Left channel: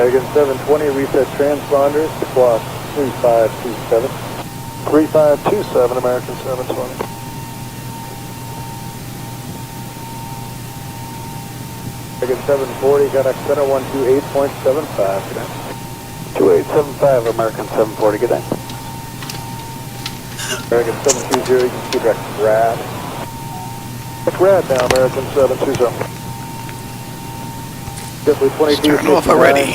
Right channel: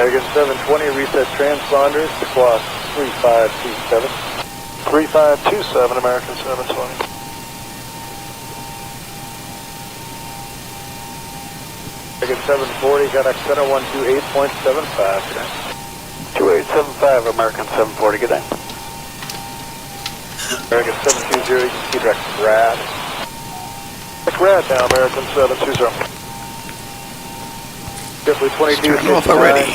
American 720, reset transponder, squawk 3527. 3527, American 720. American 740, contact center 128.75, good day. 2875, American 740, good day. American 720, just keep that rad. Rad now, American 720. Let's turn off already.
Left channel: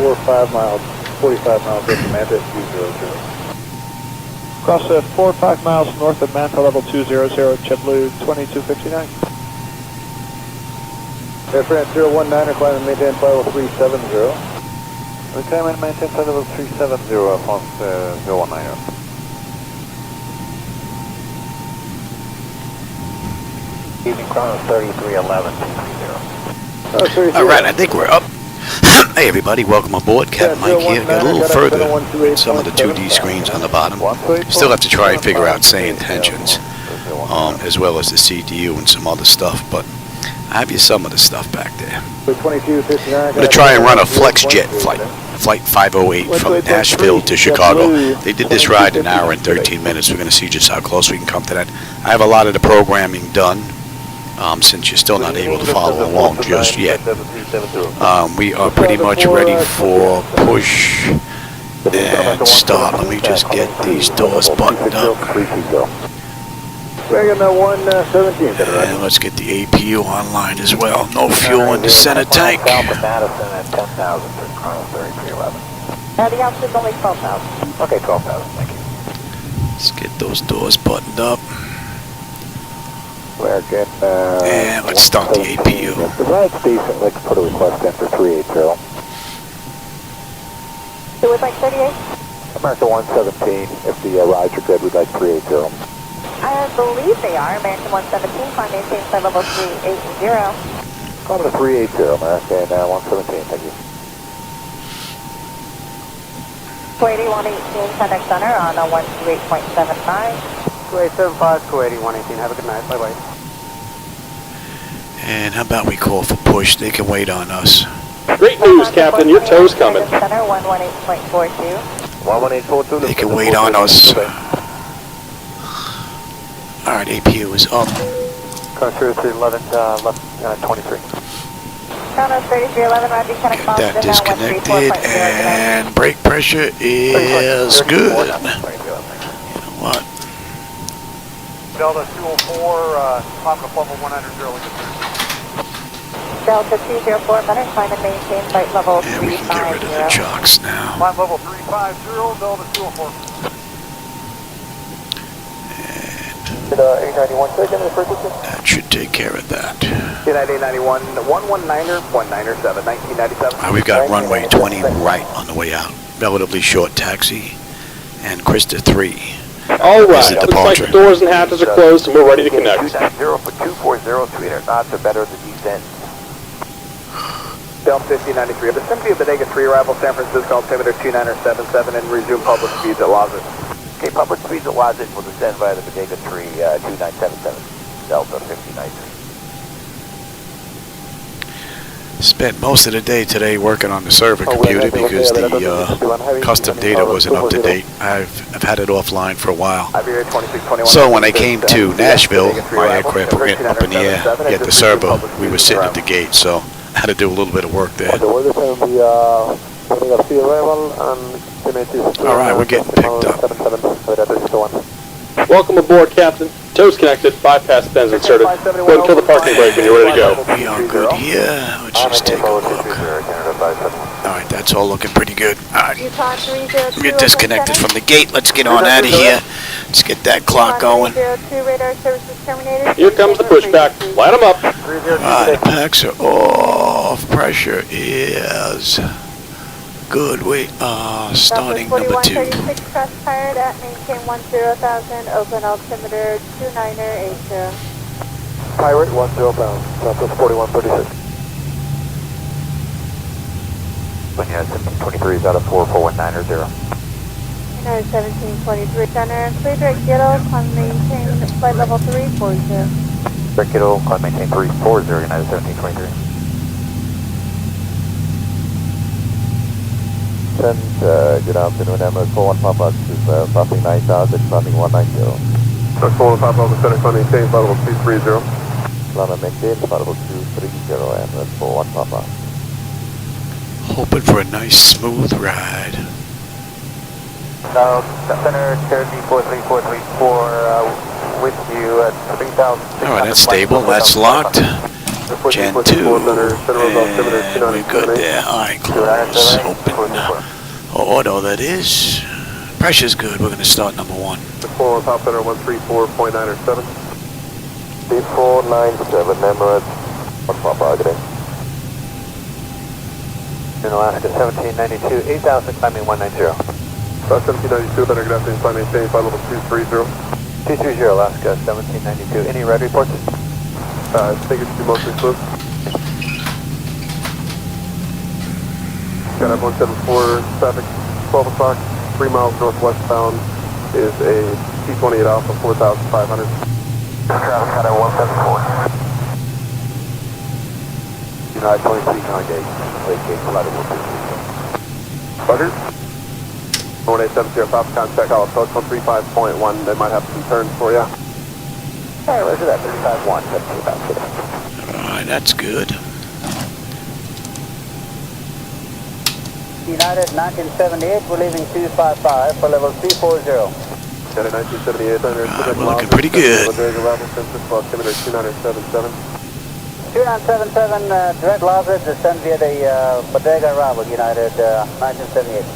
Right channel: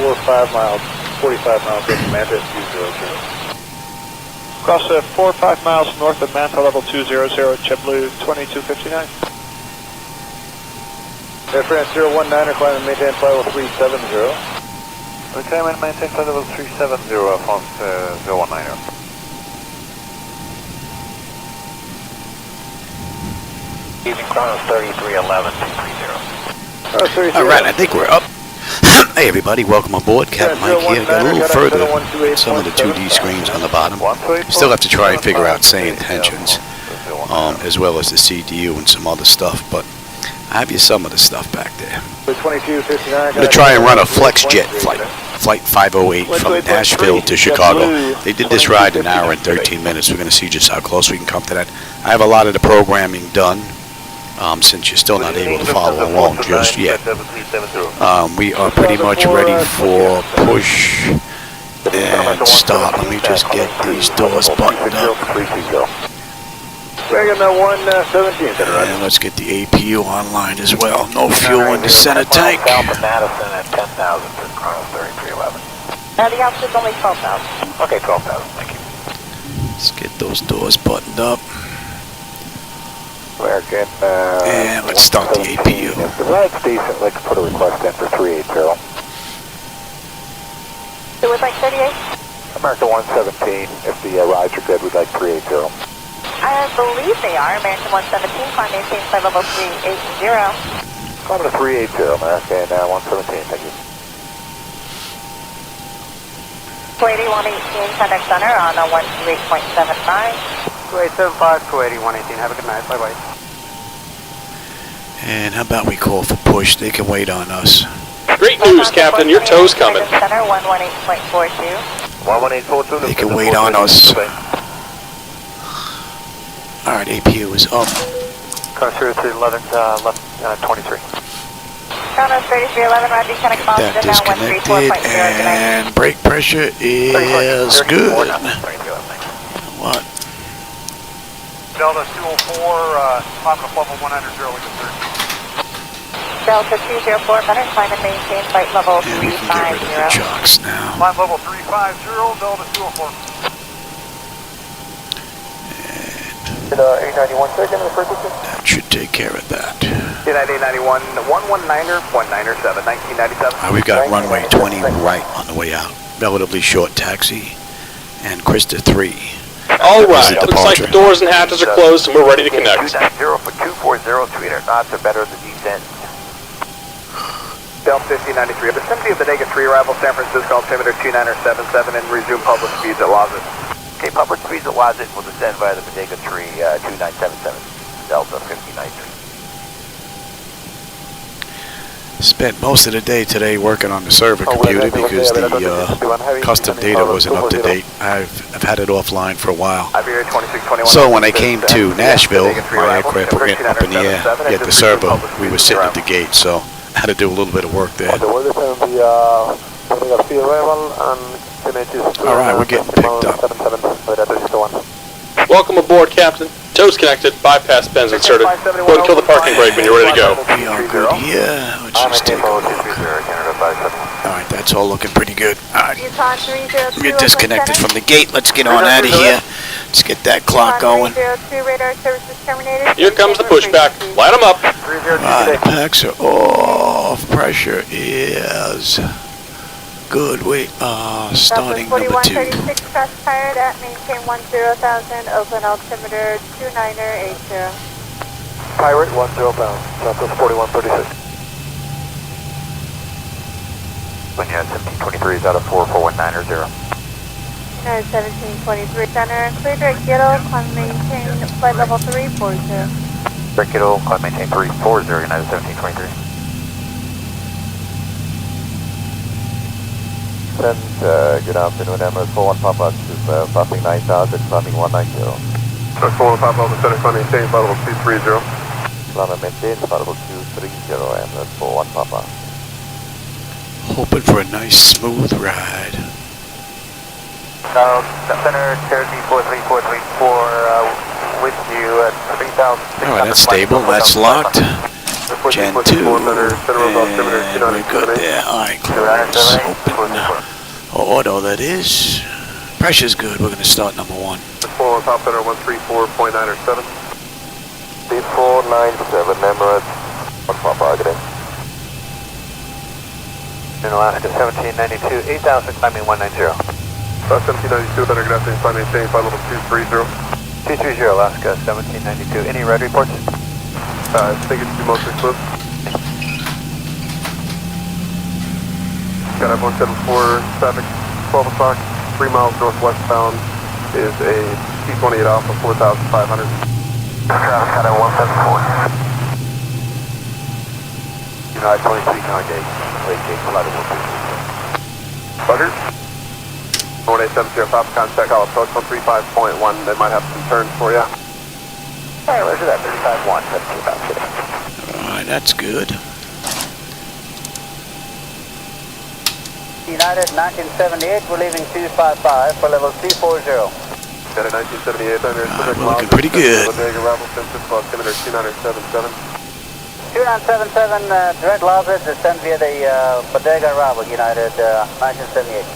4-5 miles, 45 miles north of Manta, 200. Cross 4 or 5 miles north of Manta, level 200, JetBlue 2259. Air France 019, climb and maintain flight level 370. Climb and maintain flight level 370, France 019. Easy Chrono 3311, 230. All right, I think we're up. Hey everybody, welcome aboard. Captain Mike here. Got a little further with some of the 2D screens on the bottom. Still have to try and figure out SayIntentions, as well as the CDU and some other stuff, but I have you some of the stuff back there. I'm going to try and run a FlexJet Flight, Flight 508 from Nashville to Chicago. They did this ride in an hour and 13 minutes. We're going to see just how close we can come to that. I have a lot of the programming done. Since you're still not able to follow along just yet. We are pretty much ready for push and start. Let me just get these doors buttoned up. And let's get the APU online as well. No fuel in the center tank. The altitude's only 12,000. Okay, 12,000. Thank you. Let's get those doors buttoned up. And let's start the APU. The flight's decent. Let's put a request in for 380. Who would like 38? America 117. If the rides are good, we'd like 380. I believe they are. American 117, climb maintain flight level 380. Climb to 380, America, and 117. Thank you. 280, 118, contact center on 128.75. 2875, 280, 118. Have a good night. Bye-bye. And how about we call for push? They can wait on us. Great news, Captain. Your tow's coming. Center 118.42. 118.42. They can wait on us. All right, APU is up. Seriously, 23. Chrono 3311, Roger, Get that disconnected, and brake pressure is good. You know what? Delta 204, climb up level 100, Delta 204, better climb and maintain flight level 350. And we can get rid of the chocks now. Climb level 350, Delta 204. And that should take care of that. 891, 119er, 197, 1997. We've got runway 20 right on the way out. Relatively short taxi. And Krista 3. All right, is the looks departure. like the doors and hatches are closed and we're ready to connect. 0 for 240, 300 knots to better the descent. Delta 1593, a vicinity of the -3 arrival San Francisco, altimeter 2977 and resume public speeds at Lawson. Okay, public speeds at Lawson will descend via the Bodega 3, 2977, Delta 1593. Spent most of the day today working on the server computer because the custom data wasn't up to date. I've had it offline for a while. So when I came to Nashville, my aircraft went up in the air, yet the server, we were sitting at the gate, so I had to do a little bit of work there. All right, we're getting picked up. Welcome aboard, Captain. Tow's connected, bypass pins inserted. Go ahead and kill the parking brake when you're ready to go. We are good here. Let's just take a look. All right, that's all looking pretty good. All right, we're disconnected from the gate. Let's get on out of here. Let's get that clock going. Here comes the pushback. Light them up. All right, the packs are off. Pressure is good. We are starting number 2. Tired at maintain 10,000, open altimeter 2980. Pirate 10,000, Southwest 4136. When you have 1723 out of 44190. 1723 center, clear direct Gittle, climb maintain flight level 340. Direct Gittle, climb maintain 340, United 1723. Good afternoon, Emirates 41 Papa. This is flapping 9,000, climbing 190. That's 41 Papa, the center flight maintain, flight level 230. Climb maintain, flight level 230, Emirates 41 Papa. Hoping for a nice smooth ride. Center, Cherokee 43434, with you at 3,000. Alright, that's stable. That's locked. Gen 2. And we're good there. Alright, close. Open. Auto, that is. Pressure's good. We're going to start number 1. 41 Papa, center 134.907. 3497, Emirates 1 Papa, good day. In Alaska 1792, 8,000, climbing 190. 1792, center, good afternoon, flight maintain, flight level 230. 230, Alaska 1792. Any red reports? I think it's mostly smooth. Got up 174, traffic 12 o'clock, 3 miles northwestbound is a T-28 Alpha 4,500. Traffic at 174. United 23, Congate, late gate, flight of 150. Butter? 1870, Papa, contact all approach 135.1, they might have some turns for you. Alright, where's it at? 35-1, 17 about today. Alright, that's good. United 1978, we're leaving 255 for level 240. United 1978, We're looking pretty good. 2977, direct Lazard, descend via the Bodega arrival, United 1978.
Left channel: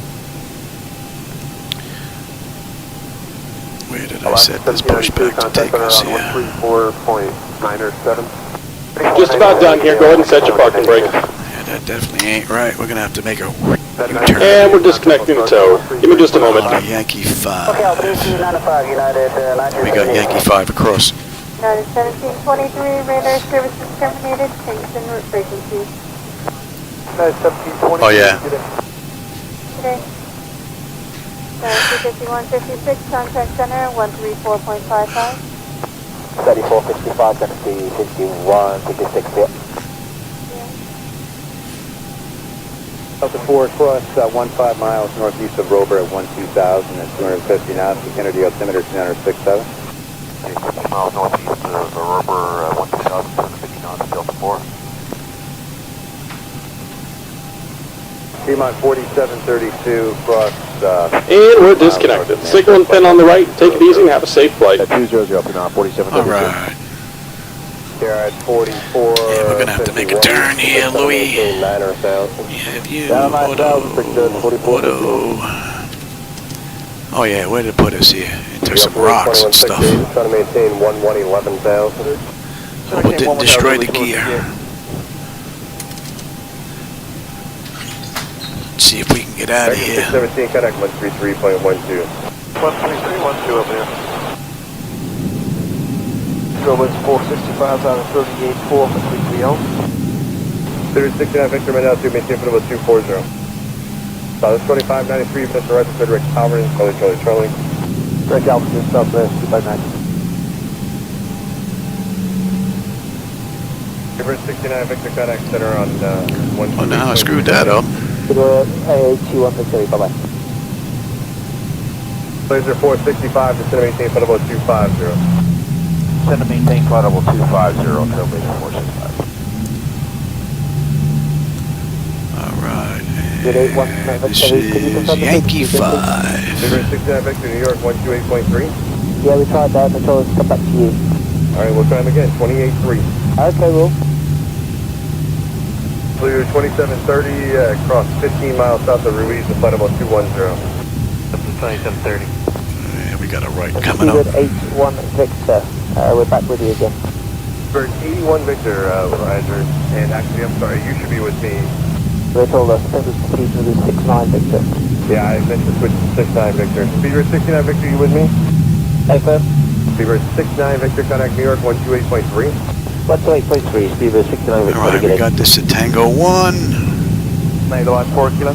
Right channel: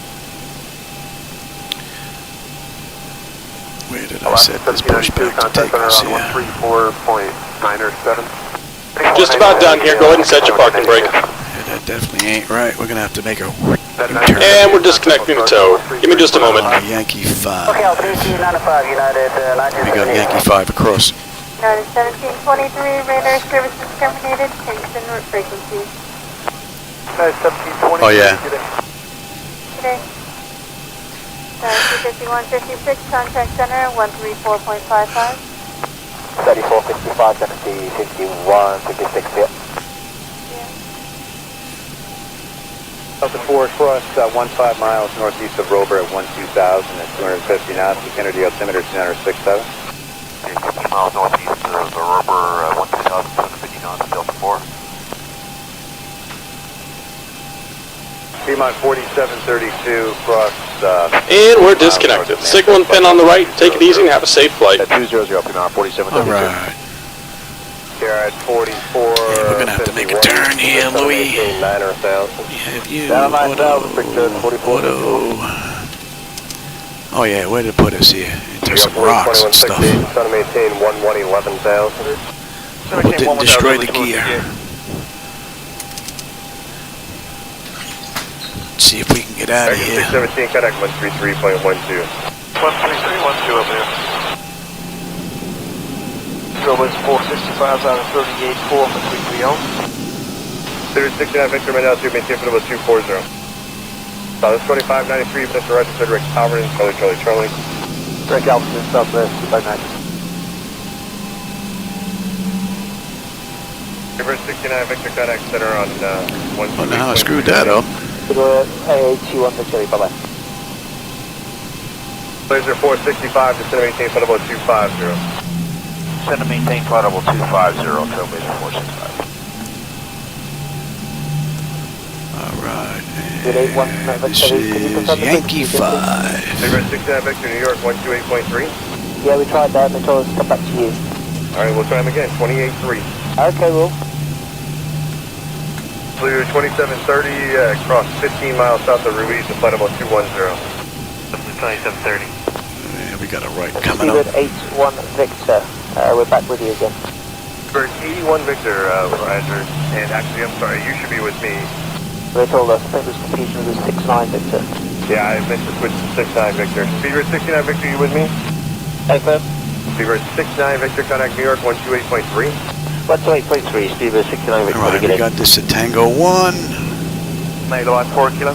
Where did I set this pushback to take us here? 134.907. Just about done here. Go ahead and set your parking brake. Yeah, that definitely ain't right. We're going to have to make a U-turn. And we're disconnecting the tow. Give me just a moment. On a Yankee 5. United We got Yankee 5 across. United 1723, radar services terminated, Kingston route frequency. Oh, yeah. Today. 5156, contact center 134.55. 3455, going to be 6156 here. Delta 4 across 15 miles northeast of Rover at 12,000 at 250 knots, Kennedy altimeter 206,000. 15 miles northeast of Rover at 12,250 knots, Delta 4. Fremont 4732 across And we're disconnected. Signal and pin on the right. Take it easy and have a safe flight. 200 Fremont 4732. Alright. Garrett 44. Yeah, we're going to have to make a turn here, Louis. We have you, Auto. Oh yeah, where did it put us here? Into some rocks and stuff. Trying to maintain 11,000. Hope it didn't destroy the gear. Let's see if we can get out of here. 17, contact 133.12. 133.12 up there. Silver's 465 out of 38.4 for 330. 69 Victor Manel 2, maintain for level 240. South 2593, Mr. Right, Cedric, Alvin, Charlie, Charlie. Rick altitude southwest 259. Reverse 69 Victor, contact center on 1. Oh, now I screwed that up. AA21 Victory, bye-bye. Laser 465, descend maintain for level 250. Descend to maintain flight level 250, Trailblazer 465. Alright, and this is Yankee 5. Reverse 69 Victor, New York 128.3. Yeah, we tried that, they told us to come back to you. Alright, we'll try them again, 28.3. Okay, Will. Blue 2730, across 15 miles south of Ruiz, and flight level 210. Up to 2730. Yeah, we got a right coming up. 81 Victor. We're back with you again. Bird 81 Victor, Roger. And actually, I'm sorry, you should be with me. They told us, I think it was confusing with 69 Victor. Yeah, I meant to switch to 69 Victor. Speedbird 69 Victor, you with me? Hey, first. Speedbird 69 Victor, contact New York 128.3. 128.3, Speedbird 69 Victor. Alright, we got this at Tango 1. Edelweiss 4 kilo.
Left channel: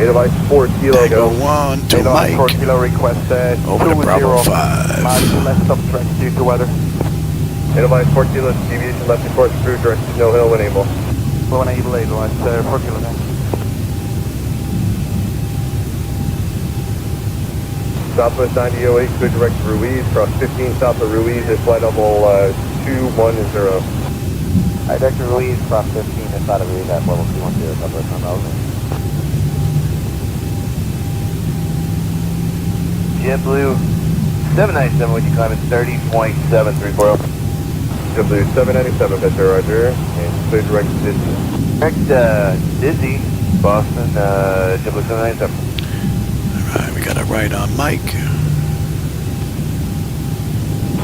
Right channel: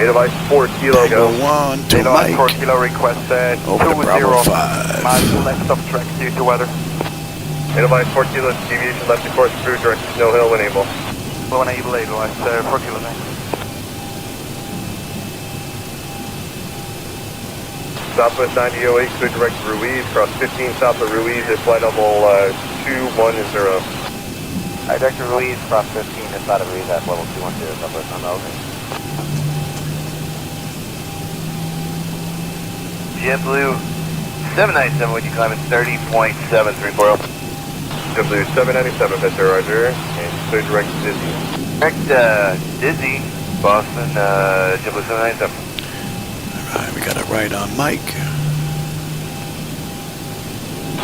Edelweiss 4 kilo. Tango 1 to Mike. 4 kilo requested. Over to Bravo 5. Due to weather. Edelweiss 4 kilo, deviation left to course through direction Snow Hill when able. When able, Edelweiss 4 kilo. Southwest 9008, clear direct to Ruiz, cross 15 south of Ruiz at flight level 210. Direct to Ruiz, cross 15 inside of Ruiz at level 210, Southwest 1000. JetBlue 797, when you climb at 30.734. JetBlue 797, Victor, roger, and clear direct to Disney. Direct Disney, Boston, JetBlue 797. Alright, we got it right on Mike.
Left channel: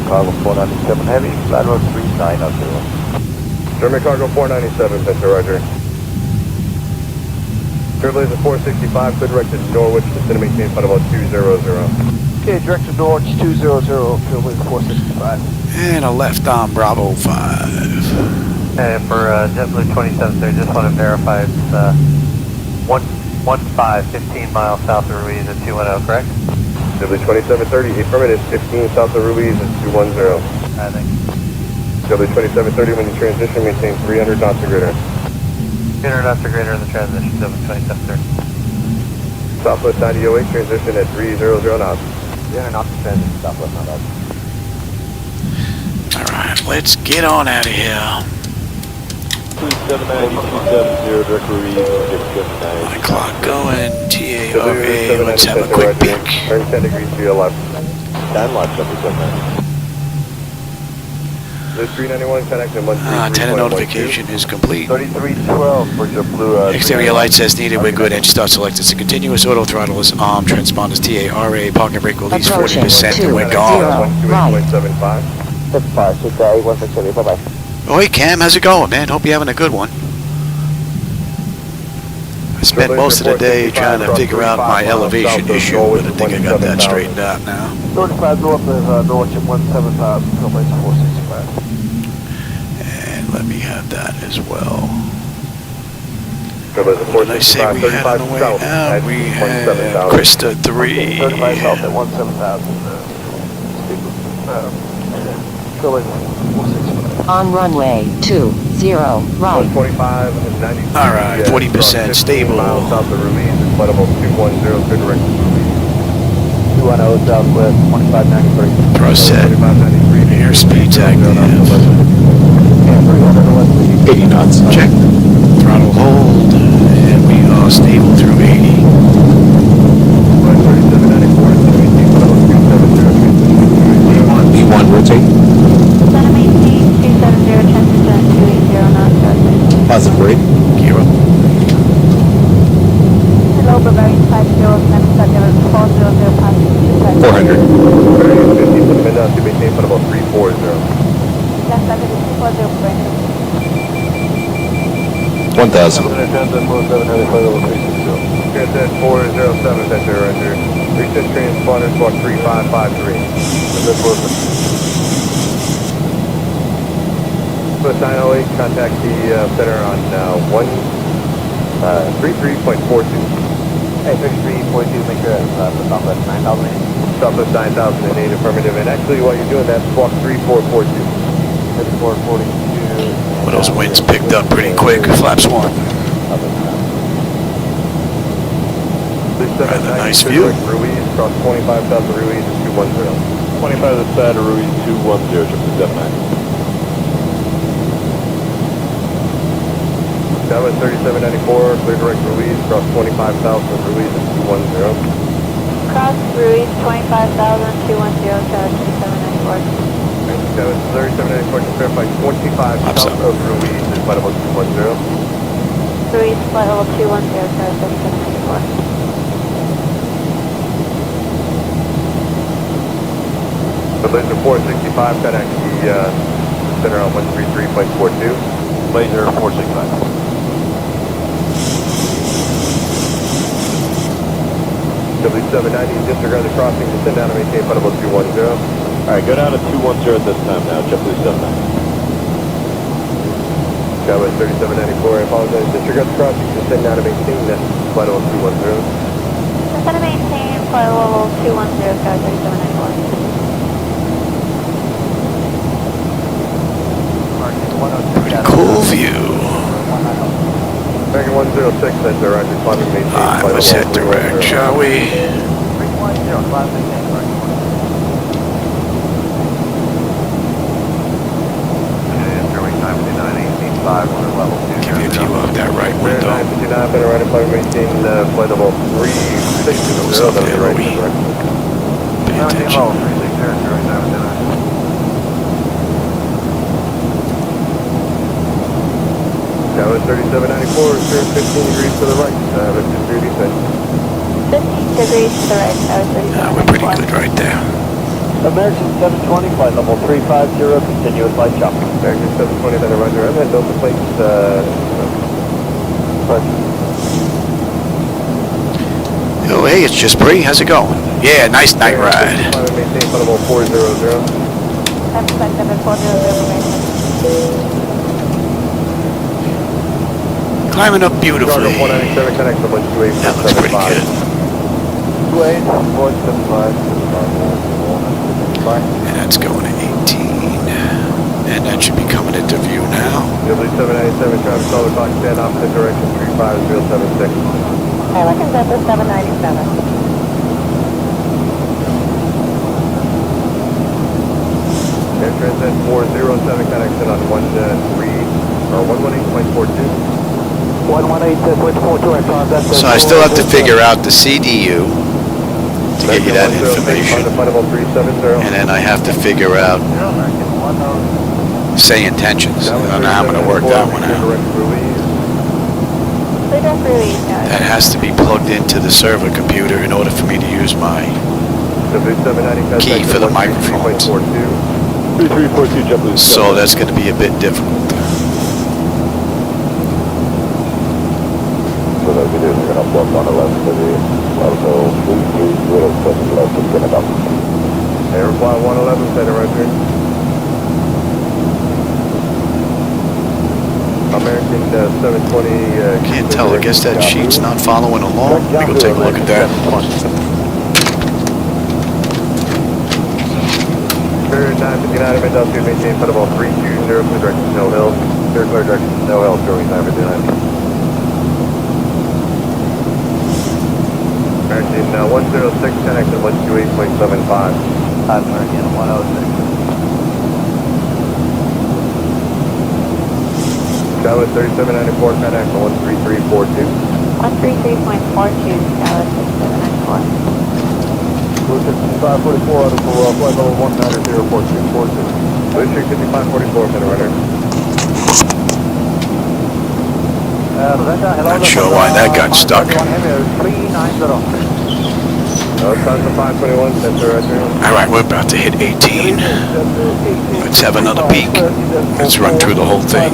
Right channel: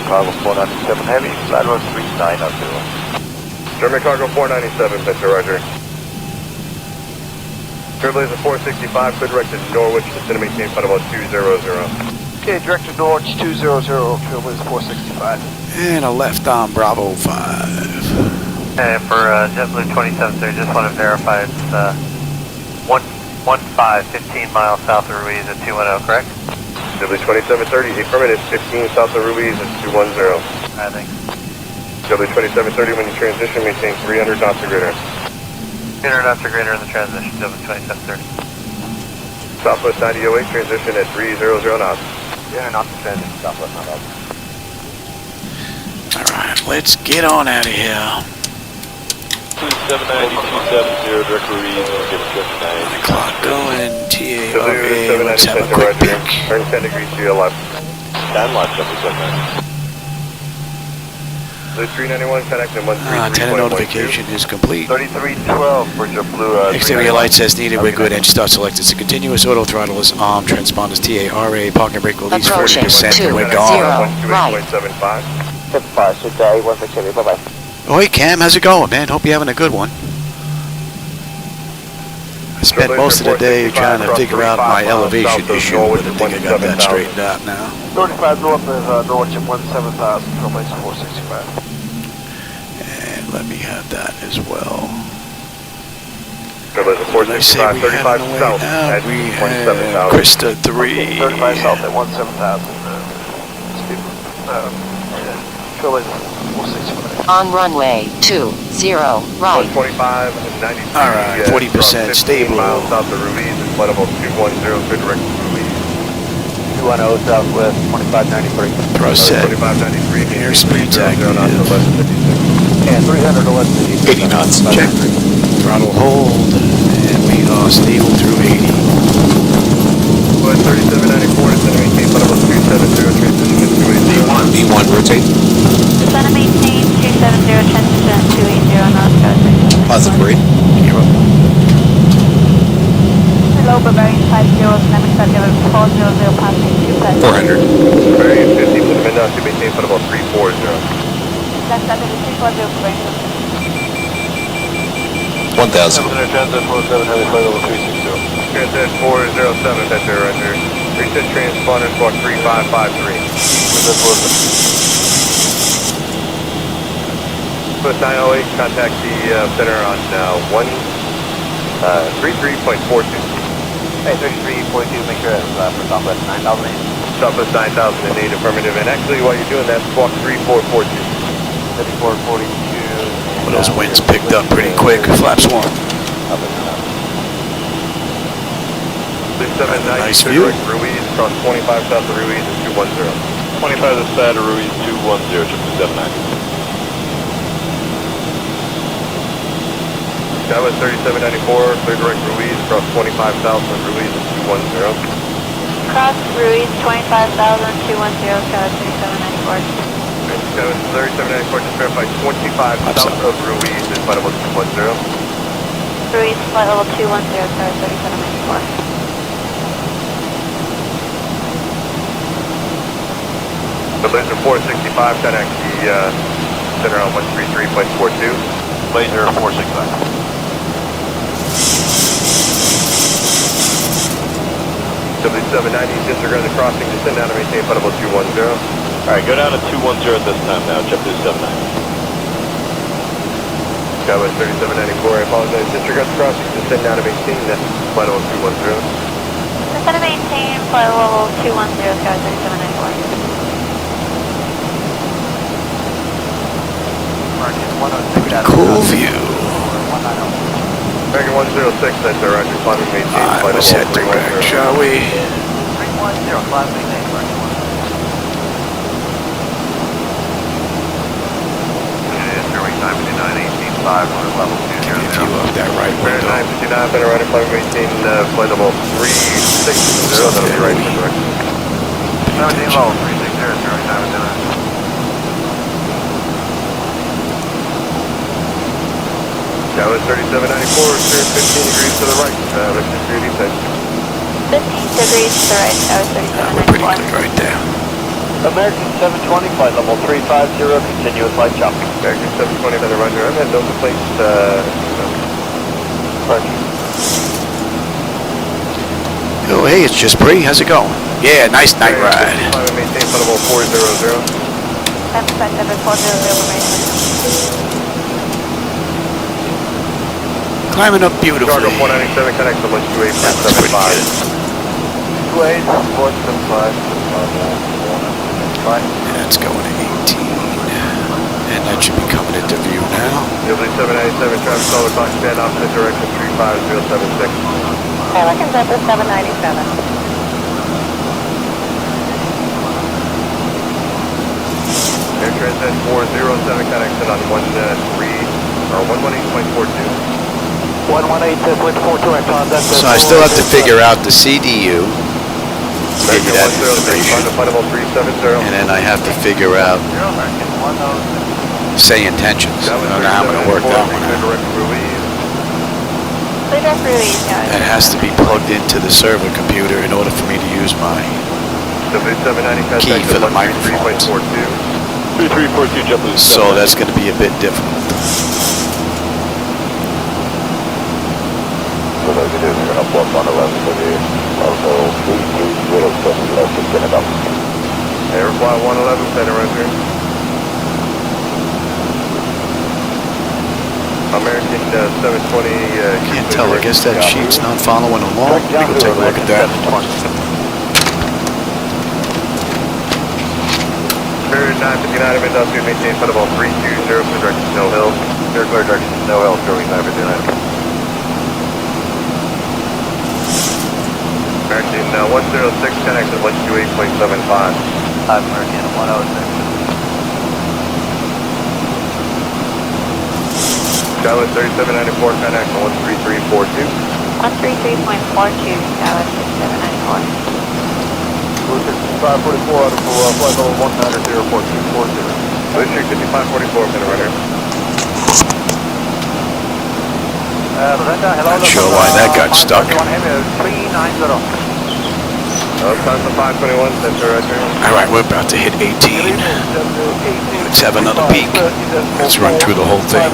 Cargo 497 Heavy, slide road 39 up to German Cargo 497, Victor, roger. Trailblazer 465, clear direct to Norwich, descend and maintain flight level 200. Okay, direct to Norwich 200, Trailblazer 465. And a left on Bravo 5. And for JetBlue 27, sir, just want to verify it's 15 miles south of Ruiz at 210, correct? JetBlue 2730, the affirmative, 15 south of Ruiz at 210. I think. JetBlue 2730, when you transition, maintain 300 knots or greater. 300 knots or greater in the transition, JetBlue 2730. Southwest 9008, transition at 300 knots. 300 knots in transition, Southwest 9008. Alright, let's get on out of here. 270, direct Ruiz, My clock going, TARA, let's have a quick peek. Turn 10 degrees to your left. Stand lock, JetBlue 797. The 391, 10 exit 1. Antenna notification is complete. 3312 for JetBlue. Exterior lights as needed, we're good. Engine start selected. It's a continuous auto throttle is on. Transponders TARA, parking brake release 40%, and we're gone. 128.75. 55, 6A, bye-bye. Oh, hey Cam, how's it going, man? Hope you're having a good one. I spent most of the day trying to figure out my elevation issue, but I think I got that straightened out now. 35 north of Norwich at 17,000, Trailblazer 465. And let me have that as well. What did I say we had on the way out? We had Krista 3. 35 south at 17,000, Trailblazer 465. On runway 20, right. 125, 90. Alright, 40% stable. South of Ruiz, flight level 210, clear direct to Ruiz. 210 southwest, 2593. Thrust set. 2593. Airspeed's active. And 300 80 knots. Check. Throttle hold. And we are stable through 80. 3794, and then maintain flight level 270. B1 rotate. Gonna maintain 370, 10 280, Positive grade. Gear up. Global bearing 50, next level 400, passing 400. Bearing 50, put them in now to maintain flight level 340. Left level 340, 1,000. Transcend 407, Victor, under. Reset transponder, squawk 3553. West 908, contact the center on 33.42. Hey, 33.2, make sure that's Southwest 9,000. Southwest 9,008, affirmative. And actually, while you're doing that, squawk 3442. 3442. Well, those winds picked up pretty quick. Flaps 1. Rather nice view. Ruiz, cross 25 south of Ruiz, 210. 25 to the side of Ruiz, 210, JetBlue 79. Skywest 3794, clear direct Ruiz, cross 25 south of Ruiz, 210. Cross Ruiz 25,000, 210, 3794. Skywest 3794, just verify 25 Flaps south up. of Ruiz, is flight level 210. Ruiz flight level 210, 3794. The laser 465, 10x, the center on 133.42. Laser 465. W790, disregard the crossing, descend down to maintain flight level 210. Alright, go down to 210 this time now, JetBlue 79. Skywest 3794, I apologize, disregard the crossing, descend down to maintain flight level 210. Descend and maintain flight level 210, Sky 3794. Pretty cool view. American 106, that's the right responding maintain. Alright, let's head direct, shall we? 310, that right window. Goes up there, Louis. Pay attention. That was 3794, 15 degrees to the right. Let's just do these things. 15 degrees to the right. That was 34. We're pretty good right there. American 720, flight level 350, continuous light jumping. American 720 by the runway. I'm going to build the place. Oh, hey, it's just Bree. How's it going? Yeah, nice night ride. Maintain flight level 400. That's flight number 400. Climbing up beautifully. That looks pretty good. And that's going to 18. And that should be coming into view now. W797 traffic call with Cockpit, opposite direction 35076. Pelican's up to 797. Air Transat 407 connection on 118.42. 118.42. So I still have to figure out the CDU to get you that information. And then I have to figure out SayIntentions. I don't know how I'm going to work that one out. That has to be plugged into the server computer in order for me to use my key for the microphones. So that's going to be a bit difficult. Airfly 111, center right there. American 720. Can't tell. I guess that sheet's not following along. Let me go take a look at that. Spirit 959, Mindown 2, maintain flight level 320 for direction Snow Hill. Circular direction Snow Hill, Sterling 959. American 106, connection 128.75. American 106. That was 3794, connection 13342. 133.42. That was 544 6791. out of flight level 190.42. District 5544, for the runner. Not sure why that got stuck. Alright, we're about to hit 18. Let's have another peek. Let's run through the whole thing.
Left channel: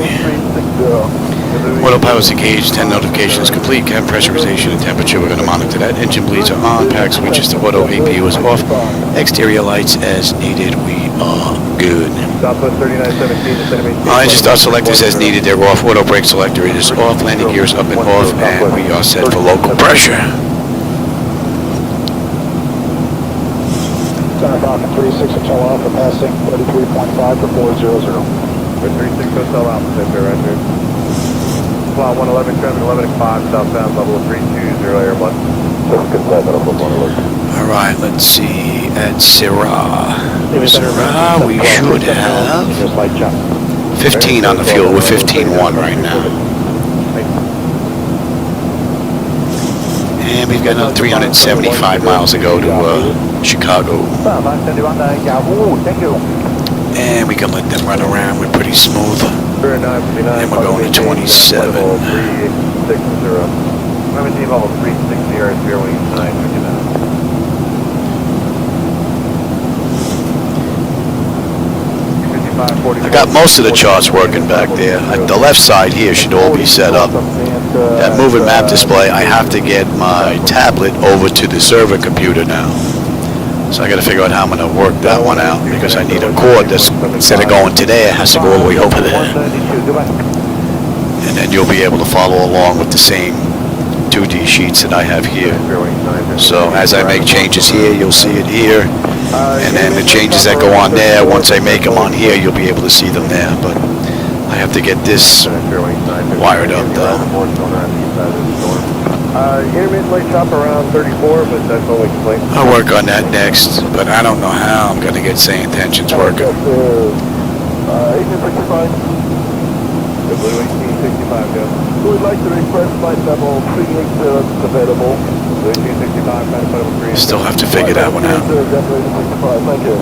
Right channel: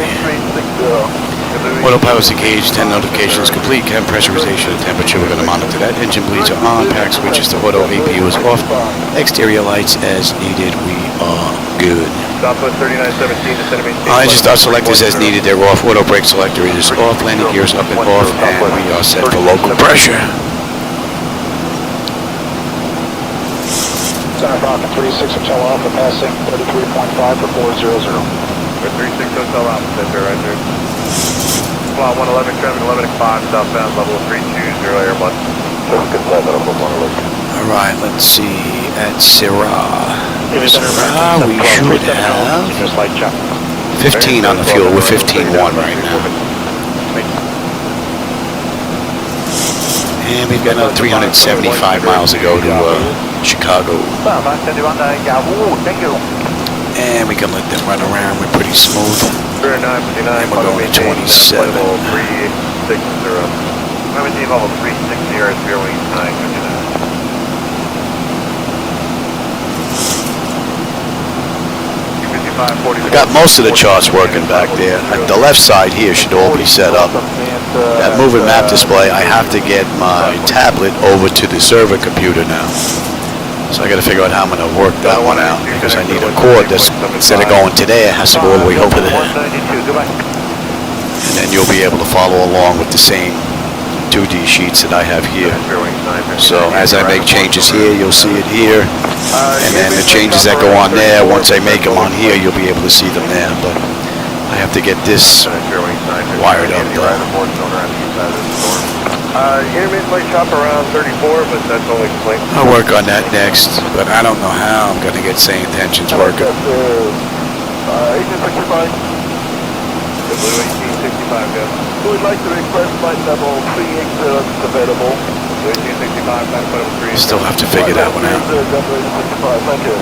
Autopilot's engaged, 10 notifications complete, cabin pressurization and temperature, we're going to monitor that. Engine bleeds are on, pack switches to auto, APU is off, exterior lights as needed, we are good. Engine start selectors as needed, they're off, auto brake selector is off, landing gears up and off, and we are set for local pressure. Center Falcon 36 Hotel Alpha passing 33.5 for 400. 36 Hotel Alpha, center right there. Flight 111, traffic 11 o'clock, southbound level 320, Air 1. Alright, let's see, at Syrah, we should have 15 on the fuel, we're 15.1 right now. And we've got another 375 miles to go to Chicago. And we can let them run around, we're pretty smooth. And we're going to 27. I got most of the charts working back there. The left side here should all be set up. That moving map display, I have to get my tablet over to the server computer now. So I got to figure out how I'm going to work that one out, because I need a cord that's, instead of going to there, it has to go all the way over there. And then you'll be able to follow along with the same 2D sheets that I have here. So as I make changes here, you'll see it here. And then the changes that go on there, once I make them on here, you'll be able to see them there. But I have to get this wired up though. Intermittent light shop around 34, but that's only late. I'll work on that next, but I don't know how I'm going to get SayIntentions working. The blue 1865 We'd like to request flight level 380 available. Still have to figure that one out. Thank you.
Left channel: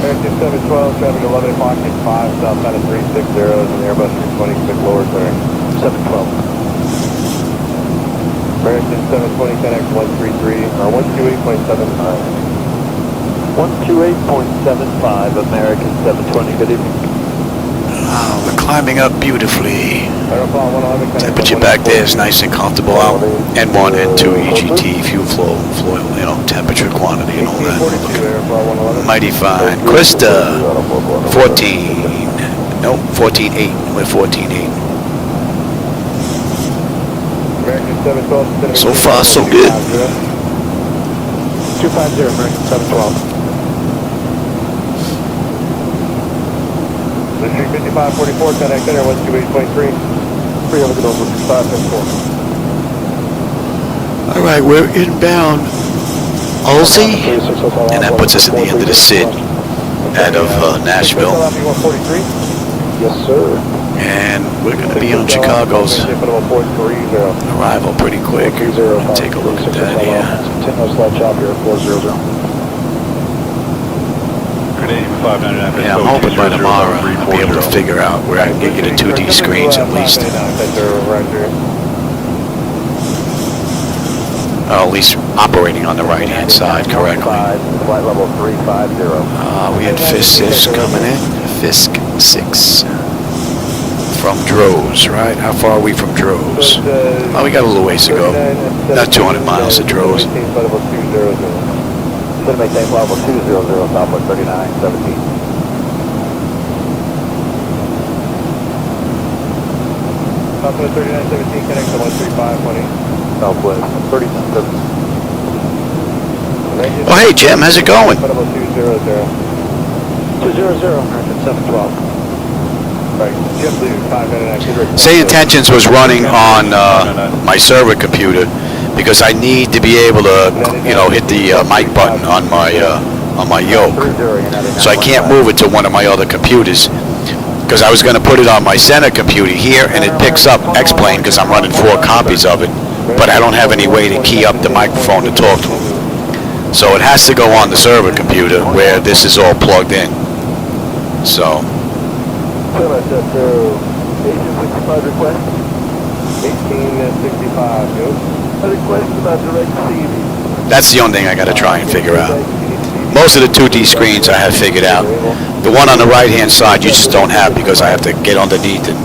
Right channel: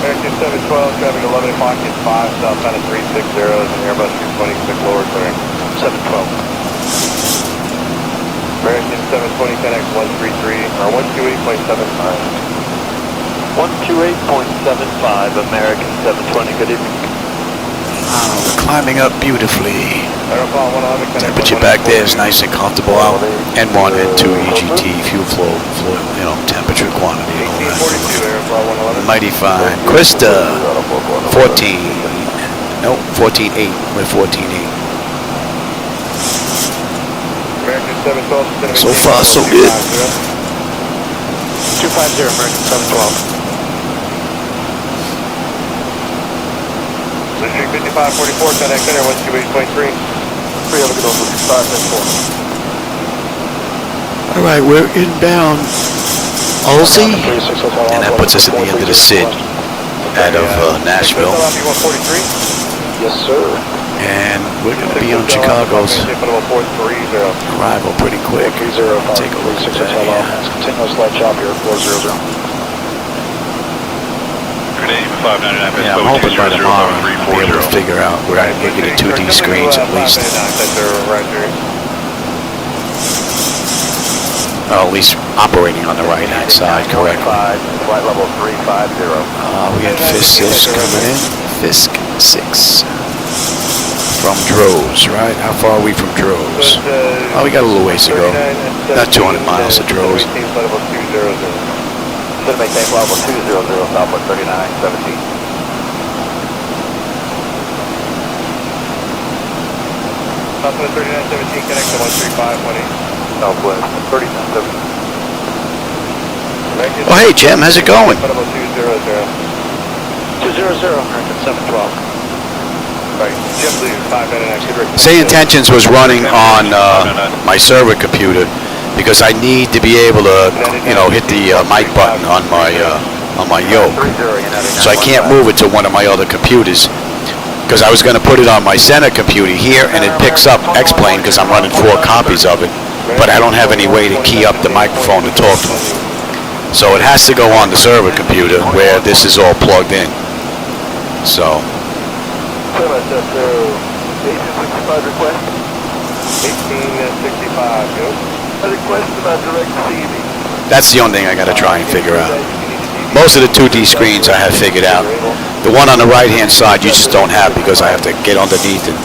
American 712, traffic 11 o'clock at 5, southbound at 360, and Airbus 226 lower center. 712. American 720, Connect 133, or 128.75. 128.75, American 720, good evening. Ah, we're climbing up beautifully. Temperature back there is nice and comfortable out. N1, N2, EGT, fuel flow, you know, temperature, quantity, and all that. We're looking mighty fine. Krista, 14. No, 14.8. We're 14.8. So far, so good. 250, American 712. District 5544, Connect Center 128.3. 3 over over 5 All right, we're inbound Halsey, and that puts us at the end of the SID out of Nashville. Yes, sir. And we're going to be on Chicago's arrival pretty quick. Take a look at that here. Continuous light chop here, 400. Yeah, I'm hoping by tomorrow I'll be able to figure out where I can get you the 2D screens at least. At least operating on the right-hand side correctly. We had Fisk 6 coming in. Fisk 6. From Droz, right? How far are we from Droz? Oh, we got a little ways to go. Not 200 miles to Droz. Maintain level 200, Southwest 3917. Southwest 3917, connect to 13518. Southwest 3917. Oh, hey, Jim, how's it going? 200, 712. Right, Jim, please, 5 minutes. SayIntentions was running on my server computer because I need to be able to, you know, hit the mic button on my yoke. So I can't move it to one of my other computers because I was going to put it on my center computer here, and it picks up Xplane because I'm running 4 copies of it, but I don't have any way to key up the microphone to talk to him. So it has to go on the server computer where this is all plugged in. So. That's the only thing I got to try and figure out. Most of the 2D screens I have figured out. The one on the right-hand side you just don't have because I have to get underneath and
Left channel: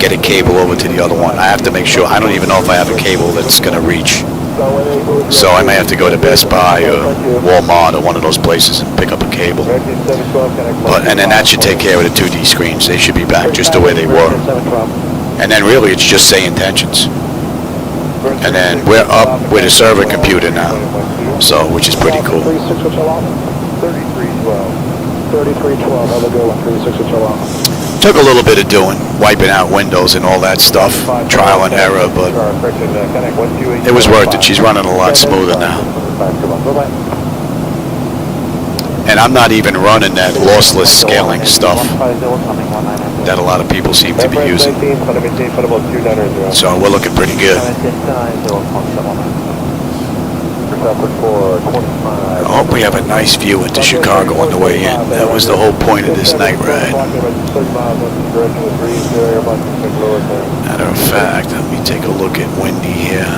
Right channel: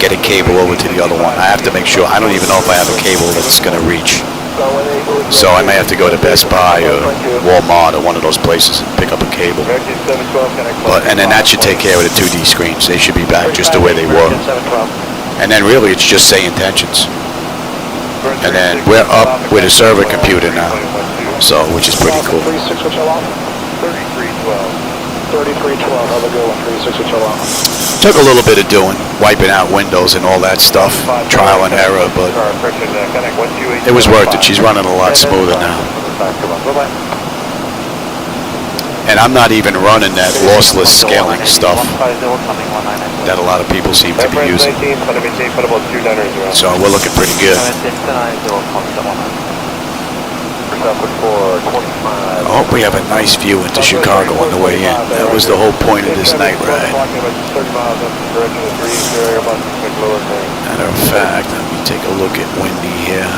get a cable over to the other one. I have to make sure. I don't even know if I have a cable that's going to reach. So I may have to go to Best Buy or Walmart or one of those places and pick up a cable. And then that should take care of the 2D screens. They should be back just the way they were. And then really it's just SayIntentions. And then we're up with a server computer now, so which is pretty cool. Took a little bit of doing, wiping out windows and all that stuff, trial and error, but it was worth it. She's running a lot smoother now. And I'm not even running that lossless scaling stuff that a lot of people seem to be using. So we're looking pretty good. I hope we have a nice view into Chicago on the way in. That was the whole point of this night ride. Matter of fact, let me take a look at Wendy here.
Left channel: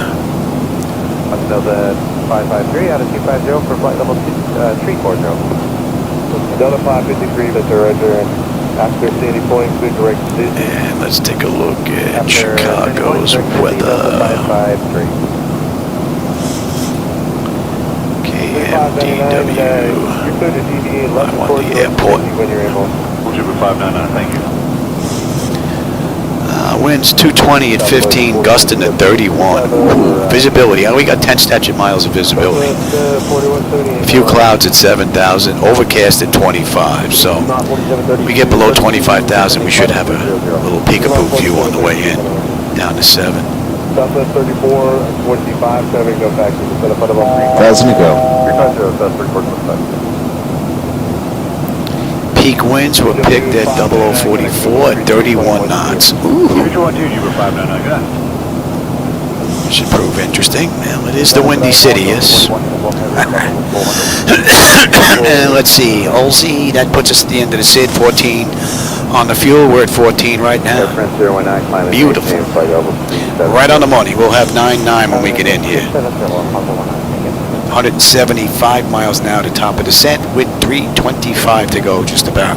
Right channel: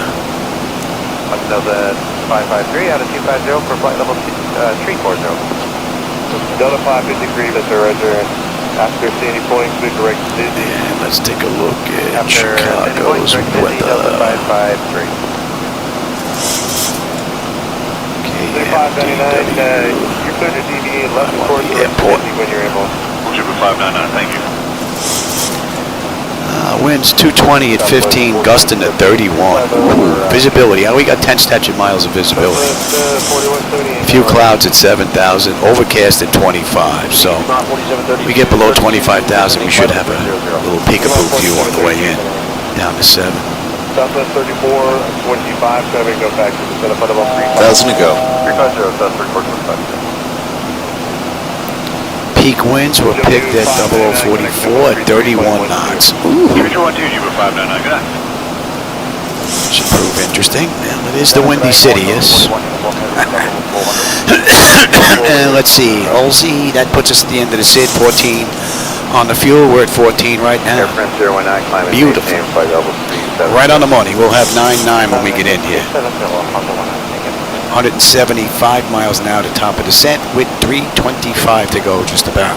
Delta 553 out of 250 for flight level 340. Delta 553, that's our right there. After city point, please direct to And let's take a look at Chicago's weather. KMDW. I want the airport. Winds 220 at 15, gusting at 31. Ooh, visibility. We got 10 statute miles of visibility. A few clouds at 7,000, overcast at 25. So we get below 25,000, we should have a little peekaboo view on the way in, down to 7. Southwest 34, 25, so we go back to the setup of 1,000 to go. peak winds were picked at 0044 at 31 knots. Ooh. Should prove interesting. Well, it is the Windy City, yes. And let's see, Olsey, that puts us at the end of the SID, 14 on the fuel. We're at 14 right now. Beautiful. Right on the money. We'll have 9.9 when we get in here. 175 miles an hour to top of descent with 325 to go, just about.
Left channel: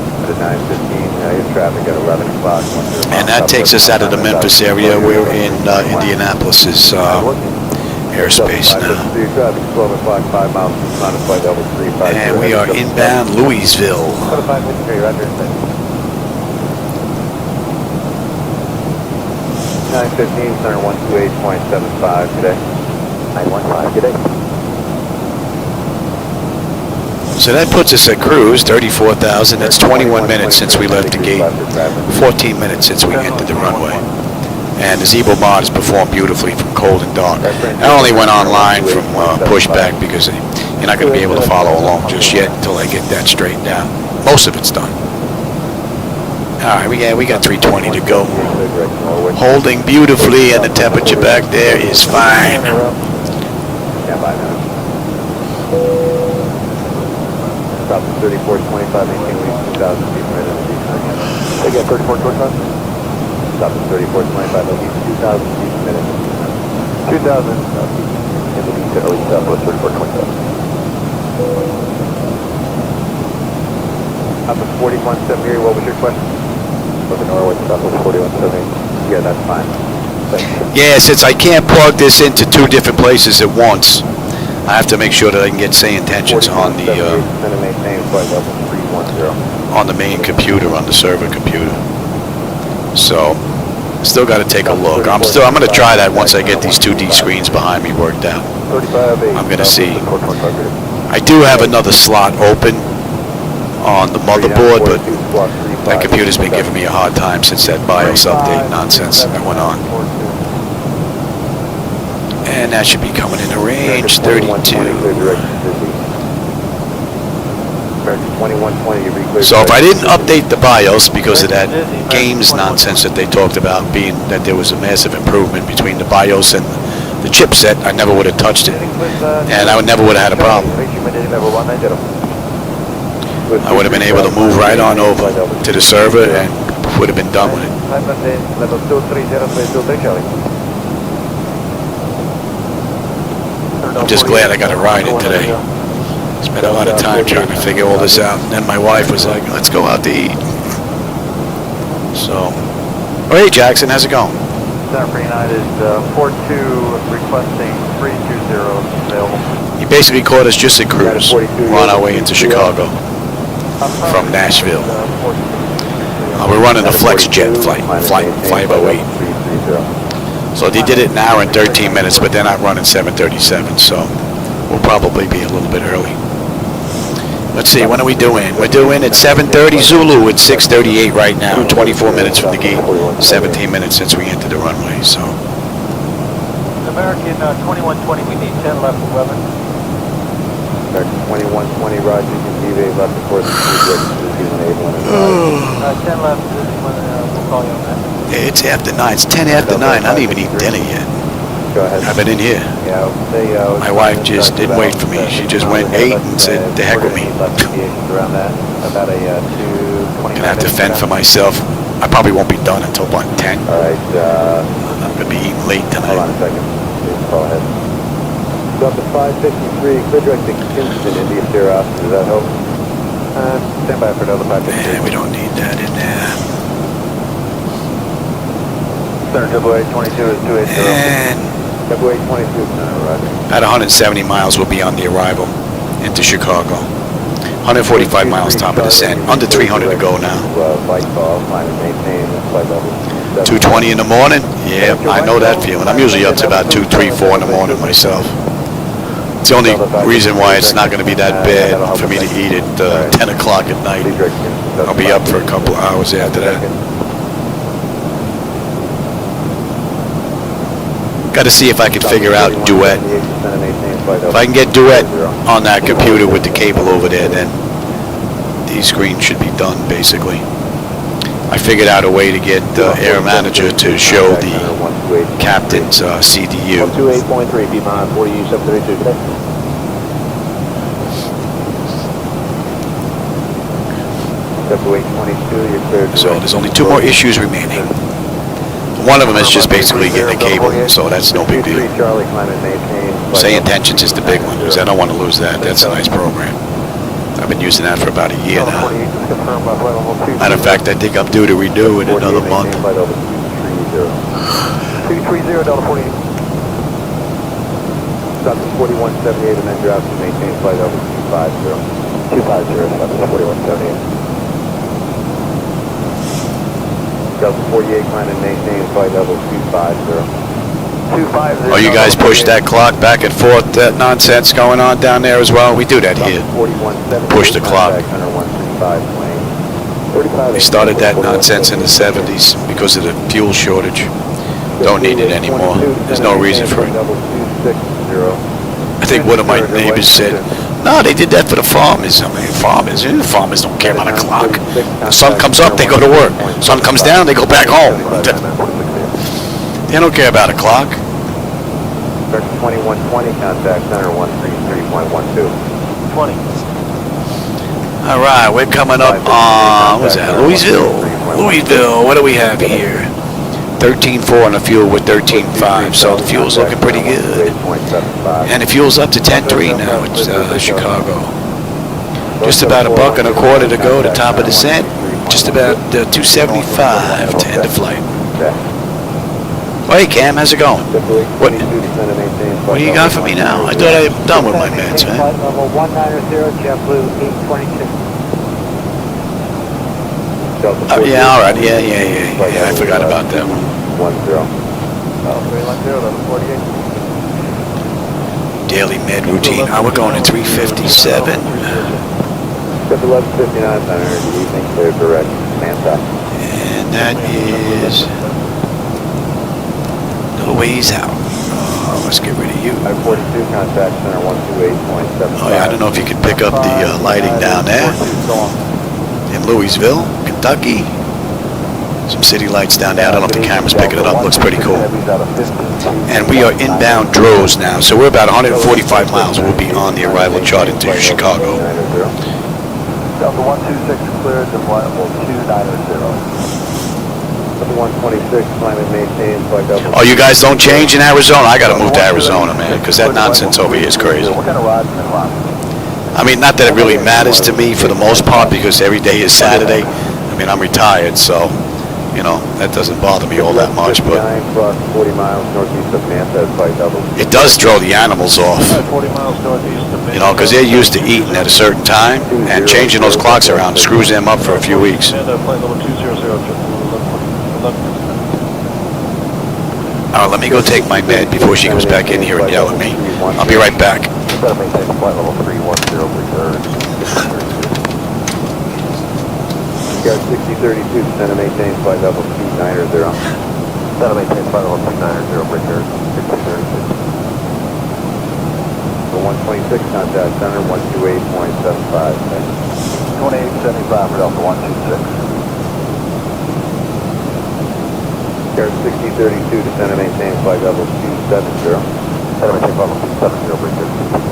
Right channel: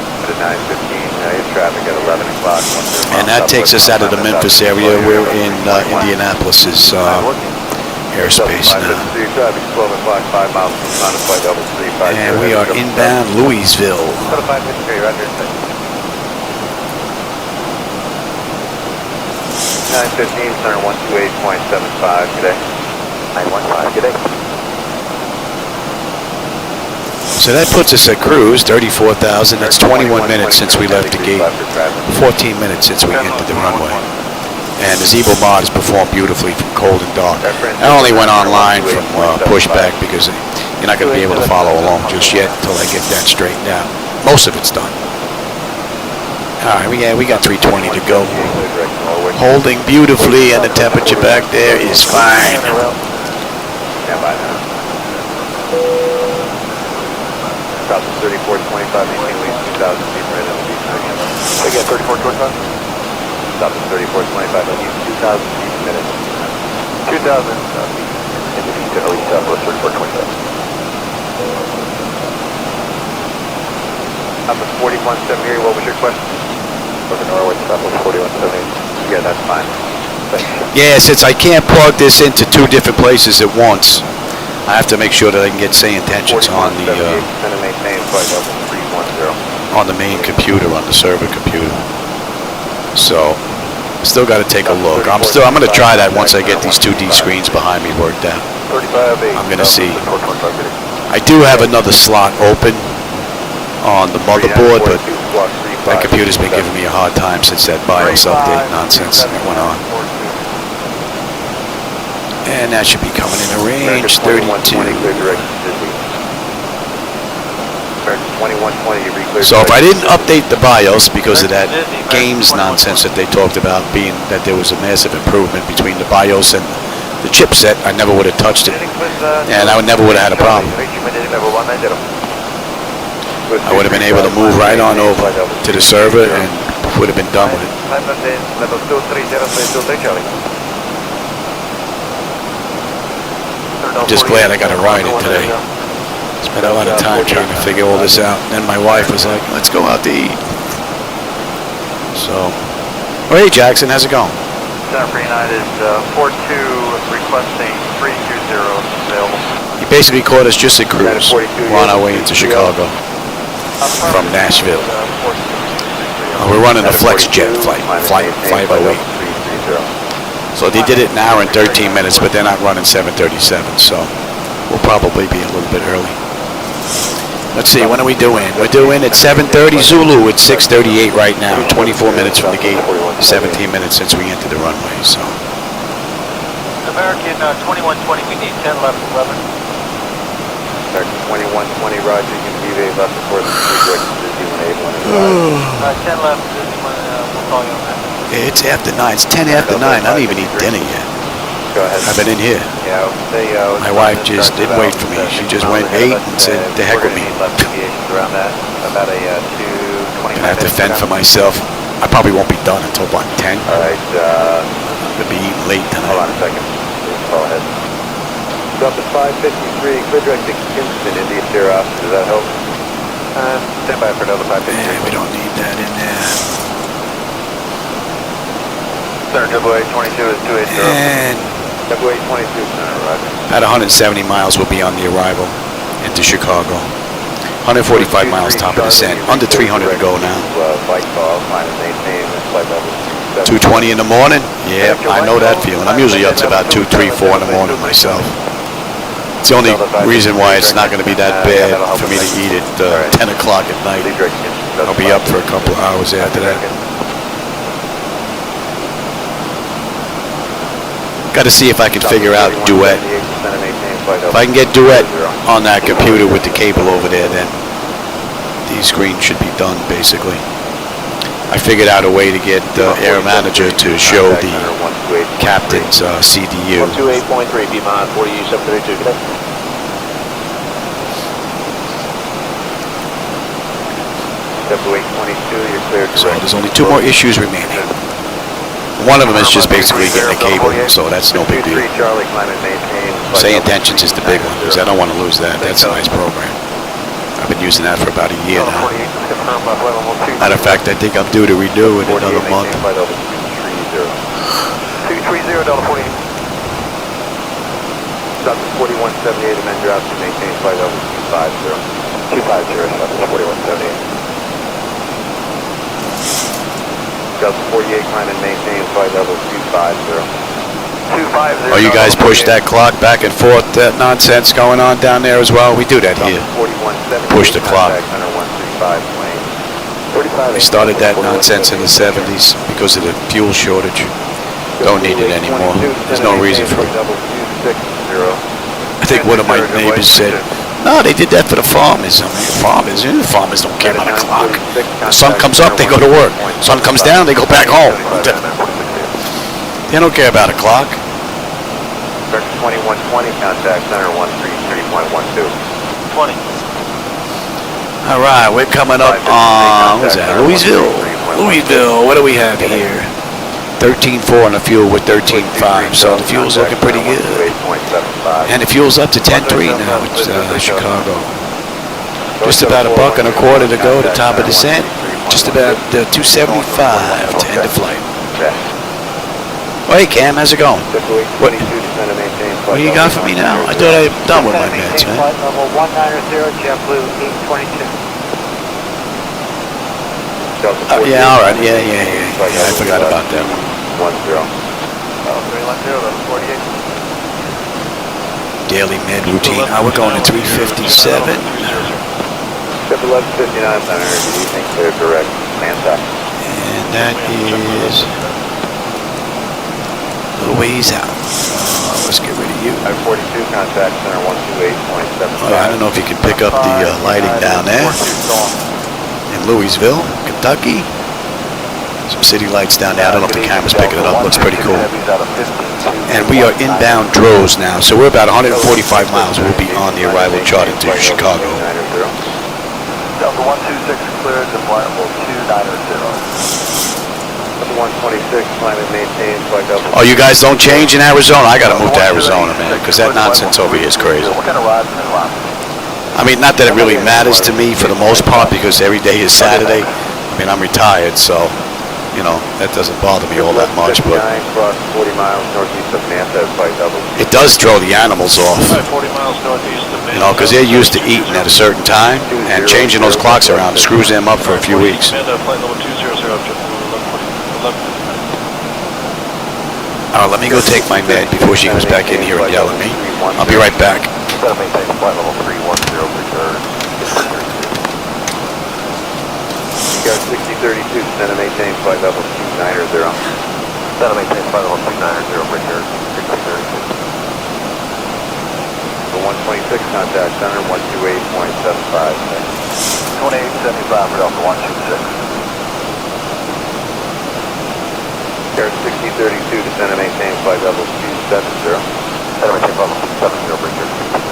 And that takes us out of the Memphis area. We're in Indianapolis's airspace now. And we are inbound Louisville. 915, center 128.75 today. 915 today. So that puts us at cruise, 34,000. That's 21 minutes since we left the gate, 14 minutes since we entered the runway. And the Zibo-Mod has performed beautifully from cold and dark. I only went online from pushback because you're not going to be able to follow along just yet until I get that straightened out. Most of it's done. All right, we got 320 to go. Holding beautifully, and the temperature back there is fine. Stop 3425, maintain lead 2,000 feet right in the lead. Again, 3425. Stop 3425, lead 2,000 feet a minute. 2,000 feet in the lead, or lead up, 3425. Up at 4178, what was your question? Over Norway, stop at 4178. Yeah, that's fine. Yeah, since I can't plug this into two different places at once, I have to make sure that I can get SayIntentions on the main computer, on the server computer. So, still got to take a look. I'm going to try that once I get these 2D screens behind me worked out. I'm going to see. I do have another slot open on the motherboard, but that computer's been giving me a hard time since that BIOS update nonsense that went on. And that should be coming into range, 32. So if I didn't update the BIOS because of that games nonsense that they talked about, being that there was a massive improvement between the BIOS and the chipset, I never would have touched it. And I never would have had a problem. I would have been able to move right on over to the server and would have been done with it. I'm just glad I got to ride it today. Spent a lot of time trying to figure all this out. And then my wife was like, let's go out to eat. So, oh, hey Jackson, how's it going? United 42 requesting 320 He basically caught us just at cruise. We're on our way into Chicago from Nashville. We're running a FlexJet Flight 508. So they did it an hour and 13 minutes, but they're not running 737, so we'll probably be a little bit early. Let's see, when are we due in? We're due in at 7:30 Zulu. It's 6:38 right now, 24 minutes from the gate, 17 minutes since we entered the runway, so. American 2120, we need 10 left 11. American 2120, roger, you can deviate left before the 10 left, we'll call you on that. Yeah, it's after 9. It's 10 after 9. I don't even eat dinner yet. I've been in here. My wife just didn't wait for me. She just went and ate and said, "The heck with me." Gonna have to fend for myself. I probably won't be done until about 10. I'm gonna be eating late tonight. Drop to 553, clear direct to Kingston, India Sierra officer. Does that help? Stand by for another 553. Man, we don't need that in there. Center AA22 is 280. And AA22, about 170 miles will be on the arrival into Chicago. 145 miles top of descent. Under 300 to go now. 2:20 in the morning? Yeah, I know that feeling. I'm usually up to about 2, 3, 4 in the morning myself. It's the only reason why it's not going to be that bad for me to eat at 10 o'clock at night. I'll be up for a couple of hours after that. Got to see if I can figure out duet. If I can get duet on that computer with the cable over there, then these screens should be done, basically. I figured out a way to get Air Manager to show the captain's CDU. 28.3, Piedmont, 4732, connect. So there's only 2 more issues remaining. One of them is just basically getting a cable, so that's no big deal. SayIntentions is the big one, because I don't want to lose that. That's a nice program. I've been using that for about a year now. Matter of fact, I think I'm due to renew in another month. 230, Delta 48. Stop 4178 and then drop to maintain flight level 250. 250, stop 4178. Delta 48, climb and maintain flight level 250. 250. Oh, you guys push that clock back and forth, that nonsense going on down there as well? We do that here. Push the clock. They started that nonsense in the 70s because of the fuel shortage. Don't need it anymore. There's no reason for it. I think one of my neighbors said, no, they did that for the farmers. I mean, farmers don't care about a clock. The sun comes up, they go to work. Sun comes down, they go back home. They don't care about a clock. 2120, contact center 133.12. 20. All right, we're coming up on, what's that, Louisville. Louisville, what do we have here? 13.4 on the fuel with 13.5, so the fuel's looking pretty good. And the fuel's up to 10.3 now at Chicago. Just about $1.25 to go to top of descent. Just about 275 to end of flight. Oh, hey Cam, how's it going? What do you got for me now? I thought I'm done with my meds, man. Yeah, all right. Yeah. I forgot about that one. Daily med routine. Oh, we're going to 357. And that is a little ways out. Let's get rid of you. Oh yeah, I don't know if you can pick up the lighting down there in Louisville, Kentucky. Some city lights down there. I don't know if the camera's picking it up. Looks pretty cool. And we are inbound Droz now, so we're about 145 miles. We'll be on the arrival chart into Chicago. Delta 126 cleared to flight level 290. 126, climb and maintain flight level. Oh, you guys don't change in Arizona? I got to move to Arizona, man, because that nonsense over here is crazy. I mean, not that it really matters to me for the most part, because every day is Saturday. I mean, I'm retired, so, you know, that doesn't bother me all that much, but it does throw the animals off, you know, because they're used to eating at a certain time, and changing those clocks around screws them up for a few weeks. All right, let me go take my med before she comes back in here and yell at me. I'll be right back. Go 6032, descend and maintain flight level 290. Descend and maintain flight level 290, bring your 126, contact center 128.75. 2875 for Delta 126. Air 6032, descend and maintain flight level 270. Descend and maintain flight level 270, bring your 6032.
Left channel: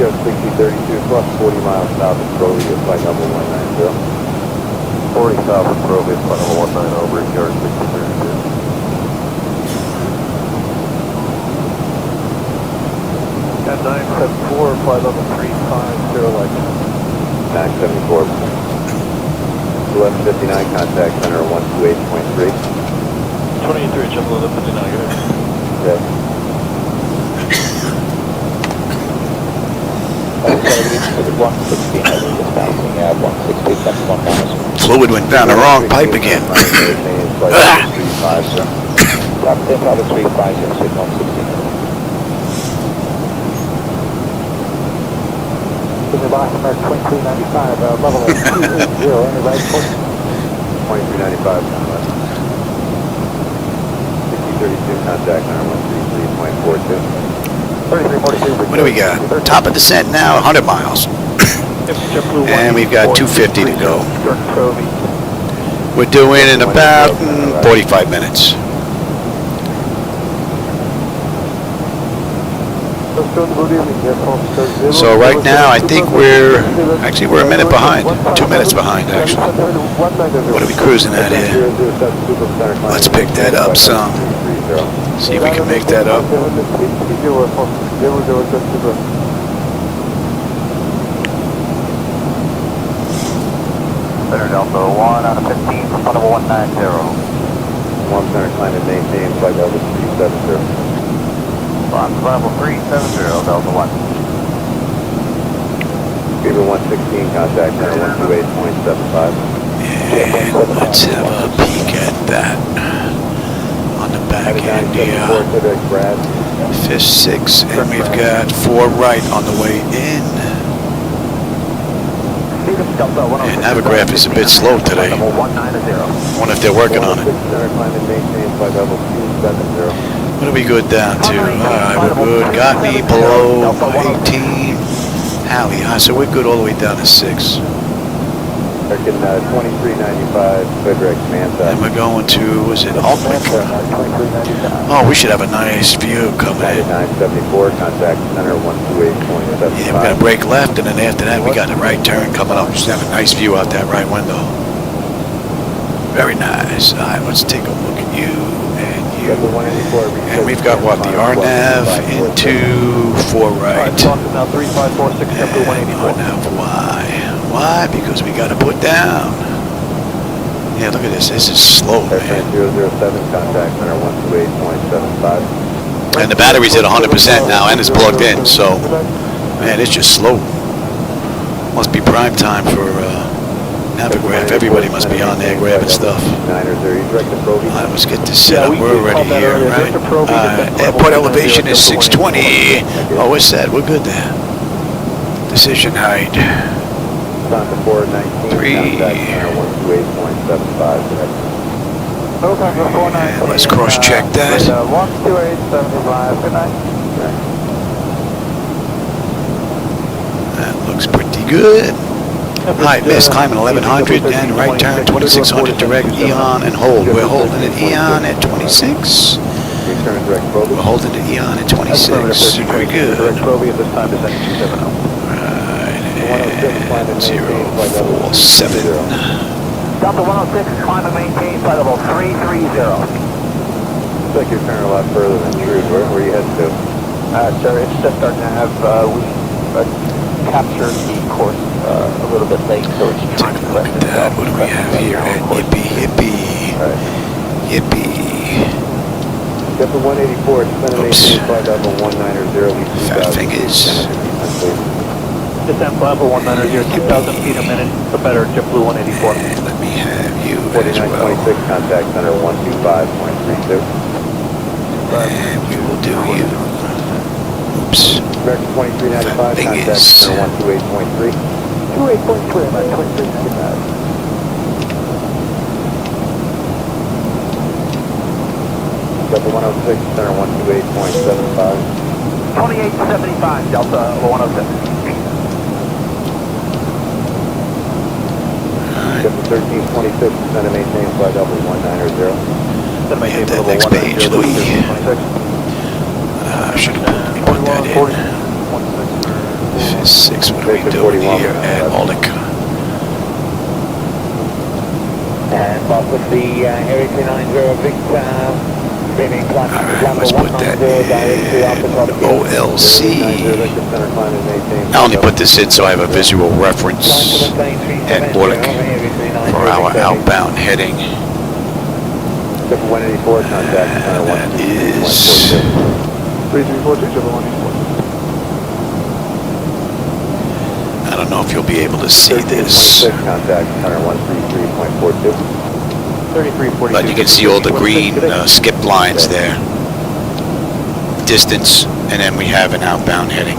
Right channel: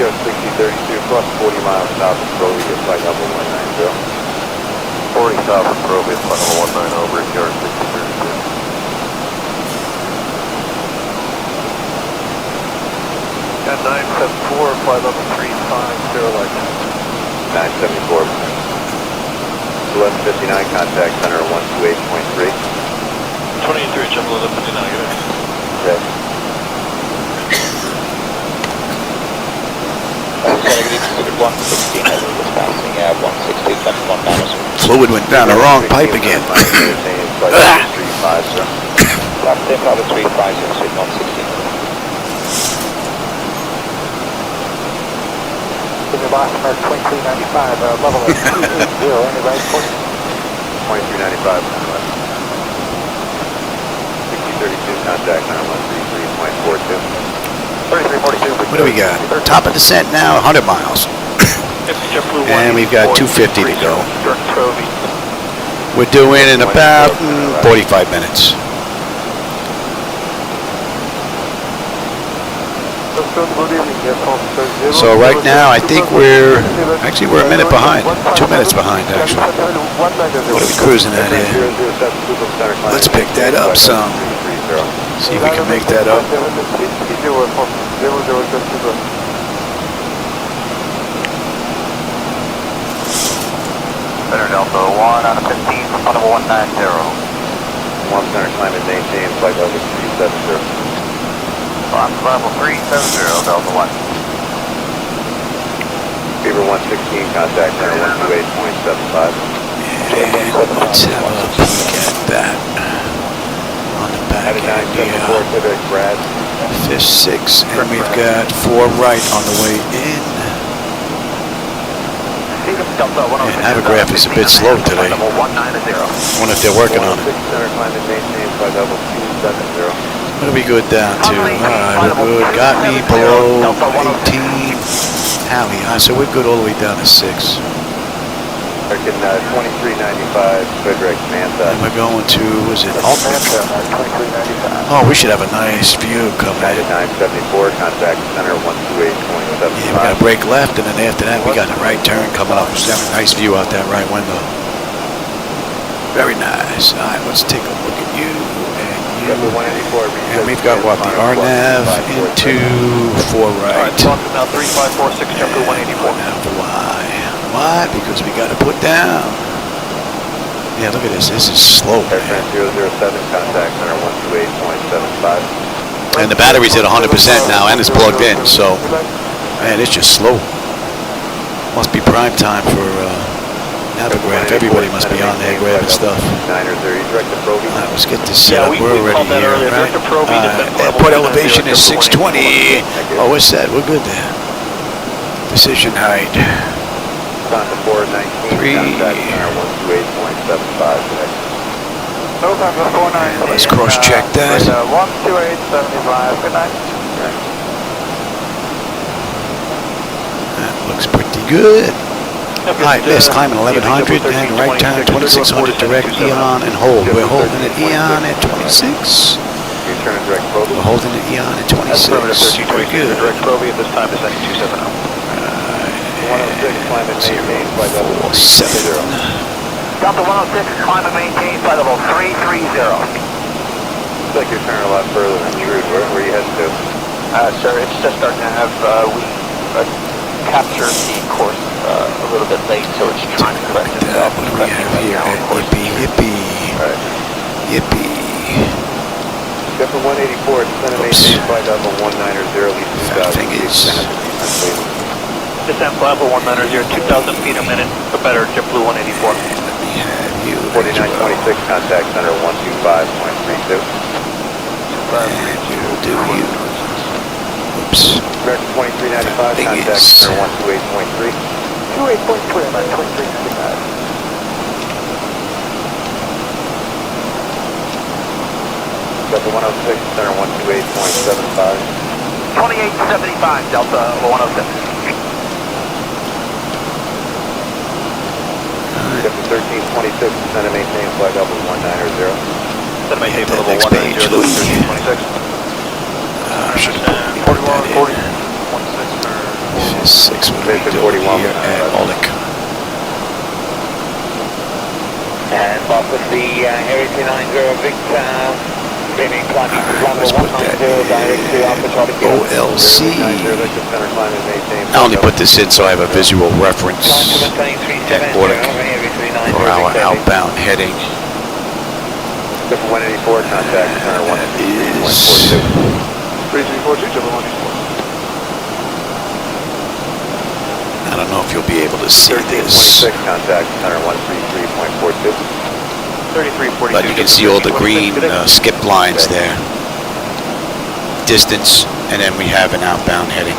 Go 6032 plus 40 miles south of Procedural, flight level 190. 40 south of Procedural, flight level 190 over here, 6032. Got 974, flight level 350, like 974. 1159, contact center 128.3. 23, jump 1159, get it. Yes. Fluid went down the wrong pipe again. What do we got? Top of descent now, 100 miles. And we've got 250 to go. We're doing in about 45 minutes. So right now, I think we're a minute behind. 2 minutes behind, actually. What are we cruising at here? Let's pick that up some. See if we can make that up. Center Delta 1 on a 15, flight level 190. 1 center climb and maintain flight level 370. Fox level 370, Delta 1. Beaver 116, contact center 128.75. And let's have a peek at that on the back end here. Fish 6, and we've got 4 right on the way in. And Navigraph is a bit slow today. I wonder if they're working on it. What are we good down to? Alright, we're good. Got me below 18. Howie, so we're good all the way down to 6. And we're going to, was it Altwick? Oh, we should have a nice view coming in. Yeah, we're going to break left, and then after that, we got a right turn coming up. We should have a nice view out that right window. Very nice. All right, let's take a look at you and you. And we've got what? The RNAV into 4 right. And RNAV Y. Why? Because we got to put down. Yeah, look at this. This is slow, man. And the battery's at 100% now, and it's plugged in. So, man, it's just slow. Must be prime time for Navigraph. Everybody must be on there grabbing stuff. All right, let's get this set up. We're already here, right? Airport elevation is 620. Oh, we're set. We're good there. Decision height. 3. And let's cross-check that. That looks pretty good. Alright, miss, climbing 1100 and right turn 2600 direct Eon and hold. We're holding at Eon at 26. We're holding at Eon at 26. Very good. Alright, and 047. Delta 106, climb and maintain flight level 330. Looks like you're turning a lot further than true. Where are you heading to? Sir, it's just starting to have, we captured the course a little bit late, so it's Take a look at that. What do we have here at Yippee Yippee? Yippee. Delta 184, Oops. flight level 190. Fat fingers. Descent level 190, 2,000 feet a minute, for better JetBlue 184. And let me have you as well. Contact center 125.32. And we will do you. Oops. Fat fingers. 128.3. 28.3, about 23. Delta 106, center 128.75. 2875, Delta 106. Alright. 1326, center maintain flight level 190. Let me hit that next page, Louis. Should have put that in. 6, what are we doing here at Aulick? And Fox with the Harry 390 Victor. Alright, let's put that in OLC. I only put this in so I have a visual reference at Aulick for our outbound heading. And that is... I don't know if you'll be able to see this, but you can see all the green skip lines there. Distance, and then we have an outbound heading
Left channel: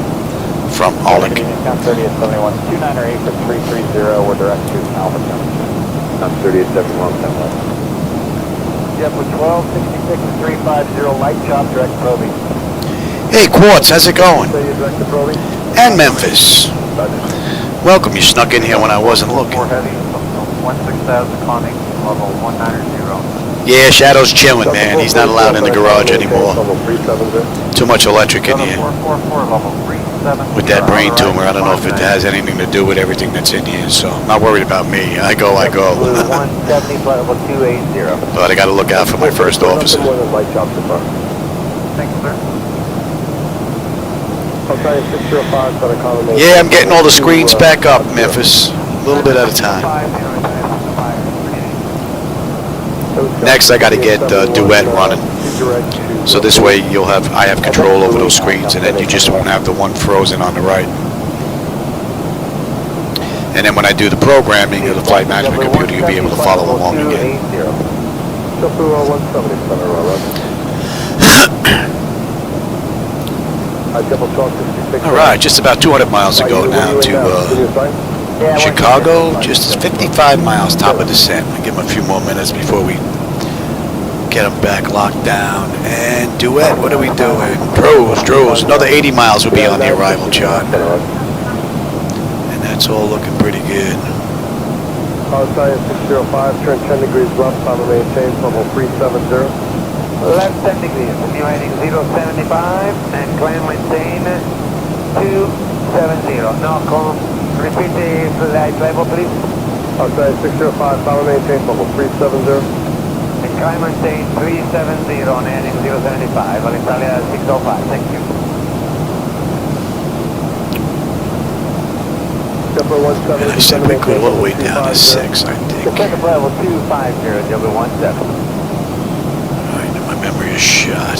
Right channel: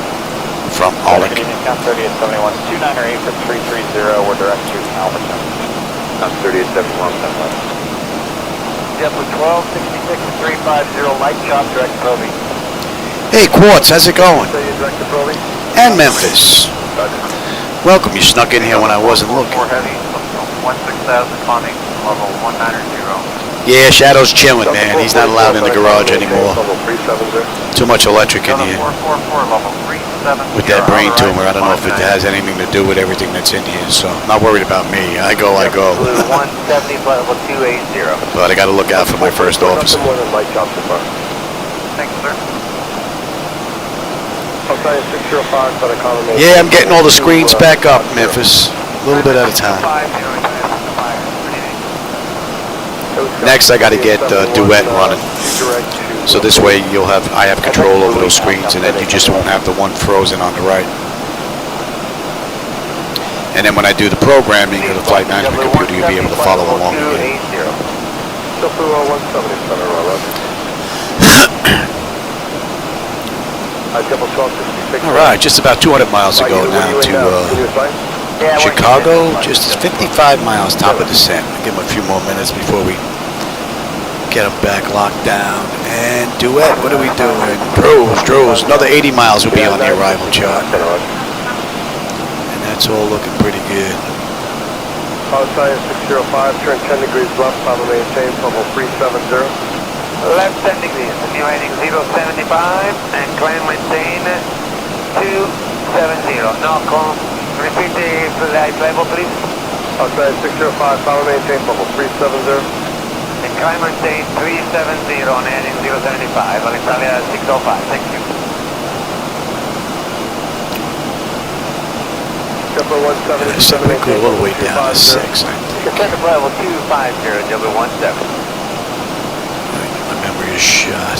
from Aulick. 3071, 2908 for 330, we're direct to Alberton. 3071, Yep, with 1266 350, light shot direct Proby. Hey, Quartz, how's it going? And Memphis. Welcome, you snuck in here when I wasn't looking. 16,000 funding, level 190. Yeah, Shadow's chilling, man. He's not allowed in the garage anymore. Too much electric in here. With that brain tumor, I don't know if it has anything to do with everything that's in here, so I'm not worried about me. I go. But I gotta look out for my first officer. Yeah, I'm getting all the screens back up, Memphis. A little bit at a time. Next, I gotta get Duet running. So this way I have control over those screens, and then you just won't have the one frozen on the right. And then when I do the programming of the flight management computer, you'll be able to follow along again. All right, just about 200 miles to go now to Chicago. Just 55 miles, top of descent. I'll give them a few more minutes before we get them back locked down. And Duet, what are we doing? Droz. Another 80 miles will be on the arrival chart. And that's all looking pretty good. Outside 605, turn 10 degrees left, level maintain, level 370. Left 10 degrees, simulating 075 and climb maintain 270. No call. Repeat the flight level, please. Outside 605, follow maintain, level 370. And climb maintain 370 on heading 075, Alexandria 605. Thank you. And I said we could all the way down to 6, I think. Descent level 250, W17. Alright, my memory is shot.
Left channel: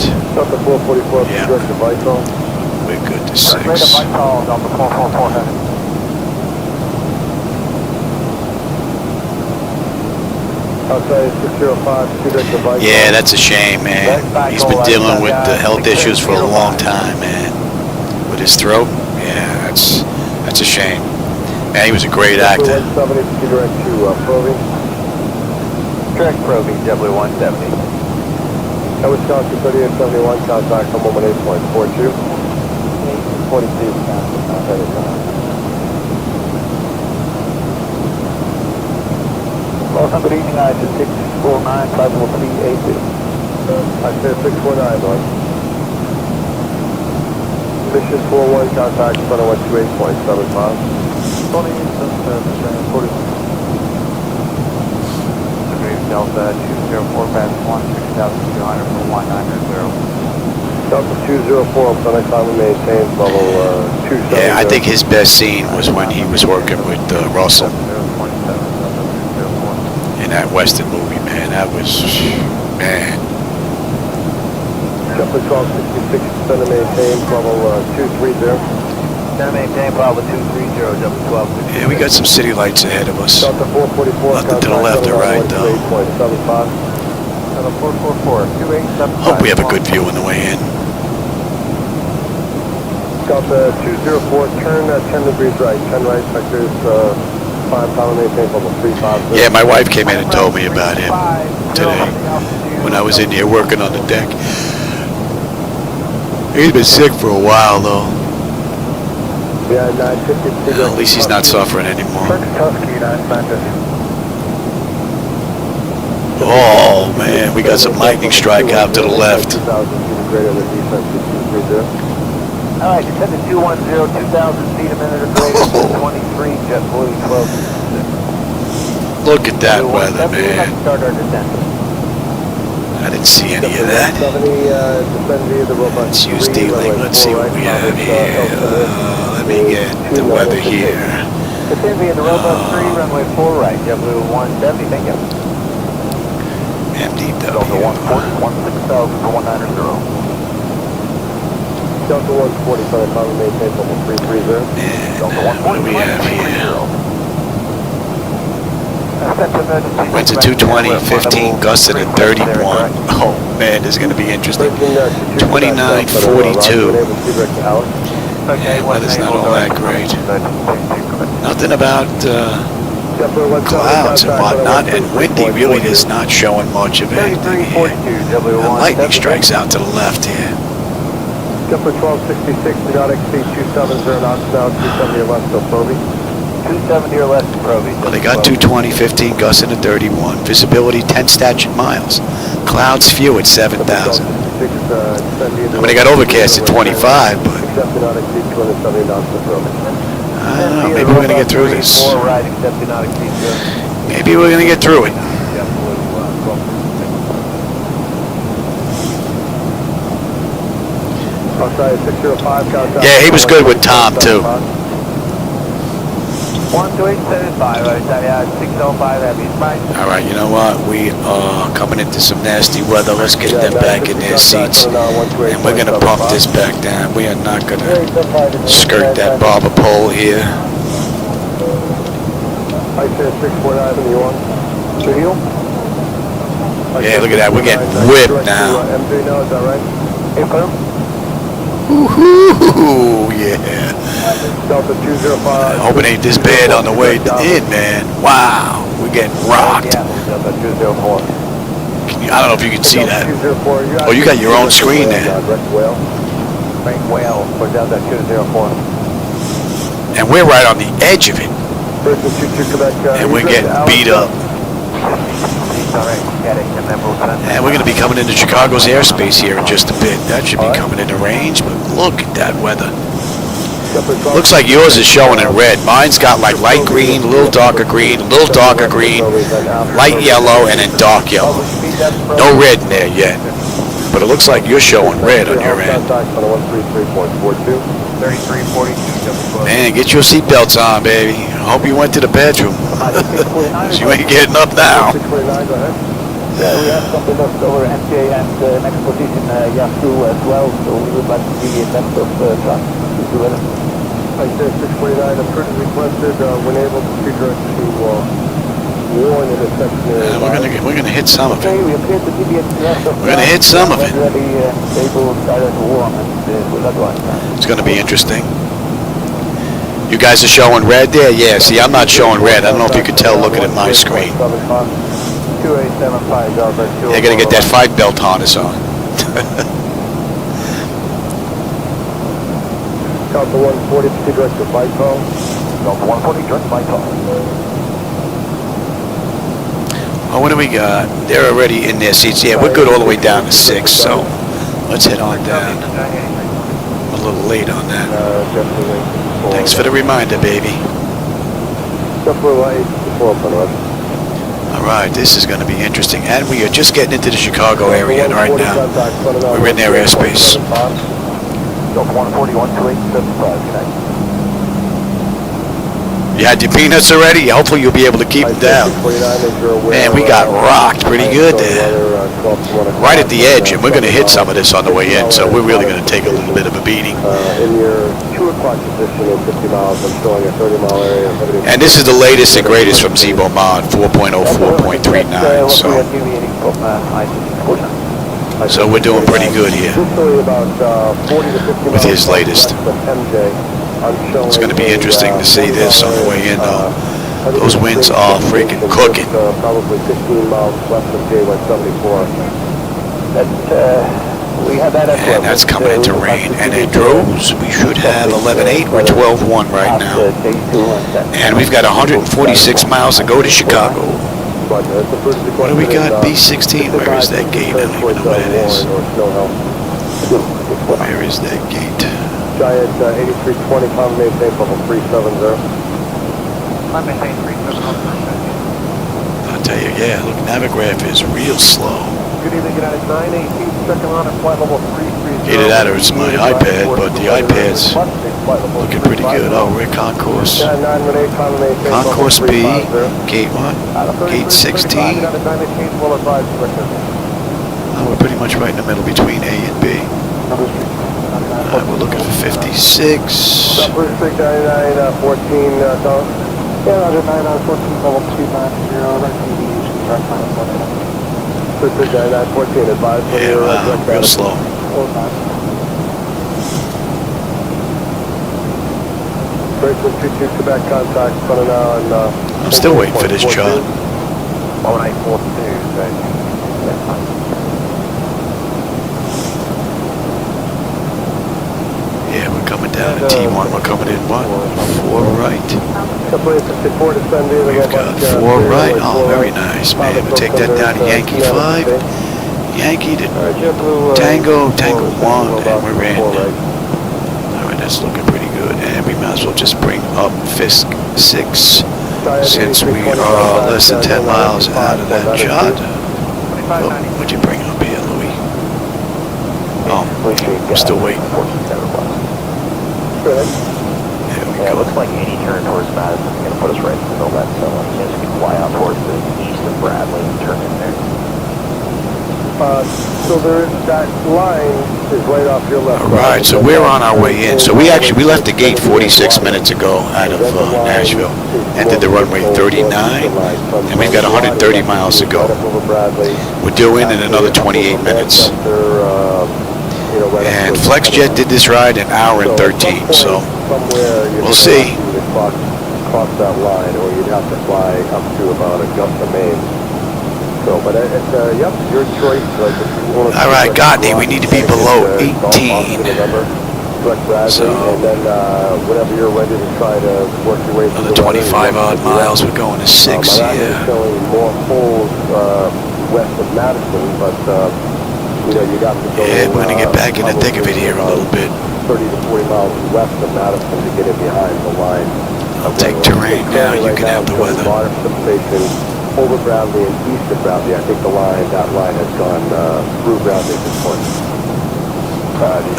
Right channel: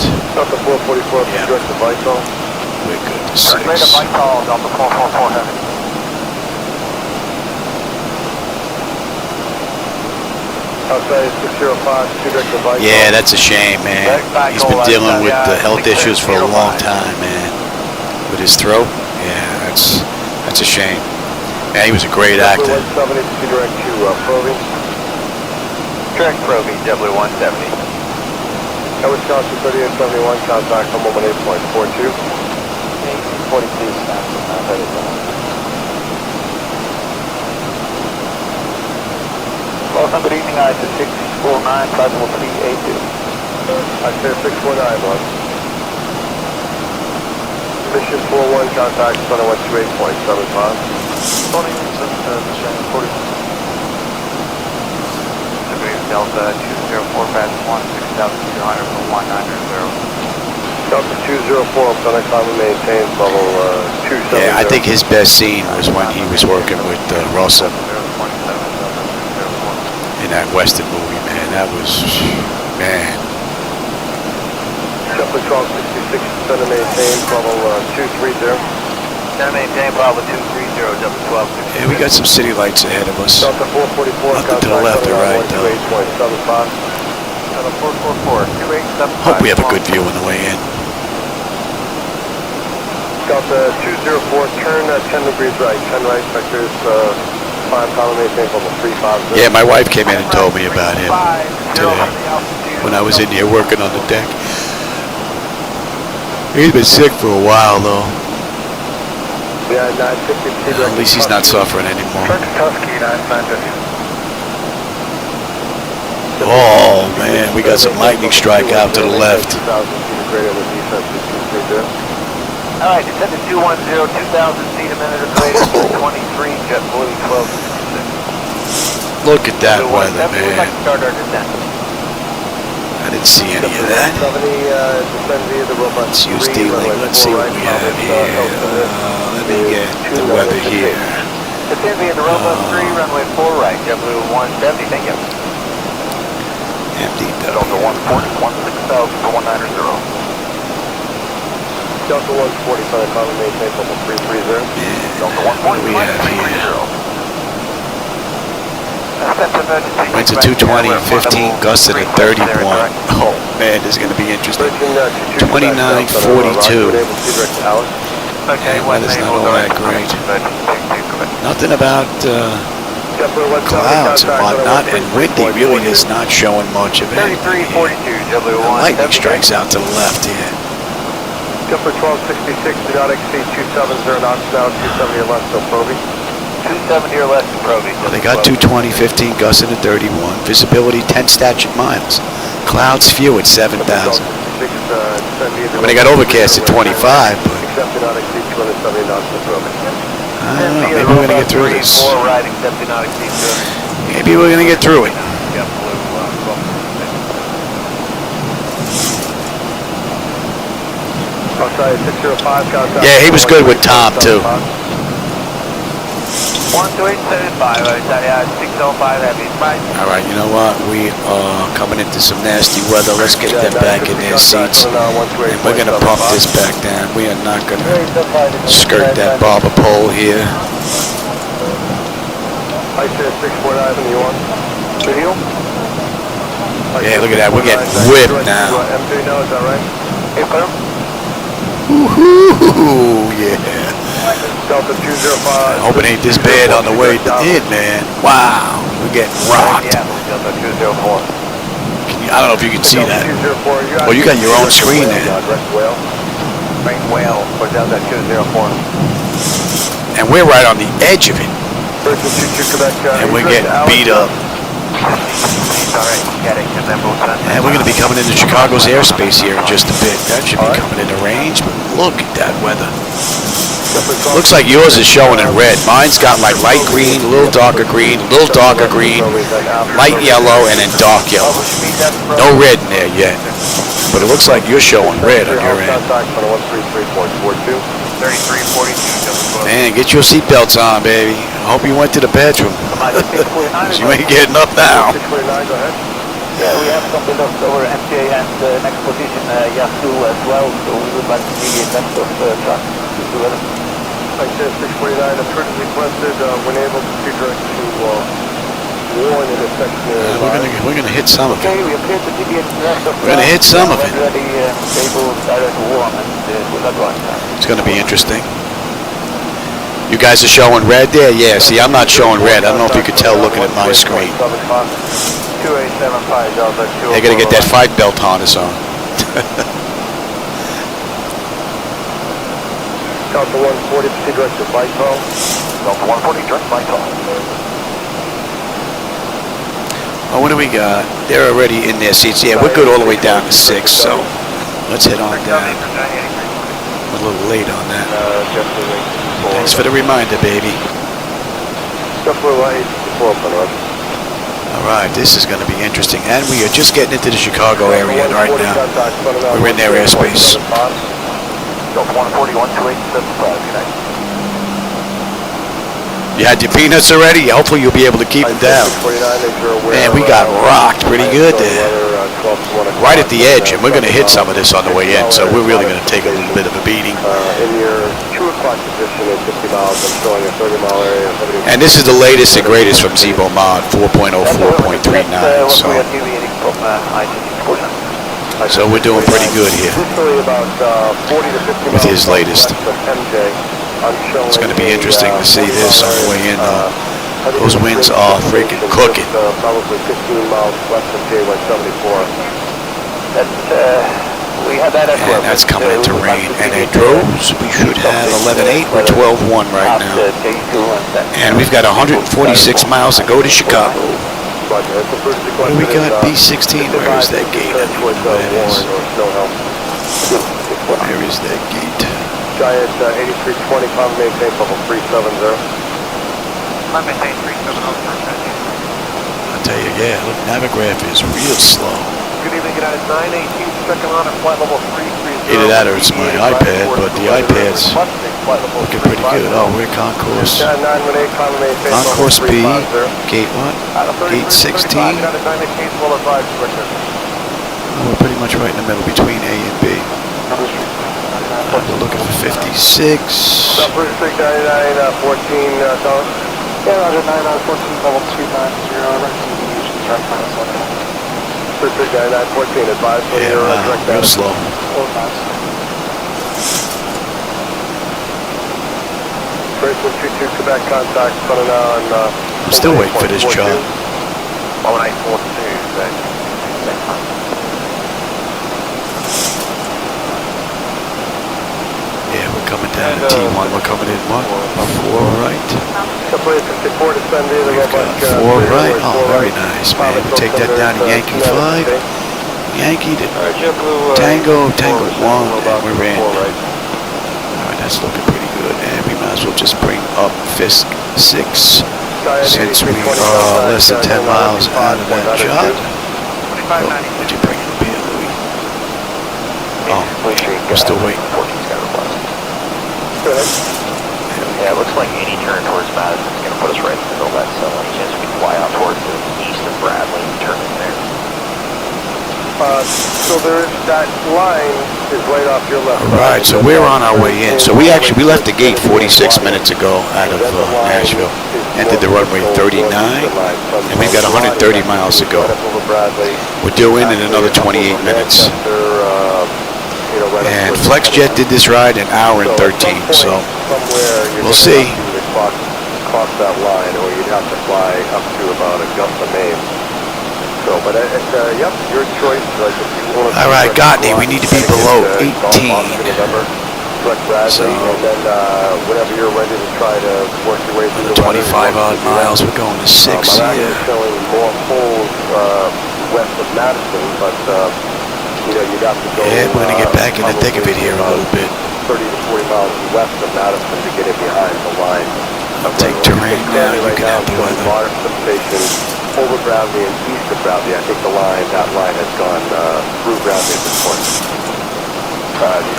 Yeah. We're good to 6. Yeah, that's a shame, man. He's been dealing with the health issues for a long time, man. With his throat, yeah, that's a shame. Yeah, he was a great actor. Direct probing, W170. That was Wisconsin 3871, contact from 18.42. 42. Welcome, good evening, I to 649, flight level 382. I said 649, Bob. Mission 41, contact 2128.75. Delta 204, pass 16,200 for 190. Delta 204, gonna come and maintain level 270. Yeah, I think his best scene was when he was working with Russell in that Western movie, man. That was, man. Delta 1266, gonna maintain level 230. Gonna maintain level 230, W12. Yeah, we got some city lights ahead of us. Nothing to the left or right, though. Hope we have a good view on the way in. Delta 204, turn 10 degrees right. 10 right, sectors 5, column maintain level 350. Yeah, my wife came in and told me about him today when I was in here working on the deck. He's been sick for a while, though. Yeah, 952. At least he's not suffering anymore. Oh, man, we got some lightning strike out to the left. All right, descend to 210, 2,000 feet a minute of rate, 23, jet blue, 12. Look at that weather, man. Start our descent. I didn't see any of that. Let's use D-Link. Let's see what we have here. Let me get the weather here. Runway 4 right, jet blue 170, thank you. MDW. Delta 16,000 for 190. Delta 140, column maintain level 330. Man, what do we have here? Winds at 220, 15, gusted at 31. Oh man, this is going to be interesting. 29:42. And weather's not all that great. Nothing about clouds and whatnot, and windy really is not showing much of anything here. And lightning strikes out to the left here. Jumper 1266, do not exceed 270 knots down, 270 or less, so Proby. 270 or less, Proby. Well, they got 220, 15, gusting to 31. Visibility 10 statute miles. Clouds few at 7,000. I mean, they got overcast at 25, but I don't know. Maybe we're going to get through this. Maybe we're going to get through it. Yeah, he was good with Tom, too. 12875, All right, you know what? We are coming into some nasty weather. Let's get them back in their seats, and we're going to pump this back down. We are not going to skirt that barber pole here. Yeah, look at that. We're getting whipped now. Woohoo! Yeah. I hope it ain't this bad on the way in, man. Wow, we're getting rocked. I don't know if you can see that. Oh, you got your own screen there. And we're right on the edge of it. And we're getting beat up. And we're going to be coming into Chicago's airspace here in just a bit. That should be coming into range, but look at that weather. Looks like yours is showing in red. Mine's got like light green, a little darker green, a little darker green, light yellow, and then dark yellow. No red in there yet, but it looks like you're showing red on your end. Man, get your seatbelts on, baby. I hope you went to the bathroom, because you ain't getting up now. Yeah, we have something up over MJ and next position Yahoo as well, so we would like to be next of trucks. I said 649, emergency requested, when able to direct to warn in a section. We're gonna hit some of it. We're gonna hit some of it. It's gonna be interesting. You guys are showing red there? Yeah, see, I'm not showing red. I don't know if you could tell looking at my screen. I gotta get that fight belt harness on. Delta 140, direct to Vital. Delta 140, direct to Vital. Oh, what do we got? They're already in their seats. Yeah, we're good all the way down to 6, so let's head on down. I'm a little late on that. Thanks for the reminder, baby. All right, this is going to be interesting. And we are just getting into the Chicago area right now. We're in their airspace. You had your peanuts already? Hopefully you'll be able to keep them down. Man, we got rocked pretty good there. Right at the edge, and we're going to hit some of this on the way in, so we're really going to take a little bit of a beating. And this is the latest and greatest from Zibo-Mod, 4.0, 4.39, so we're doing pretty good here with his latest. It's going to be interesting to see this on the way in, though. Those winds are freaking cooking. And that's coming into rain. And it droves. We should have 11.8. We're 12.1 right now. And we've got 146 miles to go to Chicago. What do we got? B16. Where is that gate? I don't even know what it is. Where is that gate? Giant 8320, maintain level 370. I'll tell you, yeah, look, Navigraph is real slow. Good evening, United 918, second on at flight level 330. Either that or it's my iPad, but the iPad's looking pretty good. Oh, we're concourse. Concourse B, gate what? Gate 16. Oh, we're pretty much right in the middle between A and B. We're looking for 56. Number 699, 14, Yeah, Roger, 914, level 290, Yeah, wow, real slow. I'm still waiting for this chart. coming down to T1. We're coming in what? 4 right. We've got 4 right. Oh, very nice, man. We'll take that down to Yankee 5. Yankee to Tango, Tango 1, and we're in. Alright, that's looking pretty good. And we might as well just bring up Fisk 6 since we are less than 10 miles out of that shot. Oh, what'd you bring up here, Louis? Oh, we're still waiting. There we go. Looks like any turn towards Madison is going to put us right in the middle of that sun. Chance we fly out towards the east of Bradley and turn from there. So that line is right off your left. Alright, so we're on our way in. So we left the gate 46 minutes ago out of Nashville. Entered the runway 39, and we've got 130 miles to go. We're due in another 28 minutes. And FlexJet did this ride an hour and 13, so we'll see. Cross that line, or you'd have to fly up to about Augusta, Maine. So, but yep, your choice. All right, Gotney, we need to be below 18. So whenever you're ready to try to work your way another 25 odd miles. We're going to 6 here. Yeah, we're gonna get back in the thick of it here a little bit. 30 to 40 miles west of Madison to get it behind the line. I'll take terrain now. You can have the weather. Over Bradley and east of Bradley. I think that line has gone through Bradley at this point.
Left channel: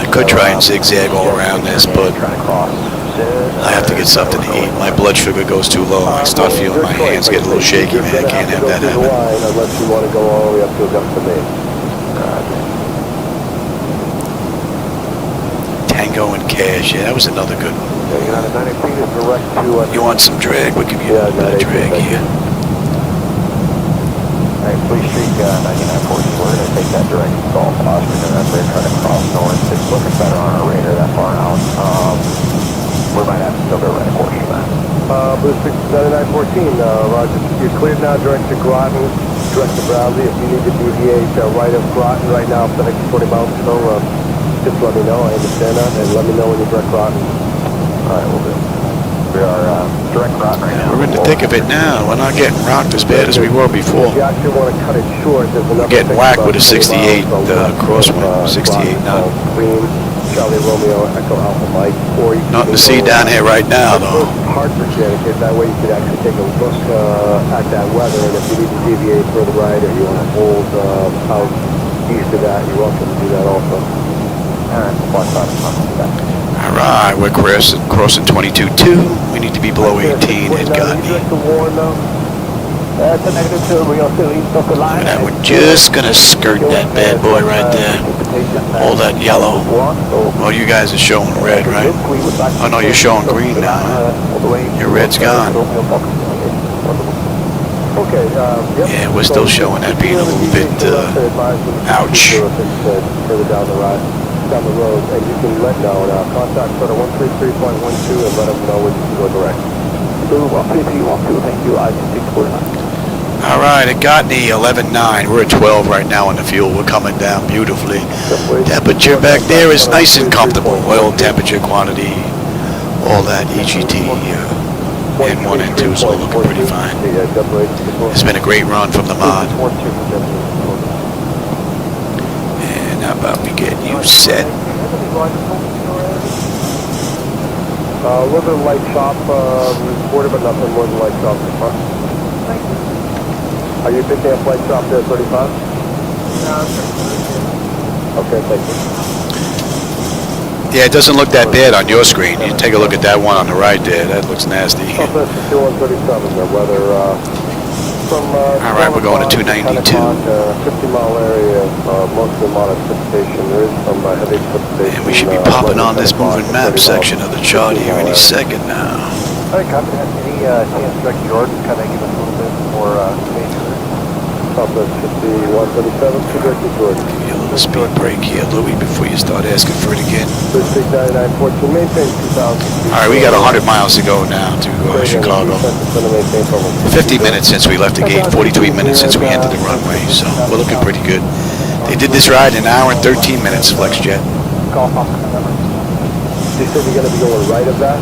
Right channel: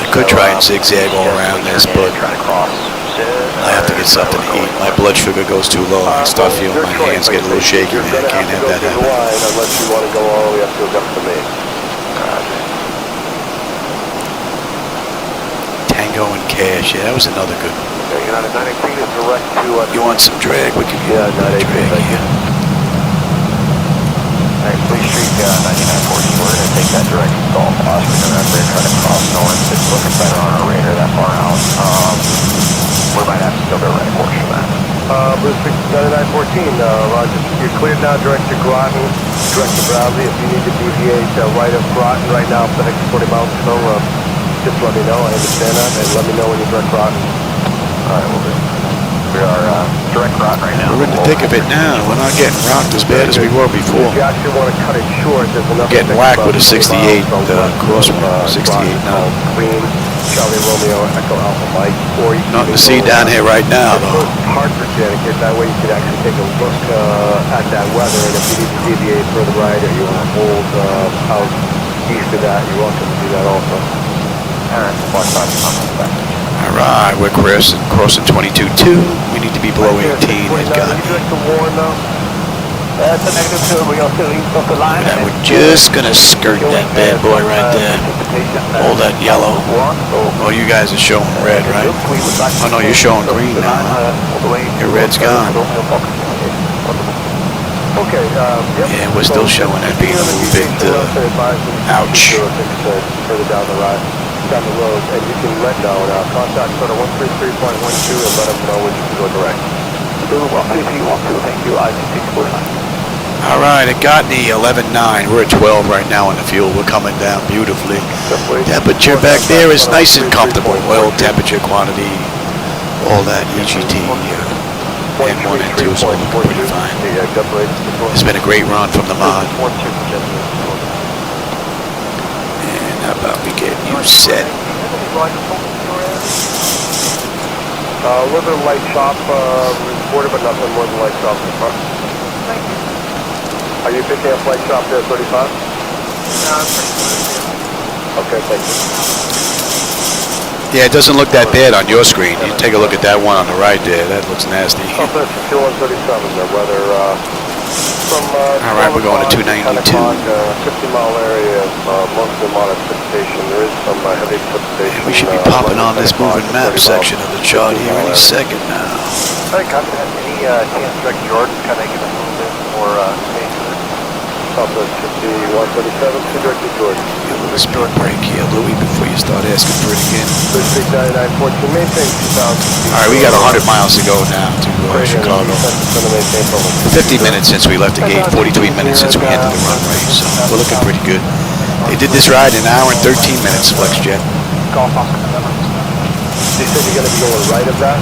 I could try and zigzag all around this, but I have to get something to eat. My blood sugar goes too low. I start feeling my hands get a little shaky, man. I can't have that happen. Unless you want to go all the way up to Augusta, Maine. Tango and Cash. Yeah, that was another good one. You want some drag? We'll give you a little bit of drag here. Please street 9914. We're going to take that direct install pass. We're going to have to try to cross north. It's looking better on our radar that far out. We might have to still go right course for that. Bruce 9914, Roger. You're cleared now direct to Groton, direct to Bradley. If you need to deviate right of Groton right now for the next 40 miles or so, just let me know. I understand that. And let me know when you're direct Groton. All right, we'll do. We are direct Groton right now. We're in the thick of it now. We're not getting rocked as bad as we were before. If you actually want to cut it short, We're getting whacked with a 68 crosswind, 68 knot. Charlie Romeo, Echo Alpha Mike, or you Nothing to see down here right now, though. Hartford, Connecticut. That way you could actually take a look at that weather, and if you need to deviate further right, or you want to hold out east of that, you're welcome to do that also. All right, we're crossing 22.2. We need to be below 18 at Gotney. Look at that. We're just going to skirt that bad boy right there. All that yellow. Oh, you guys are showing red, right? Oh, no, you're showing green now, huh? Your red's gone. Yeah, we're still showing that being a little bit, ouch. Down the road, and you can let know, contact sort of 133.12 and let us know when you can go direct. If you want to, thank you. I think All right, it got me 11.9. We're at 12 right now on the fuel. We're coming down beautifully. Temperature back there is nice and comfortable. Oil temperature, quantity, all that. EGT, N1, N2 is all looking pretty fine. It's been a great run from the mod. And how about we get you set? A little bit of light chop reported, but nothing more than light chop in the front. Are you picking up light chop there, 35? Okay, thank you. Yeah, it doesn't look that bad on your screen. You take a look at that one on the right there. That looks nasty. All right, we're going to 292. 50-mile area, most of the modern precipitation. There is some heavy precipitation. And we should be popping on this moving map section of the chart here any second now. Any chance Rick Jordan coming in a little bit more space? Give you a little speed break here, Louis, before you start asking for it again. All right, we got 100 miles to go now to Chicago. 50 minutes since we left the gate, 43 minutes since we entered the runway, so we're looking pretty good. They did this ride in an hour and 13 minutes, FlexJet. You said you're going to be going right of that?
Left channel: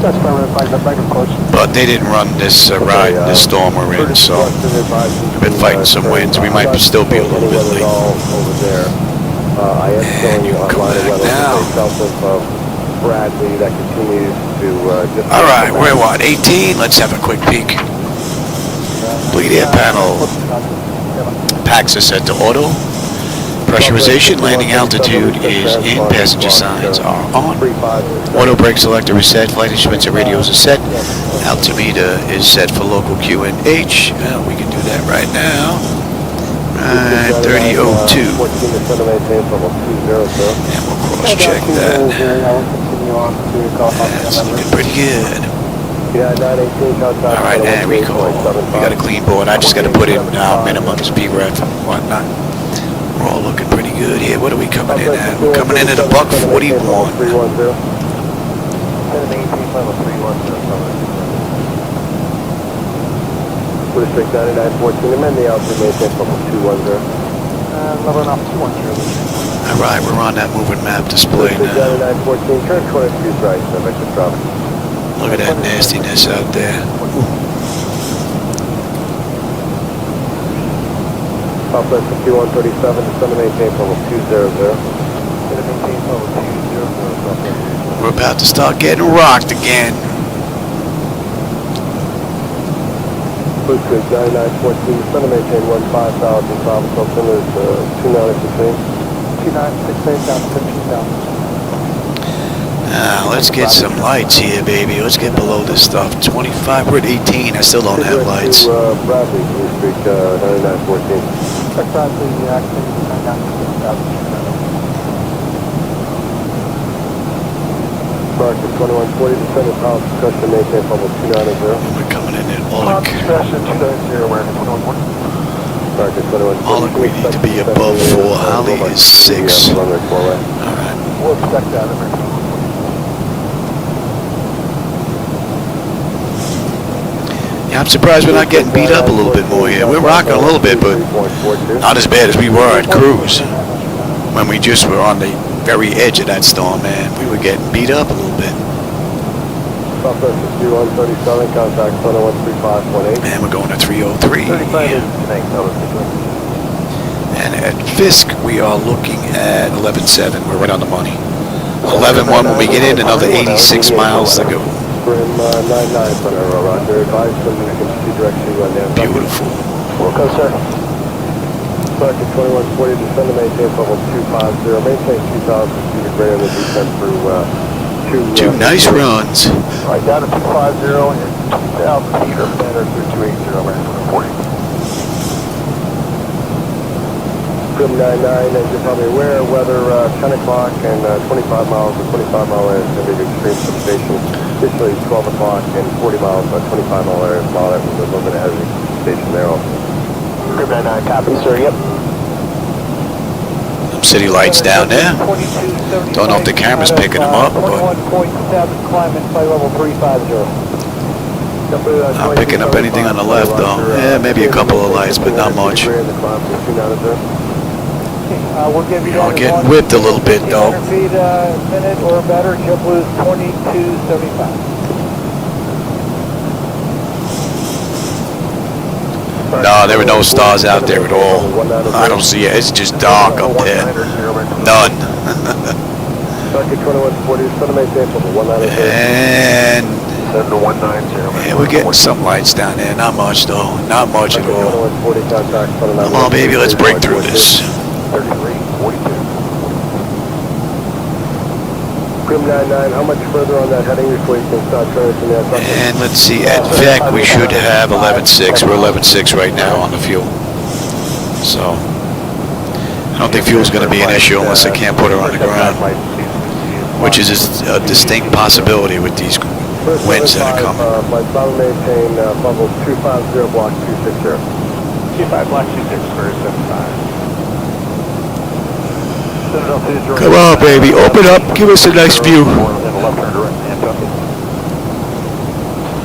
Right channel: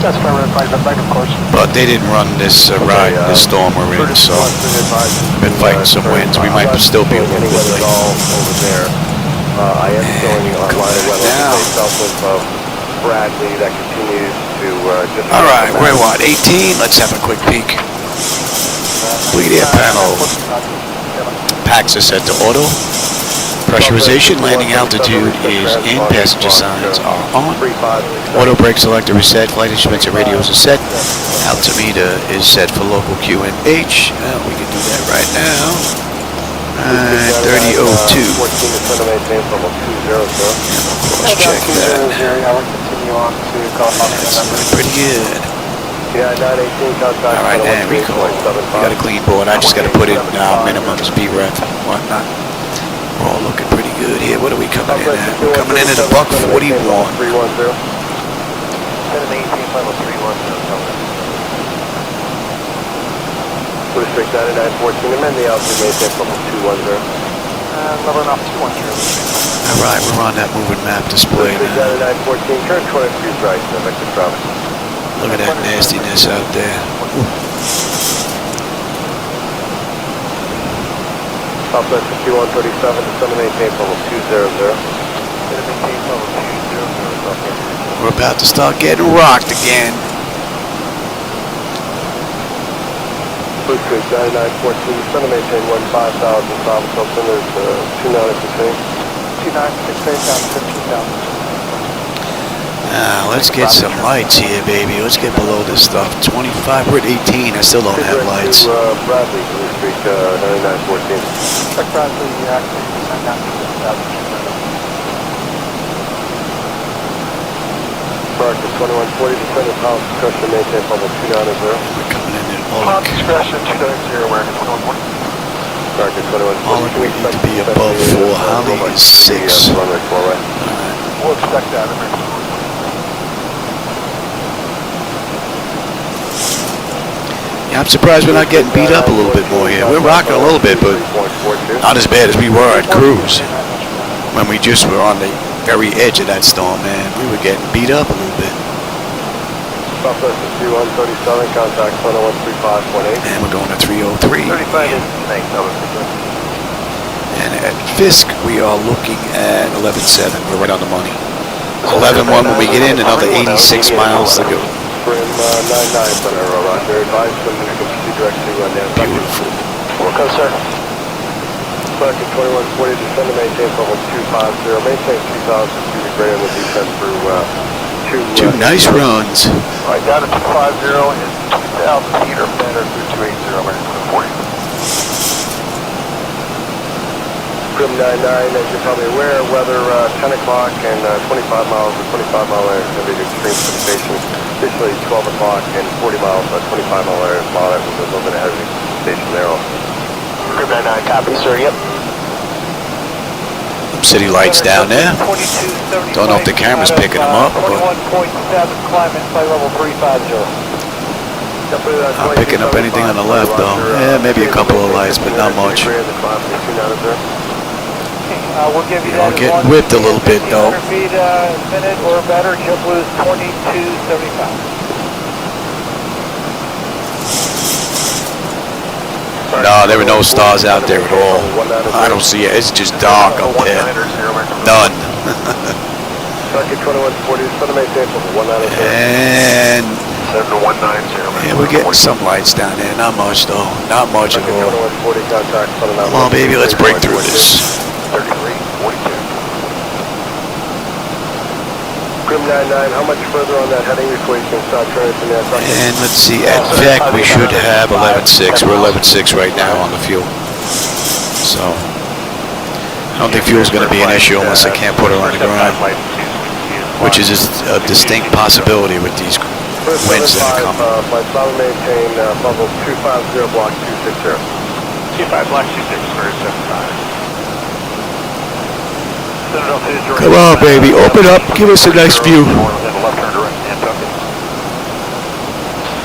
That's right, of course. But they didn't run this ride in this storm we're in, so I've been fighting some winds. We might still be a little bit late. And you can come back now. Alright, we're what, 18? Let's have a quick peek. Bleed air panel. Packs are set to auto. Pressurization, landing altitude is in, passenger signs are on. Auto brake selector is set, flight instruments and radios are set. Altimeter is set for local QNH. Well, we can do that right now. Right, 3002. And we'll cross check that. That's looking pretty good. Alright, and recall. We got a clean board. I just got to put in minimum speed ref and whatnot. We're all looking pretty good here. What are we coming in at? We're coming in at a buck 41. Alright, we're on that moving map display now. Look at that nastiness out there. Southwest 5137 to 788 level 200. We're about to start getting rocked again. Blue Street 9914, 788 15,000, South Southern is 2916. 2916 down to 15,000. Now, let's get some lights here, baby. Let's get below this stuff. 25, we're at 18. I still don't have lights. Bradley, Blue Street 9914. Marcus 2140, descendant house, pressure maintain public 290. And we're coming in at Oleg. Oleg, we need to be above 4. Holly is 6. Alright. We'll expect that. Yeah, I'm surprised we're not getting beat up a little bit more here. We're rocking a little bit, but not as bad as we were at cruise. When we just were on the very edge of that storm, man. We were getting beat up a little bit. And we're going to 303. And at Fisk, we are looking at 11.7. We're right on the money. 11.1 when we get in, another 86 miles to go. Beautiful. Two nice runs. Alright, down to 250 and 2,000 feet or better through 280 40. Grim 99, as you're probably aware, weather 10 o'clock and 25 miles and 25 mile area extended extreme precipitation. Officially 12 o'clock and 40 miles, 25 mile area small. That was a little bit ahead of the station there also. Grim 99, copy, sir, yep. Some city lights down there. Don't know if the camera's picking them up, but not picking up anything on the left, though. Yeah, maybe a couple of lights, but not much. We are getting whipped a little bit, though. No, there were no stars out there at all. I don't see it. It's just dark up there. None. And yeah, we're getting some lights down there. Not much, though. Not much at all. Come on, baby. Let's break through this. How much further on that heading before you can start turning? And let's see, at VEC we should have 11.6. We're 11.6 right now on the fuel. So I don't think fuel's going to be an issue unless I can't put her on the ground, which is a distinct possibility with these winds that are coming. Flight solid maintain, bubble 250, block 260. 25, block 260, Come on, baby, open up, give us a nice view.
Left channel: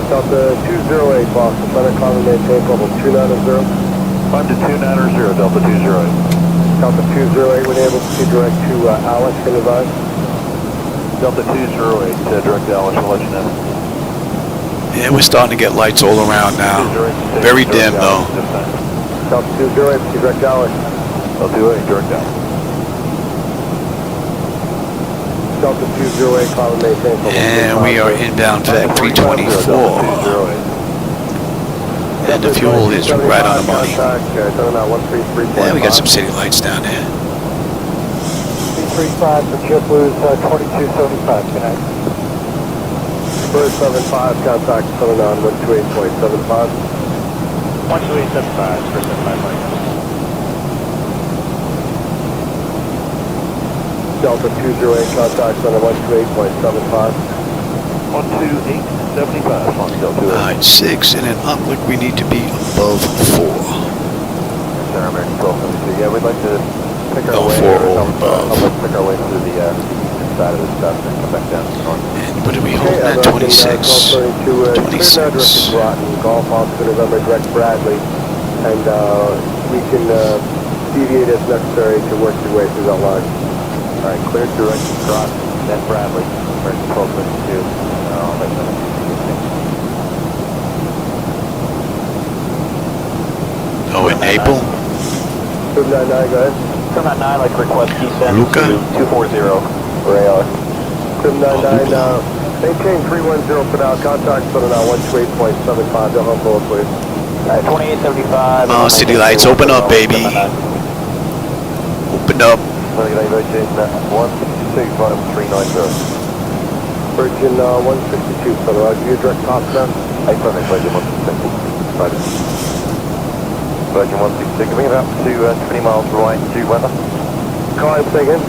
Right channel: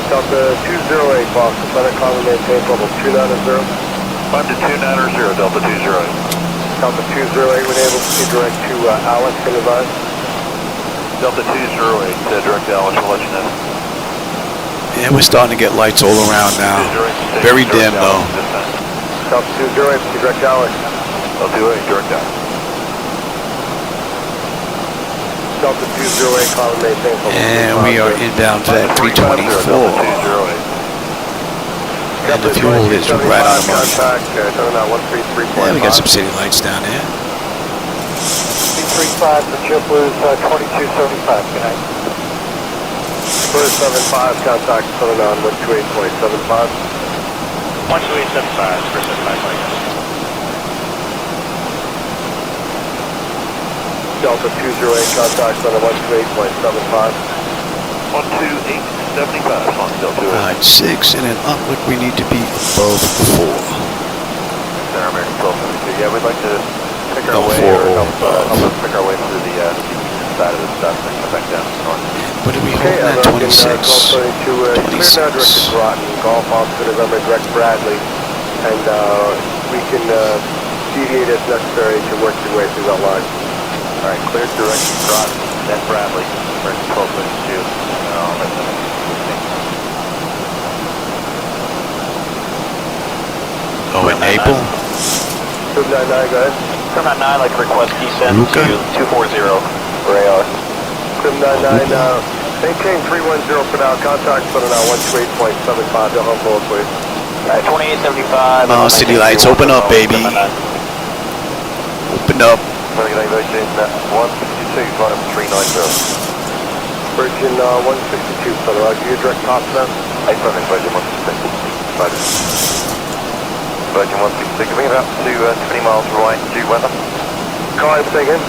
Delta 208, Boston, Center, common maintain, bubble 290. 5 to 290, Delta 208. Delta 208, we're able to see direct to Alex, can advise. Delta 208, direct downwind, we'll let you know. Yeah, we're starting to get lights all around now. Very dim though. Delta 208, direct downwind. Delta 208, direct down. Delta 208, call and maintain. And we are inbound VEC 324. And the fuel is right on the money. Yeah, we got some city lights down there. 35 for JetBlue's 2275, good night. 475, contact coming on 128.75. 12875, for 75. Delta 208, contact on the 128.75. 12875 on Delta 208. Alright, 6 and an uplift, we need to be above 4. Yeah, we'd like to pick our Oh, way 4 or above. Pick our way through the side of the stuff and come back down. And what are we holding at? 26. 26. Golf off to November, direct Bradley, and we can deviate as necessary to work your way through that line. All right, clear direction, Groton, then Bradley, American 1252. Oh, in Naples? 299, go ahead. 799, I'd like to request descent Luca? to 240 for AR. 299, maintain 310 for now, contact for now, 128.75, don't hold forward, please. Alright, 2875. Come on, city lights, open up, baby. Open up. Virgin 162, for the your direct top down. Virgin 162. Virgin 162, coming up to 20 miles right due weather. Car, say again.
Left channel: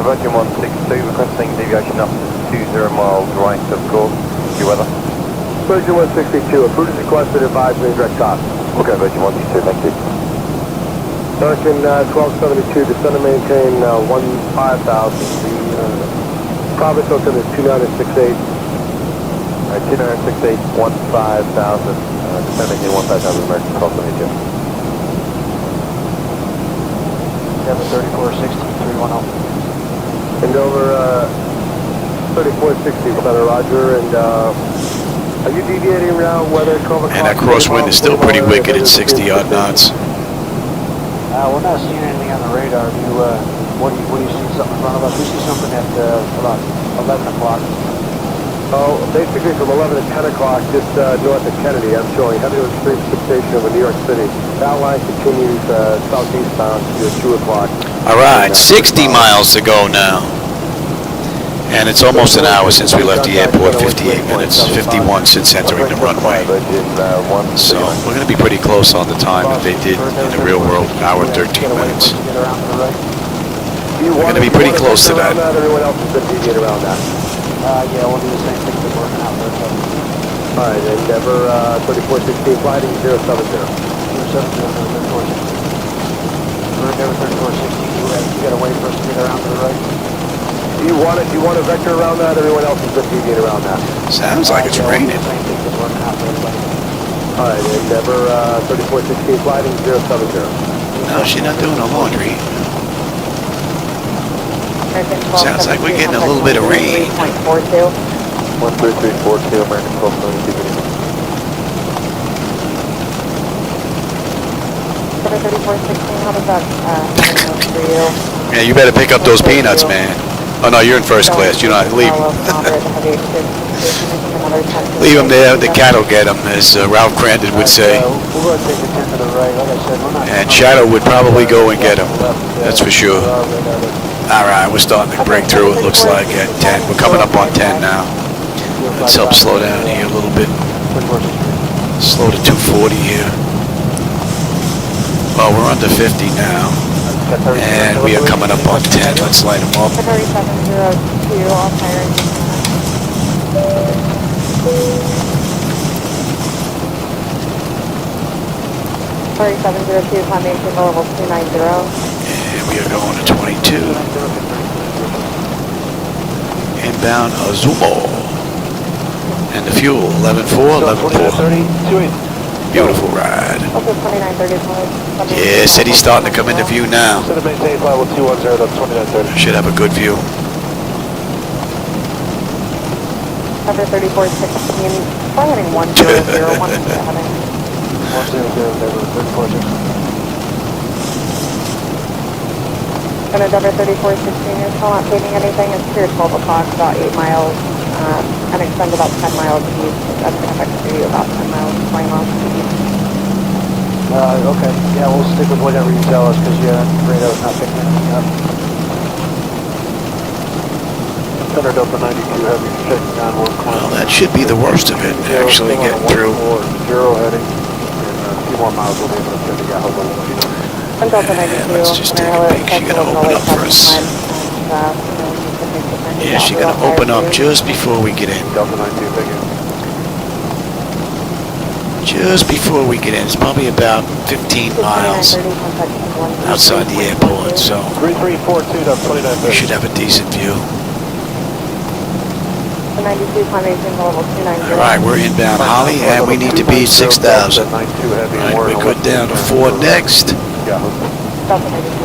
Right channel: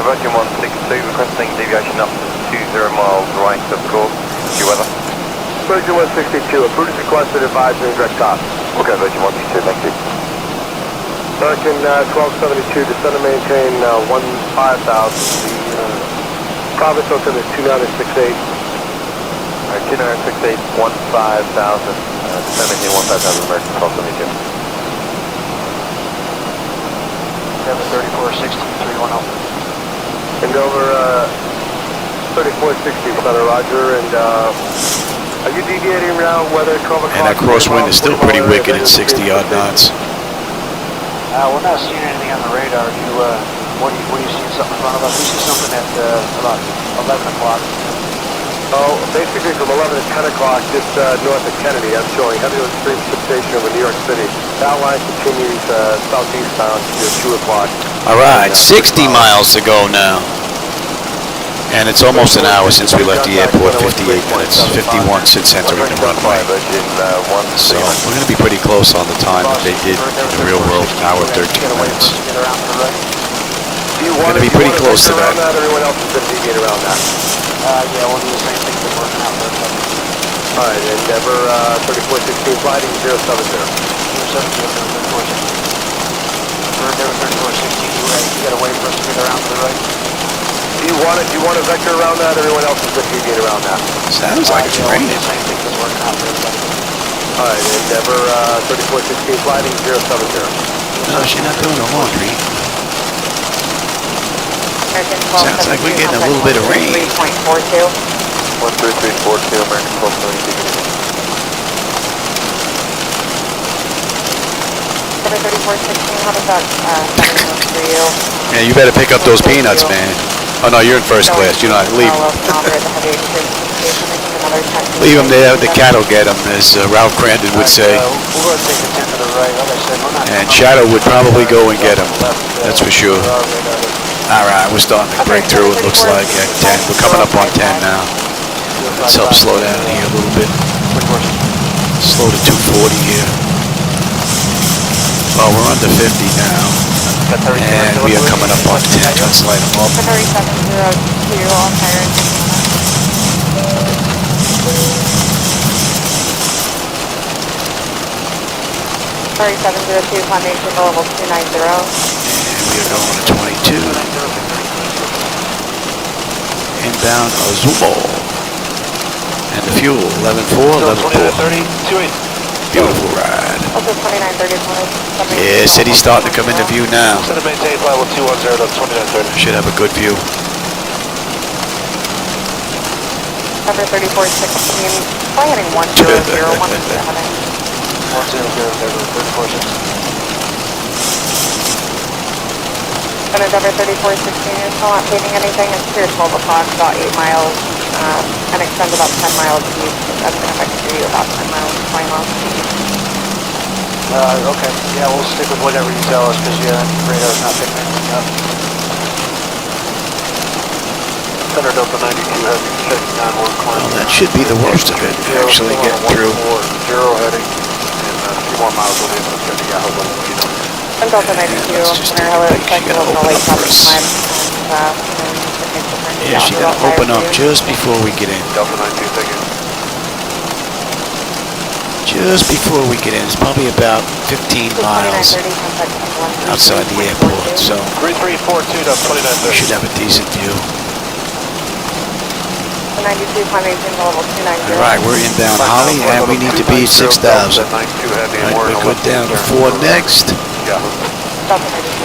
The Virgin 162 requesting deviation up to 20 miles right of course due weather. Virgin 162, approved requested advisory direct top. Okay, Virgin 162, thank you. American 1272, descend and maintain 5000. The province open is 2968. 2968, 15,000. 17, 1,000, American 1272. 3460, 310. And over 3460, Feather Roger, and are you deviating around weather? And that crosswind is still pretty wicked at 60 odd knots. We're not seeing anything on the radar. What are you seeing something in front of us? We see something at about 11 o'clock. Oh, basically from 11 to 10 o'clock, just north of Kennedy, I'm showing heavy extreme precipitation over New York City. That line continues southeastbound to 2 o'clock. Alright, 60 miles to go now. And it's almost an hour since we left the airport, 58 minutes, 51 since entering the runway. So we're going to be pretty close on the time that they did in the real world, hour 13 minutes. We're going to be pretty close to that. Everyone else is going to deviate around that. Yeah, we'll do the same thing we're working out there. Alright, Endeavor 3416, gliding 070. 070, Endeavor 3416, you got to wait for us to get around to the right. Do you want a vector around that? Everyone else is going to deviate around that. Sounds like it's raining. Alright, Endeavor 3416, gliding 070. No, she's not doing the laundry. Sounds like we're getting a little bit of rain. 13342, American 1272. 3416, how does that work for you? Yeah, you better pick up those peanuts, man. Oh no, you're in first class. You're not. Leave them. Leave them there. The cat will get them, as Ralph Crandon would say. And Shadow would probably go and get them. That's for sure. Alright, we're starting to break through, it looks like, at 10. We're coming up on 10 now. Let's help slow down here a little bit. Slow to 240 here. Well, we're under 50 now. And we are coming up on 10. Let's light them up. 3702, all tires. 3702, foundation level 290. And we are going to 22. Inbound Zibo-Mod. And the fuel, 11.4, 11.4. Beautiful ride. Yeah, city's starting to come into view now. Should have a good view. Cover 3416, flying heading 10017. 100, Center Cover 3416, you're still not paving anything. It's clear 12 o'clock, about 8 miles, and extends about 10 miles east. That's going to affect you about 10 miles, 20 miles east. Okay, yeah, we'll stick with whatever you tell us, because radar's not picking anything up. Center Delta 92 has checking on 1. Well, that should be the worst of it, actually getting through. 0 heading, and a few more miles away from the Yahoo. And let's just take a peek. She's gonna open up for us. Yeah, she's gonna open up just before we get in. Delta 92, thank you. Just before we get in. It's probably about 15 miles outside the airport, so 3342.29. we should have a decent view. 92, climbing to level 290. Alright, we're inbound Holly, and we need to be 6,000. Alright, we're good down to 4 next.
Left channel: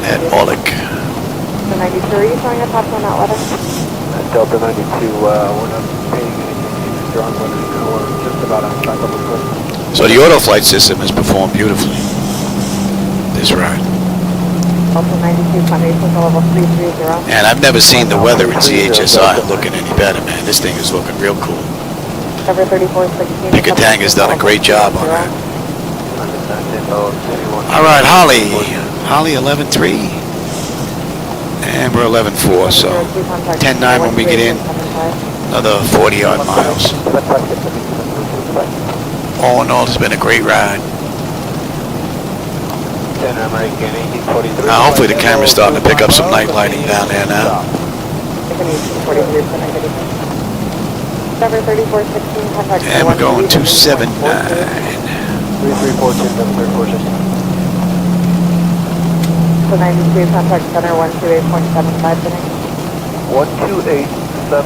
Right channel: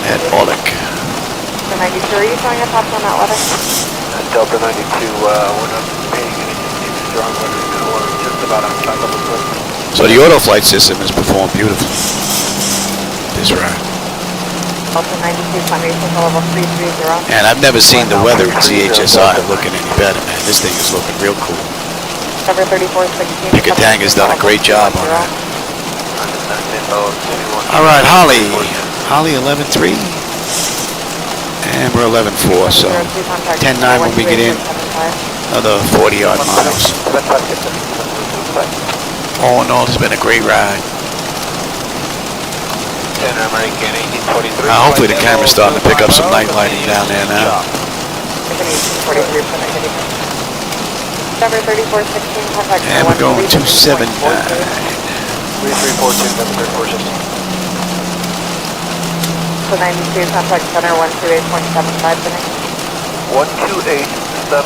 At Orlick. The 92, are you showing your thoughts on that weather? Delta 92, we're not paying anything strong, we're just about on top of the. So the auto flight system has performed beautifully. This ride. Delta 92, climbing to level 330. And I've never seen the weather in CHSI looking any better, man. This thing is looking real cool. Cover 3416. Picatanga's done a great job on that. Alright, Holly. Holly 11.3. And we're 11.4, so 10.9 when we get in. Another 40 odd miles. All in all, it's been a great ride. Hopefully the camera's starting to pick up some night lighting down there now. And we're going 279. So 92, contact center 128.75 minutes. 128.75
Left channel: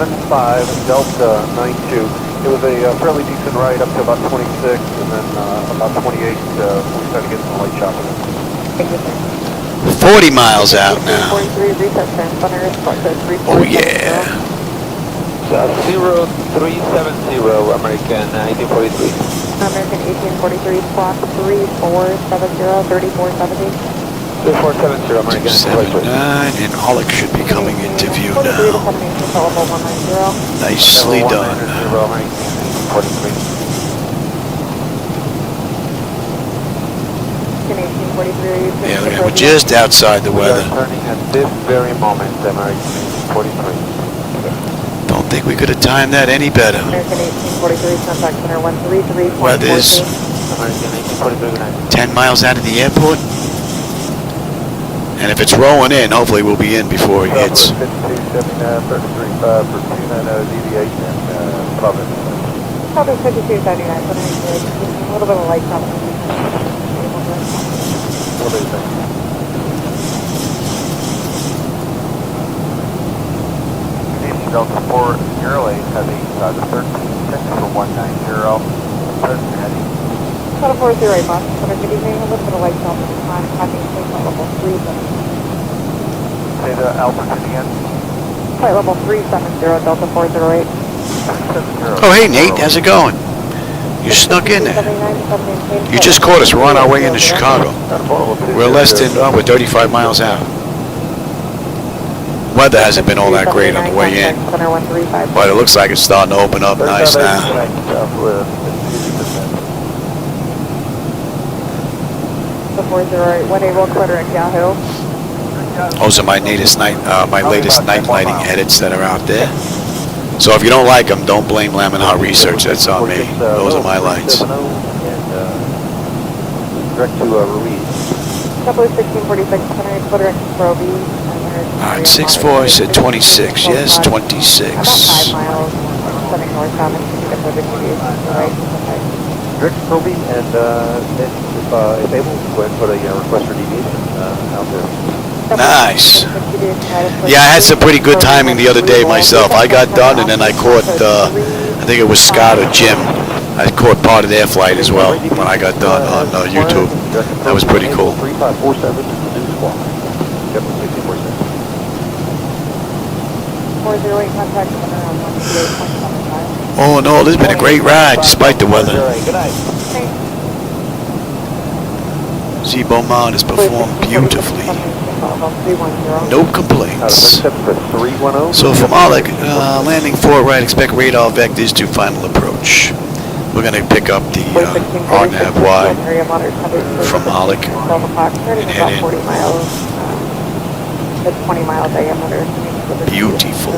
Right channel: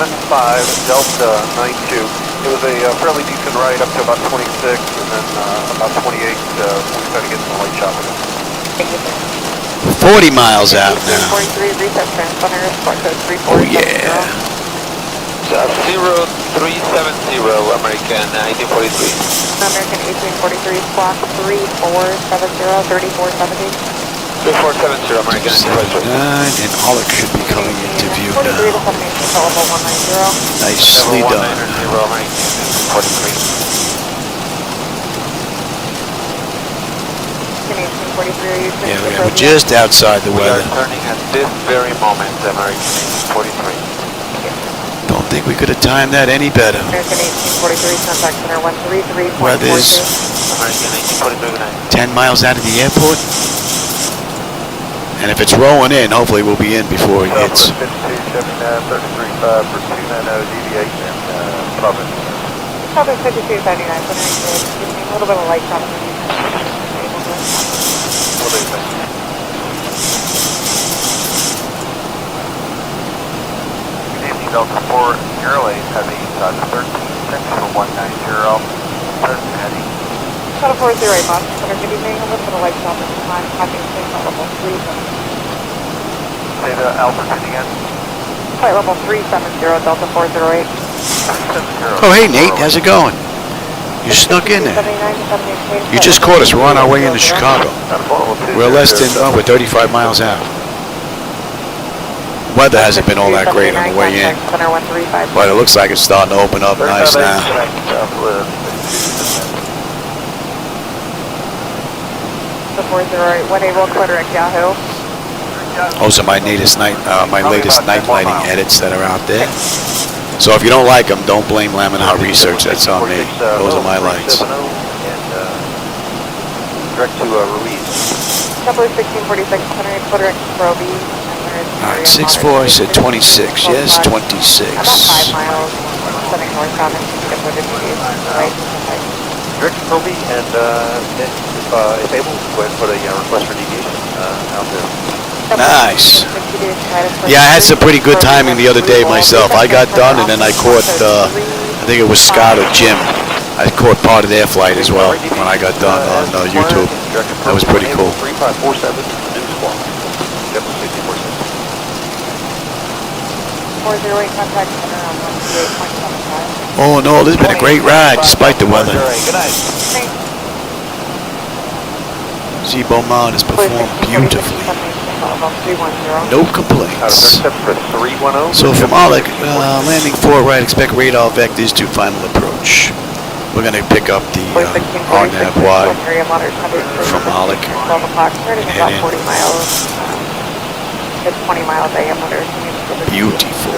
Delta 92. It was a fairly decent ride up to about 26, and then about 28, we started getting some light shot with it. 40 miles out now. Oh yeah. 0370 American 1843. American 1843, squawk 3470, 3470. 3470 American 279, and Orlick should be coming into view now. Nicely done. Yeah, look at it. We're just outside the weather. Turning at this very moment, American 43. Don't think we could have timed that any better. American 1843, contact center 133. Weather's American 1843. 10 miles out of the airport. And if it's rolling in, hopefully we'll be in before it hits. 33.5 for 290 deviate and Providence. Providence 5279, a little bit of light shot. Delta 4 Airlane heading 136 for 190. Heading. Delta 408, boss. We're going to be getting a little bit of light shot at the time. Copying flight level 3. Say the altitude again. Flight level 370, Delta 408. Oh, hey, Nate. How's it going? You snuck in there. You just caught us. We're on our way into Chicago. We're less than, we're 35 miles out. Weather hasn't been all that great on the way in, but it looks like it's starting to open up nice now. The 408, 1 Able, Clitoric, Yahoo. Those are my latest night lighting edits that are out there. So if you don't like them, don't blame Laminar Research. That's on me. Those are my lights. Direct to release. Double 1646, Clitoric, Proby. All right, 6-4, I said 26. Yes, 26. Direct to Proby, and if able, go ahead and put a request for deviation out there. Nice. Yeah, I had some pretty good timing the other day myself. I got done, and then I caught, I think it was Scott or Jim. I caught part of their flight as well when I got done on YouTube. That was pretty cool. 3547 News Squawk. 408, contact center on Oh no, this has been a great ride despite the weather. Good night. Zibo-Mod has performed beautifully. No complaints. So from Alec, landing 4 right, expect radar vectors to final approach. We're going to pick up the RNAV Y from Alec and head in. 20 mile diameter. Beautiful.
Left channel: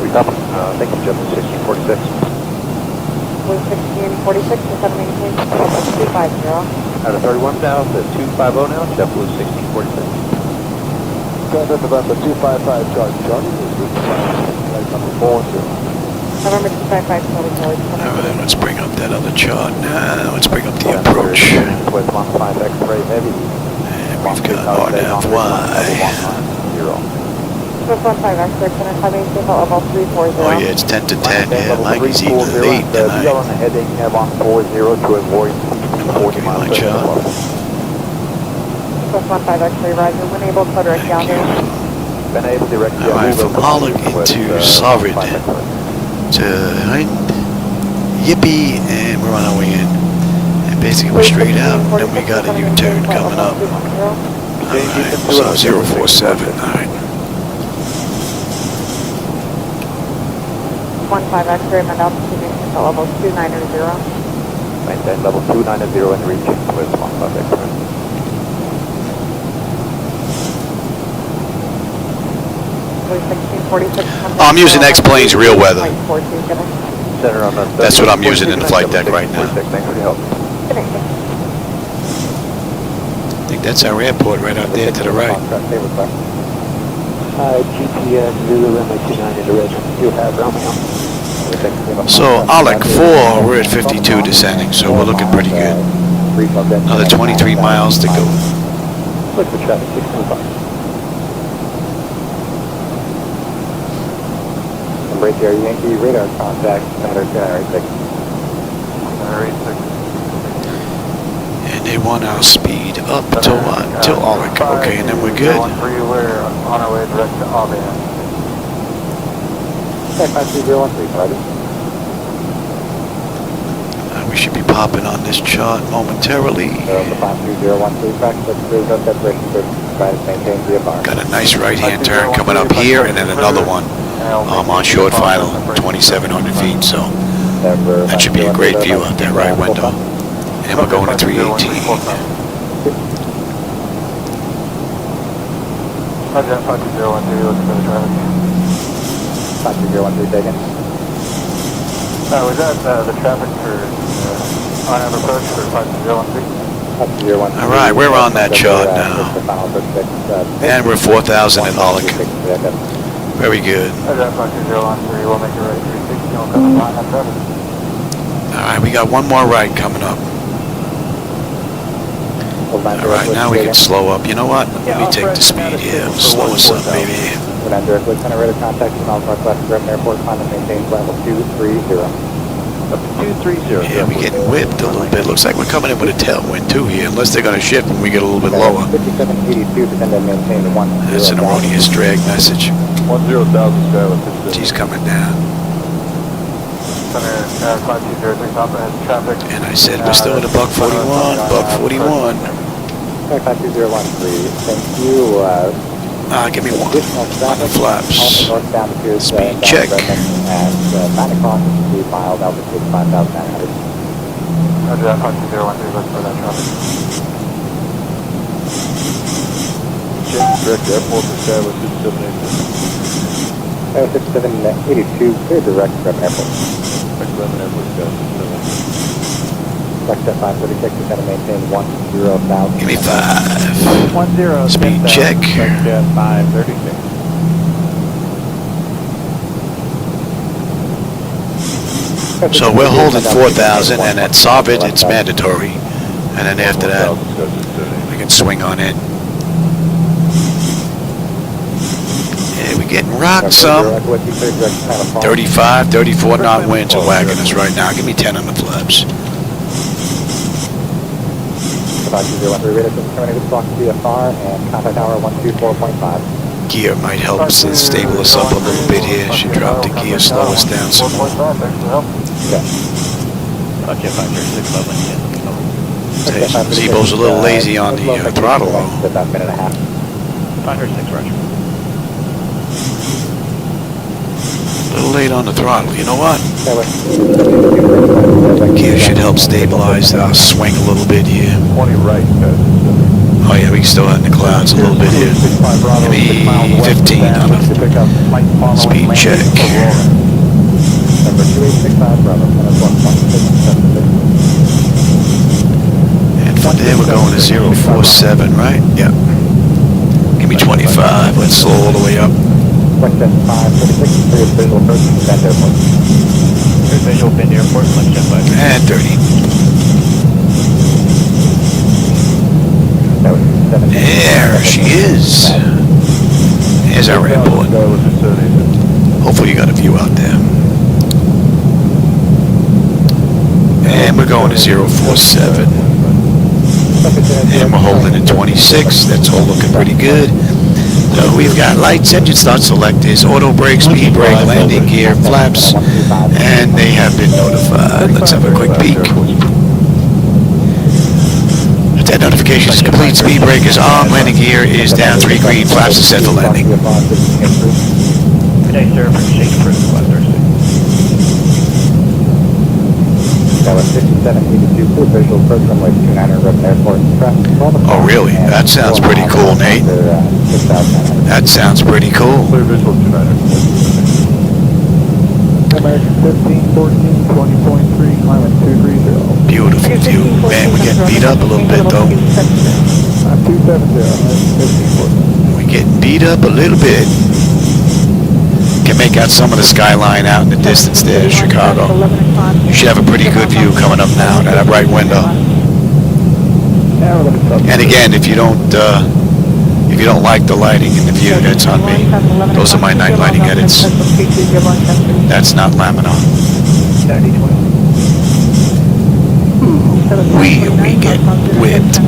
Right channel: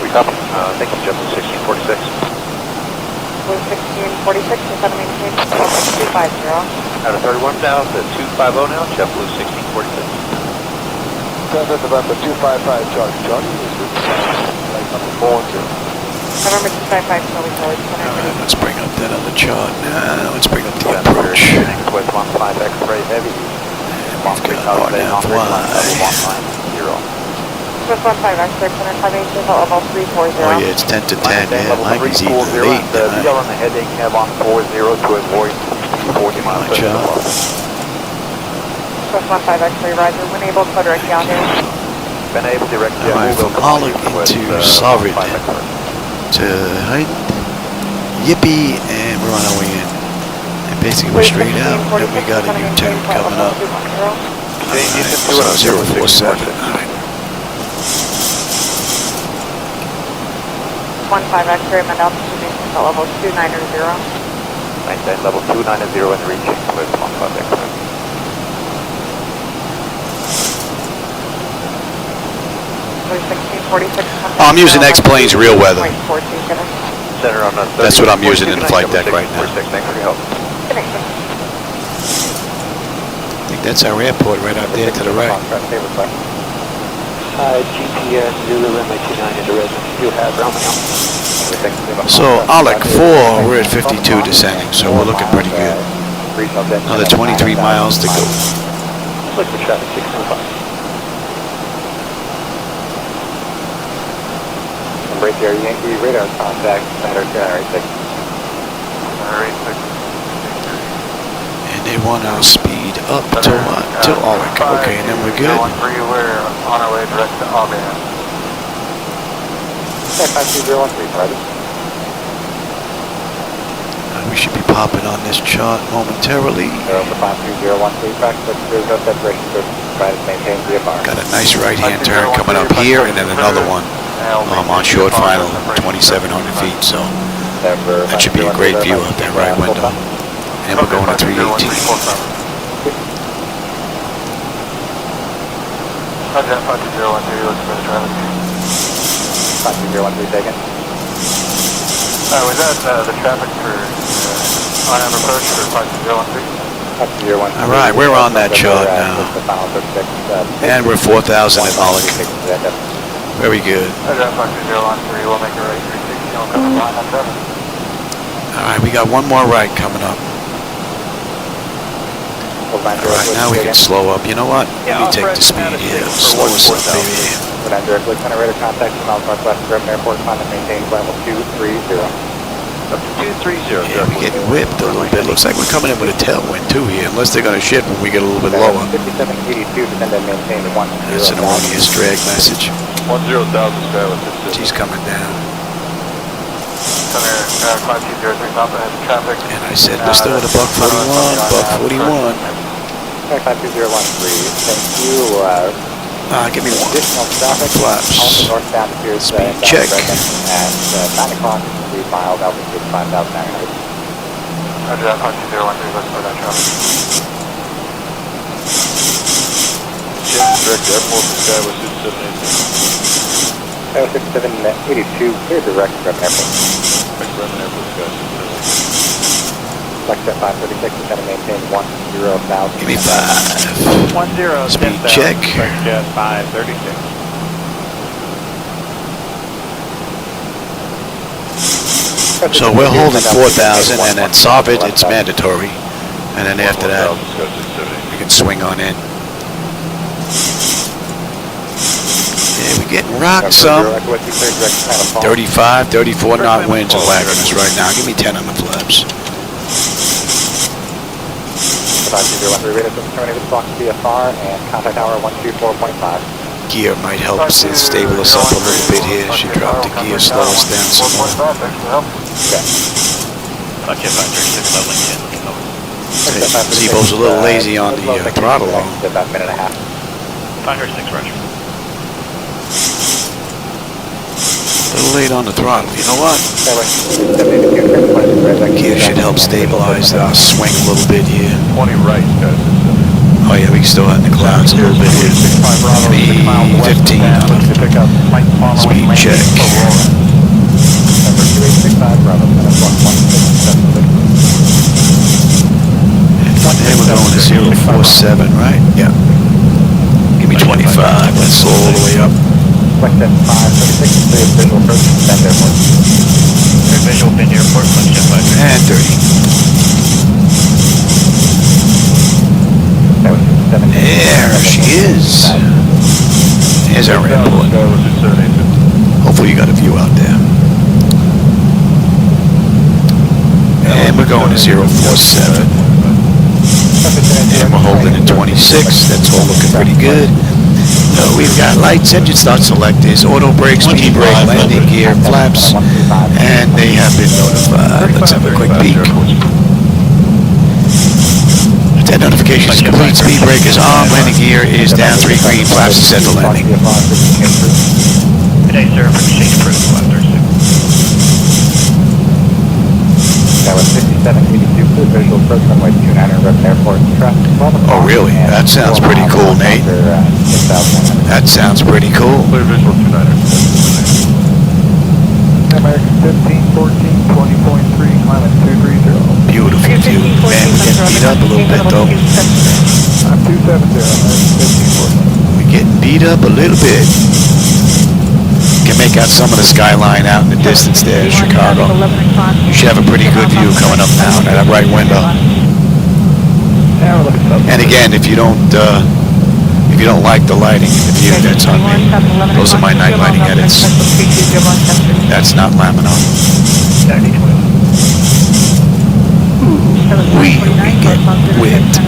We copy. Thank you, Justin 1646. 1646 to 718, 250. Out of 31 now, to 250 now, JetBlue 1646. That's about the 255 charge, Charlie. November 255, Alright, let's bring up that other chart now. Let's bring up the approach. And we've got RNAV Y. Oh yeah, it's 10 to 10. Yeah, Mikey's eating late tonight. I'll give you my chart. Alright, from Alec into Solid to Yippee, and we're on our way in. And basically we're straight out, and then we got a U-turn coming up. Alright, so 047. Alright. 15 X-ray, my altitude maintenance at level 290. Maintain level 290 and reach 15 X-ray. I'm using Xplane's real weather. That's what I'm using in the flight deck right now. I think that's our airport right out there to the right. GPS, Zulu, MA29 into resident. You have Romeo. So, Alec 4, we're at 52 descending, so we're looking pretty good. Another 23 miles to go. Right there, Yankee radar contact, center, And they want our speed up till what? Till Alec. Okay, and then we're good. On our way direct to Albany. 52013, ready. We should be popping on this chart momentarily. Got a nice right-hand turn coming up here, and then another one on short final, 2,700 feet. So that should be a great view out that right window. And we're going to 318. Roger, 52013, looking for the traffic. 52013 taken. Was that the traffic for RNAV approach for 52013? Alright, we're on that chart now. And we're 4,000 at Alec. Very good. Alright, we got one more right coming up. Alright, now we can slow up. You know what? Let me take the speed here. Slow us up, baby. Yeah, we're getting whipped a little bit. Looks like we're coming in with a tailwind too here, unless they're going to shift when we get a little bit lower. That's an erroneous drag message. She's coming down. And I said we're still at a buck 41, buck 41. Give me one on the flaps. Speed check. Airport 6782, clear direct from airport. FlexJet 536 is going to maintain 10,000. Give me 5. Speed check. FlexJet 536. So we're holding 4,000, and at Soviet it's mandatory. And then after that, we can swing on in. Yeah, we're getting rocked some. 35, 34 knot winds are whacking us right now. Give me 10 on the flaps. gear might help stable us up a little bit here. Should drop the gear, slow us down some more. Zibo's a little lazy on the throttle though. A little late on the throttle. You know what? Gear should help stabilize our swing a little bit here. Oh yeah, we still in the clouds a little bit here. Give me 15 on a speed check. And from there we're going to 047, right? Yeah. Give me 25. Let's slow all the way up. And 30. There she is. There's our airport. Hopefully you got a view out there. And we're going to 047. And we're holding in 26. That's all looking pretty good. So we've got lights, engine start selectors, auto brake, speed brake, landing gear, flaps, and they have been notified. Let's have a quick peek. That notification is complete. Speed brake is on. Landing gear is down. 3 green. Flaps are set for landing. Oh, really? That sounds pretty cool, Nate. That sounds pretty cool. 15, 14, 20.3, Beautiful view. Man, we're getting beat up a little bit, though. We're getting beat up a little bit. Can make out some of the skyline out in the distance there, Chicago. You should have a pretty good view coming up now at that right window. And again, if you don't like the lighting in the view, that's on me. Those are my night lighting edits. That's not Laminar. We get whipped.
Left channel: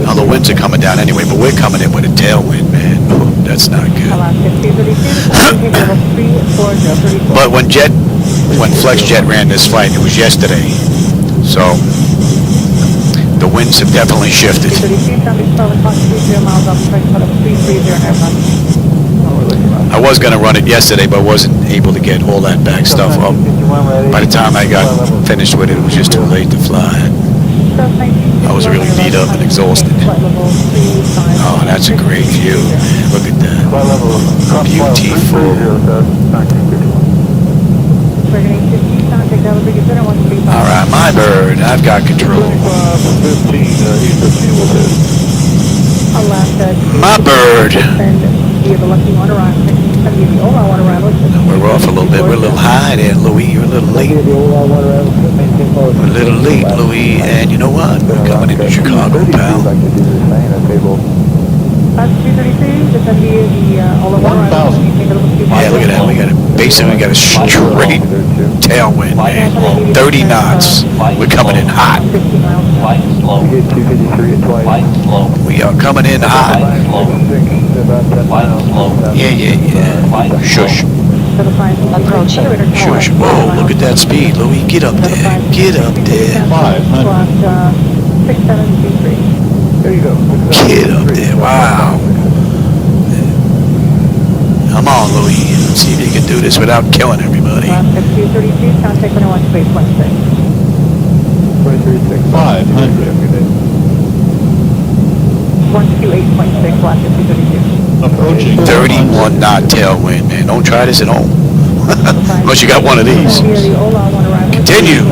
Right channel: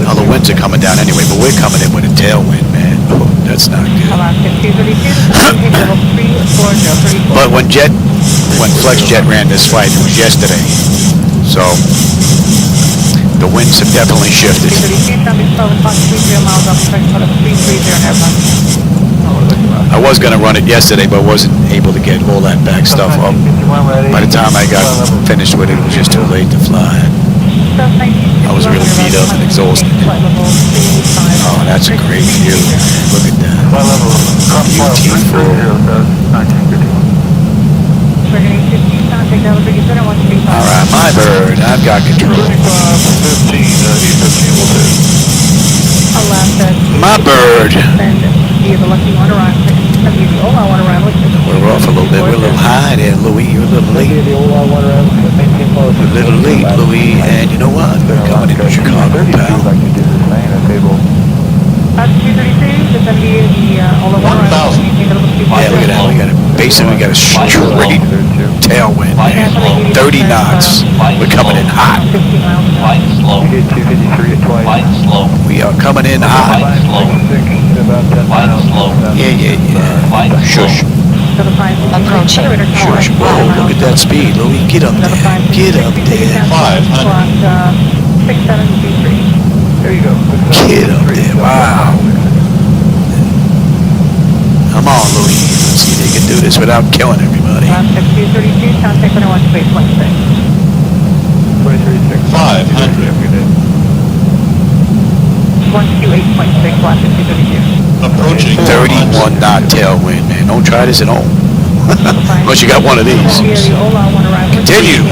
Now the winds are coming down anyway, but we're coming in with a tailwind, man. Oh, that's not good. But when FlexJet ran this flight, it was yesterday, so the winds have definitely shifted. I was going to run it yesterday, but wasn't able to get all that back stuff up. By the time I got finished with it, it was just too late to fly. I was really beat up and exhausted. Oh, that's a great view, man. Look at that. Beautiful. All right, my bird. I've got control. My bird. We're off a little bit. We're a little high there, Louis. You're a little late. We're a little late, Louis. And you know what? We're coming into Chicago, pal. Yeah, look at that. We got basically got a straight tailwind, man. 30 knots. We're coming in hot. We are coming in hot. Yeah. Shush. Shush. Whoa, look at that speed, Louis. Get up there. Get up there. Get up there. Wow. Come on, Louis. Let's see if you can do this without killing everybody. 31 knot tailwind, man. Don't try this at home. Unless you got one of these. Continue.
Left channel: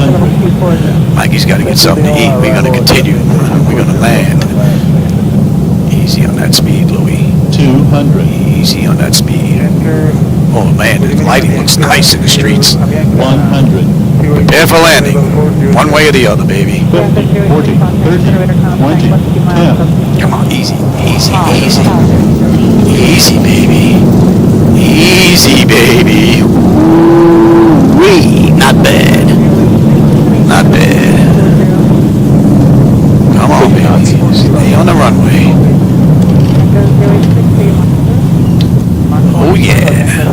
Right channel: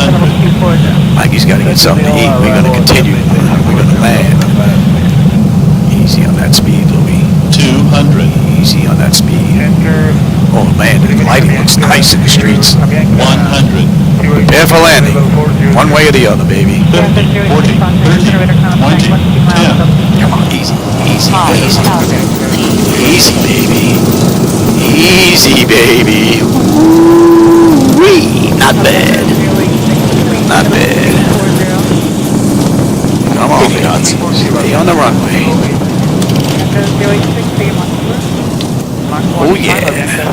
Mikey's got to get something to eat. We're going to continue. We're going to land. Easy on that speed, Louis. 200. Easy on that speed. Oh, man, the lighting looks nice in the streets. 100. Prepare for landing. One way or the other, baby. 40, 30, 20, 10. Come on, easy. Easy, baby. Easy, baby. Woo-wee. Not bad. Not bad. Come on, baby. Stay on the runway. Oh, yeah.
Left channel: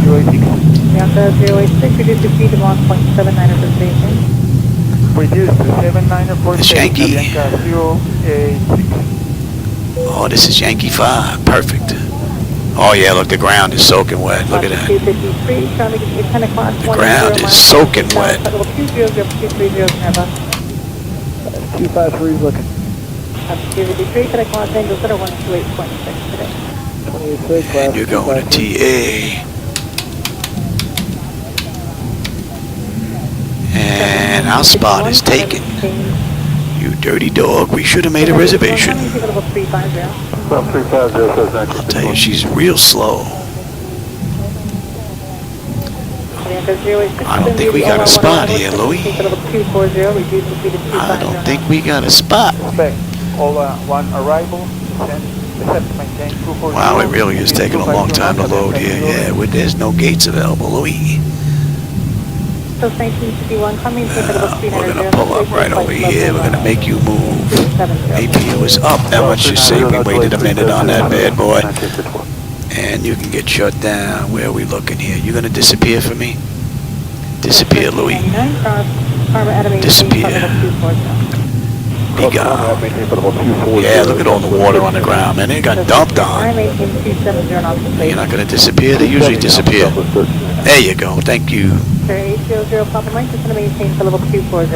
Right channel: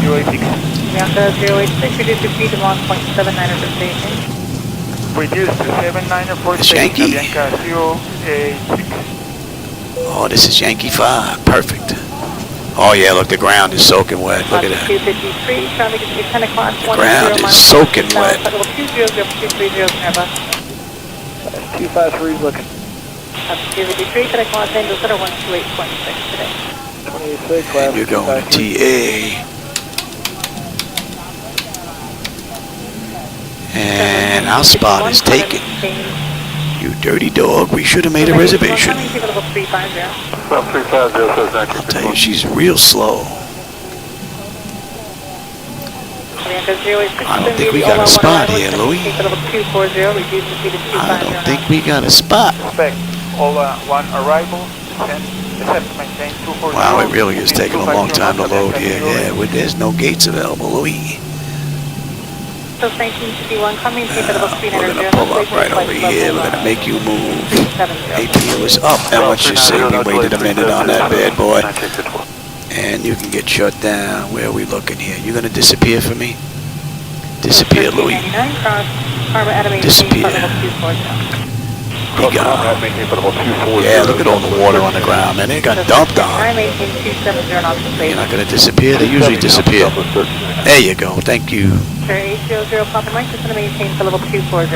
It's Yankee. Oh, this is Yankee 5. Perfect. Oh, yeah, look, the ground is soaking wet. Look at that. The ground is soaking wet. 253 looking. And you're going to TA. And our spot is taken. You dirty dog, we should have made a reservation. I'll tell you, she's real slow. I don't think we got a spot here, Louis. I don't think we got a spot. Wow, it really is taking a long time to load here. Yeah, there's no gates available, Louis. We're going to pull up right over here. We're going to make you move. APU is up. Now let's just say we waited a minute on that bad boy. And you can get shut down. Where are we looking here? You going to disappear for me? Disappear, Louis. Disappear. Be gone. Yeah, look at all the water on the ground, man. It got dumped on. You're not going to disappear? They usually disappear. There you go. Thank you. 800 Papa Mike is going to maintain to level 240.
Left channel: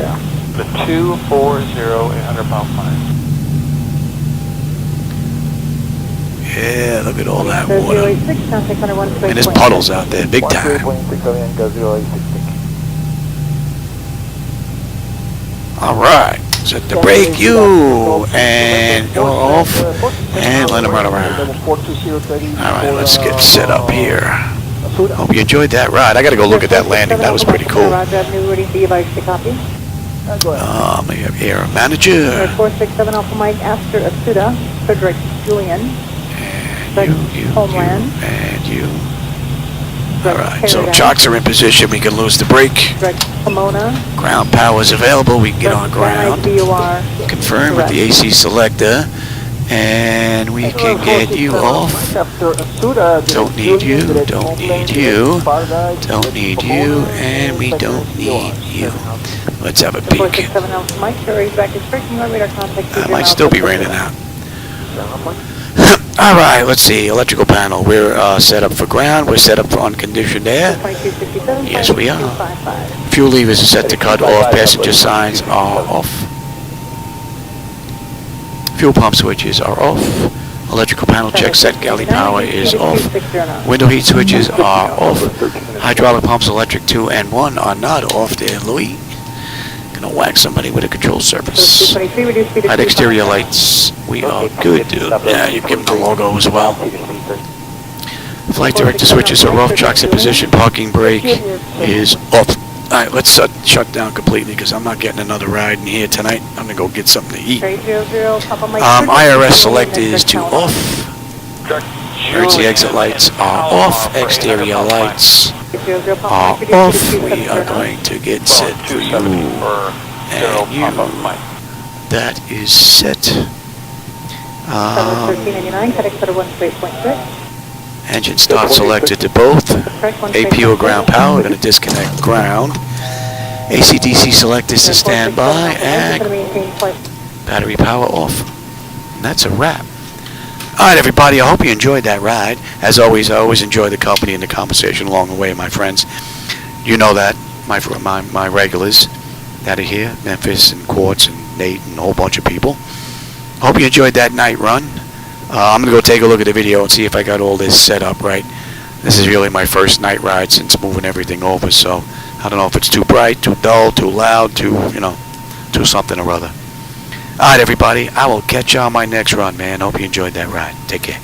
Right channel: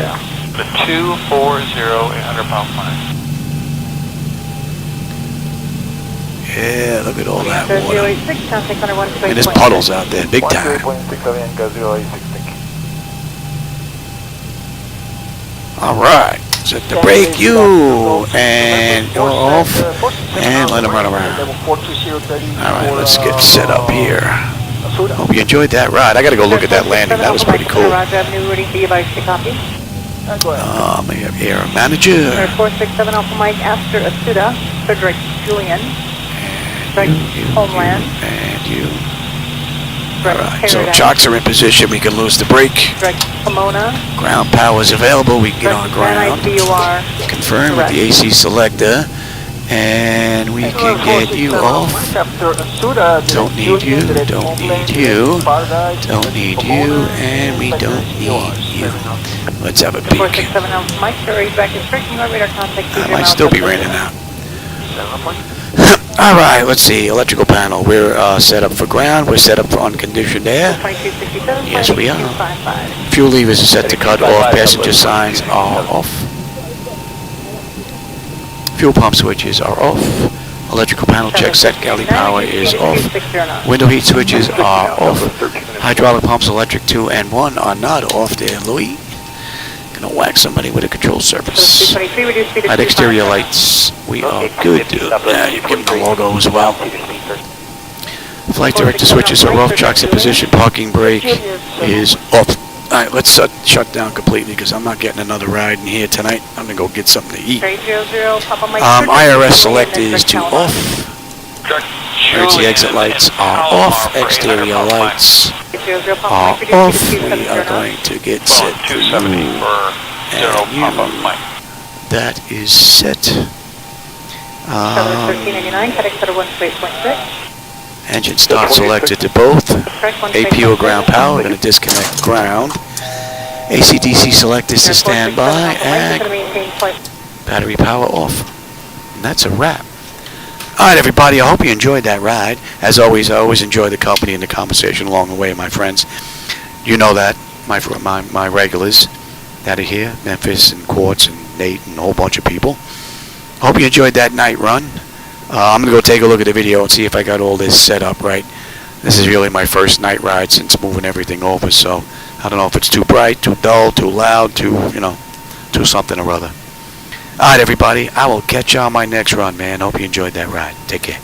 The 240, 800 pound flight. Yeah, look at all that water. And there's puddles out there, big time. Alright, set the brake, you, and you're off, and let them run around. Alright, let's get set up here. Hope you enjoyed that ride. I gotta go look at that landing, that was pretty cool. We have air manager. 467 Alpha Mike, Astor, Asuda, Frederick, Julian. And you. Alright, so chocks are in position. We can lose the brake. Ground power is available. We can get on ground. Confirm with the AC selector. And we can get you off. Don't need you. Don't need you. Don't need you. And we don't need you. Let's have a peek. I might still be raining out. Alright, let's see. Electrical panel. We're set up for ground. We're set up for unconditioned air. Yes, we are. Fuel levers are set to cut off. Passenger signs are off. Fuel pump switches are off. Electrical panel check set. Galley power is off. Window heat switches are off. Hydraulic pumps electric 2 and 1 are not off there, Louis. Gonna whack somebody with a control surface. At exterior lights, we are good. Yeah, you've given the logo as well. Flight director switches are off. Chocks in position. Parking brake is off. Alright, let's shut down completely because I'm not getting another ride in here tonight. I'm gonna go get something to eat. IRS select is to off. Emergency exit lights are off. Exterior lights are off. We are going to get set for you and you. That is set. Engine start selected to both. APU or ground power. We're going to disconnect ground. AC/DC select is to standby. And battery power off. And that's a wrap. Alright, everybody, I hope you enjoyed that ride. As always, I always enjoy the company and the conversation along the way, my friends. You know that, my regulars that are here, Memphis and Quartz and Nate and a whole bunch of people. I hope you enjoyed that night run. I'm going to go take a look at the video and see if I got all this set up right. This is really my first night ride since moving everything over, so I don't know if it's too bright, too dull, too loud, too something or other. Alright, everybody, I will catch you on my next run, man. Hope you enjoyed that ride. Take care.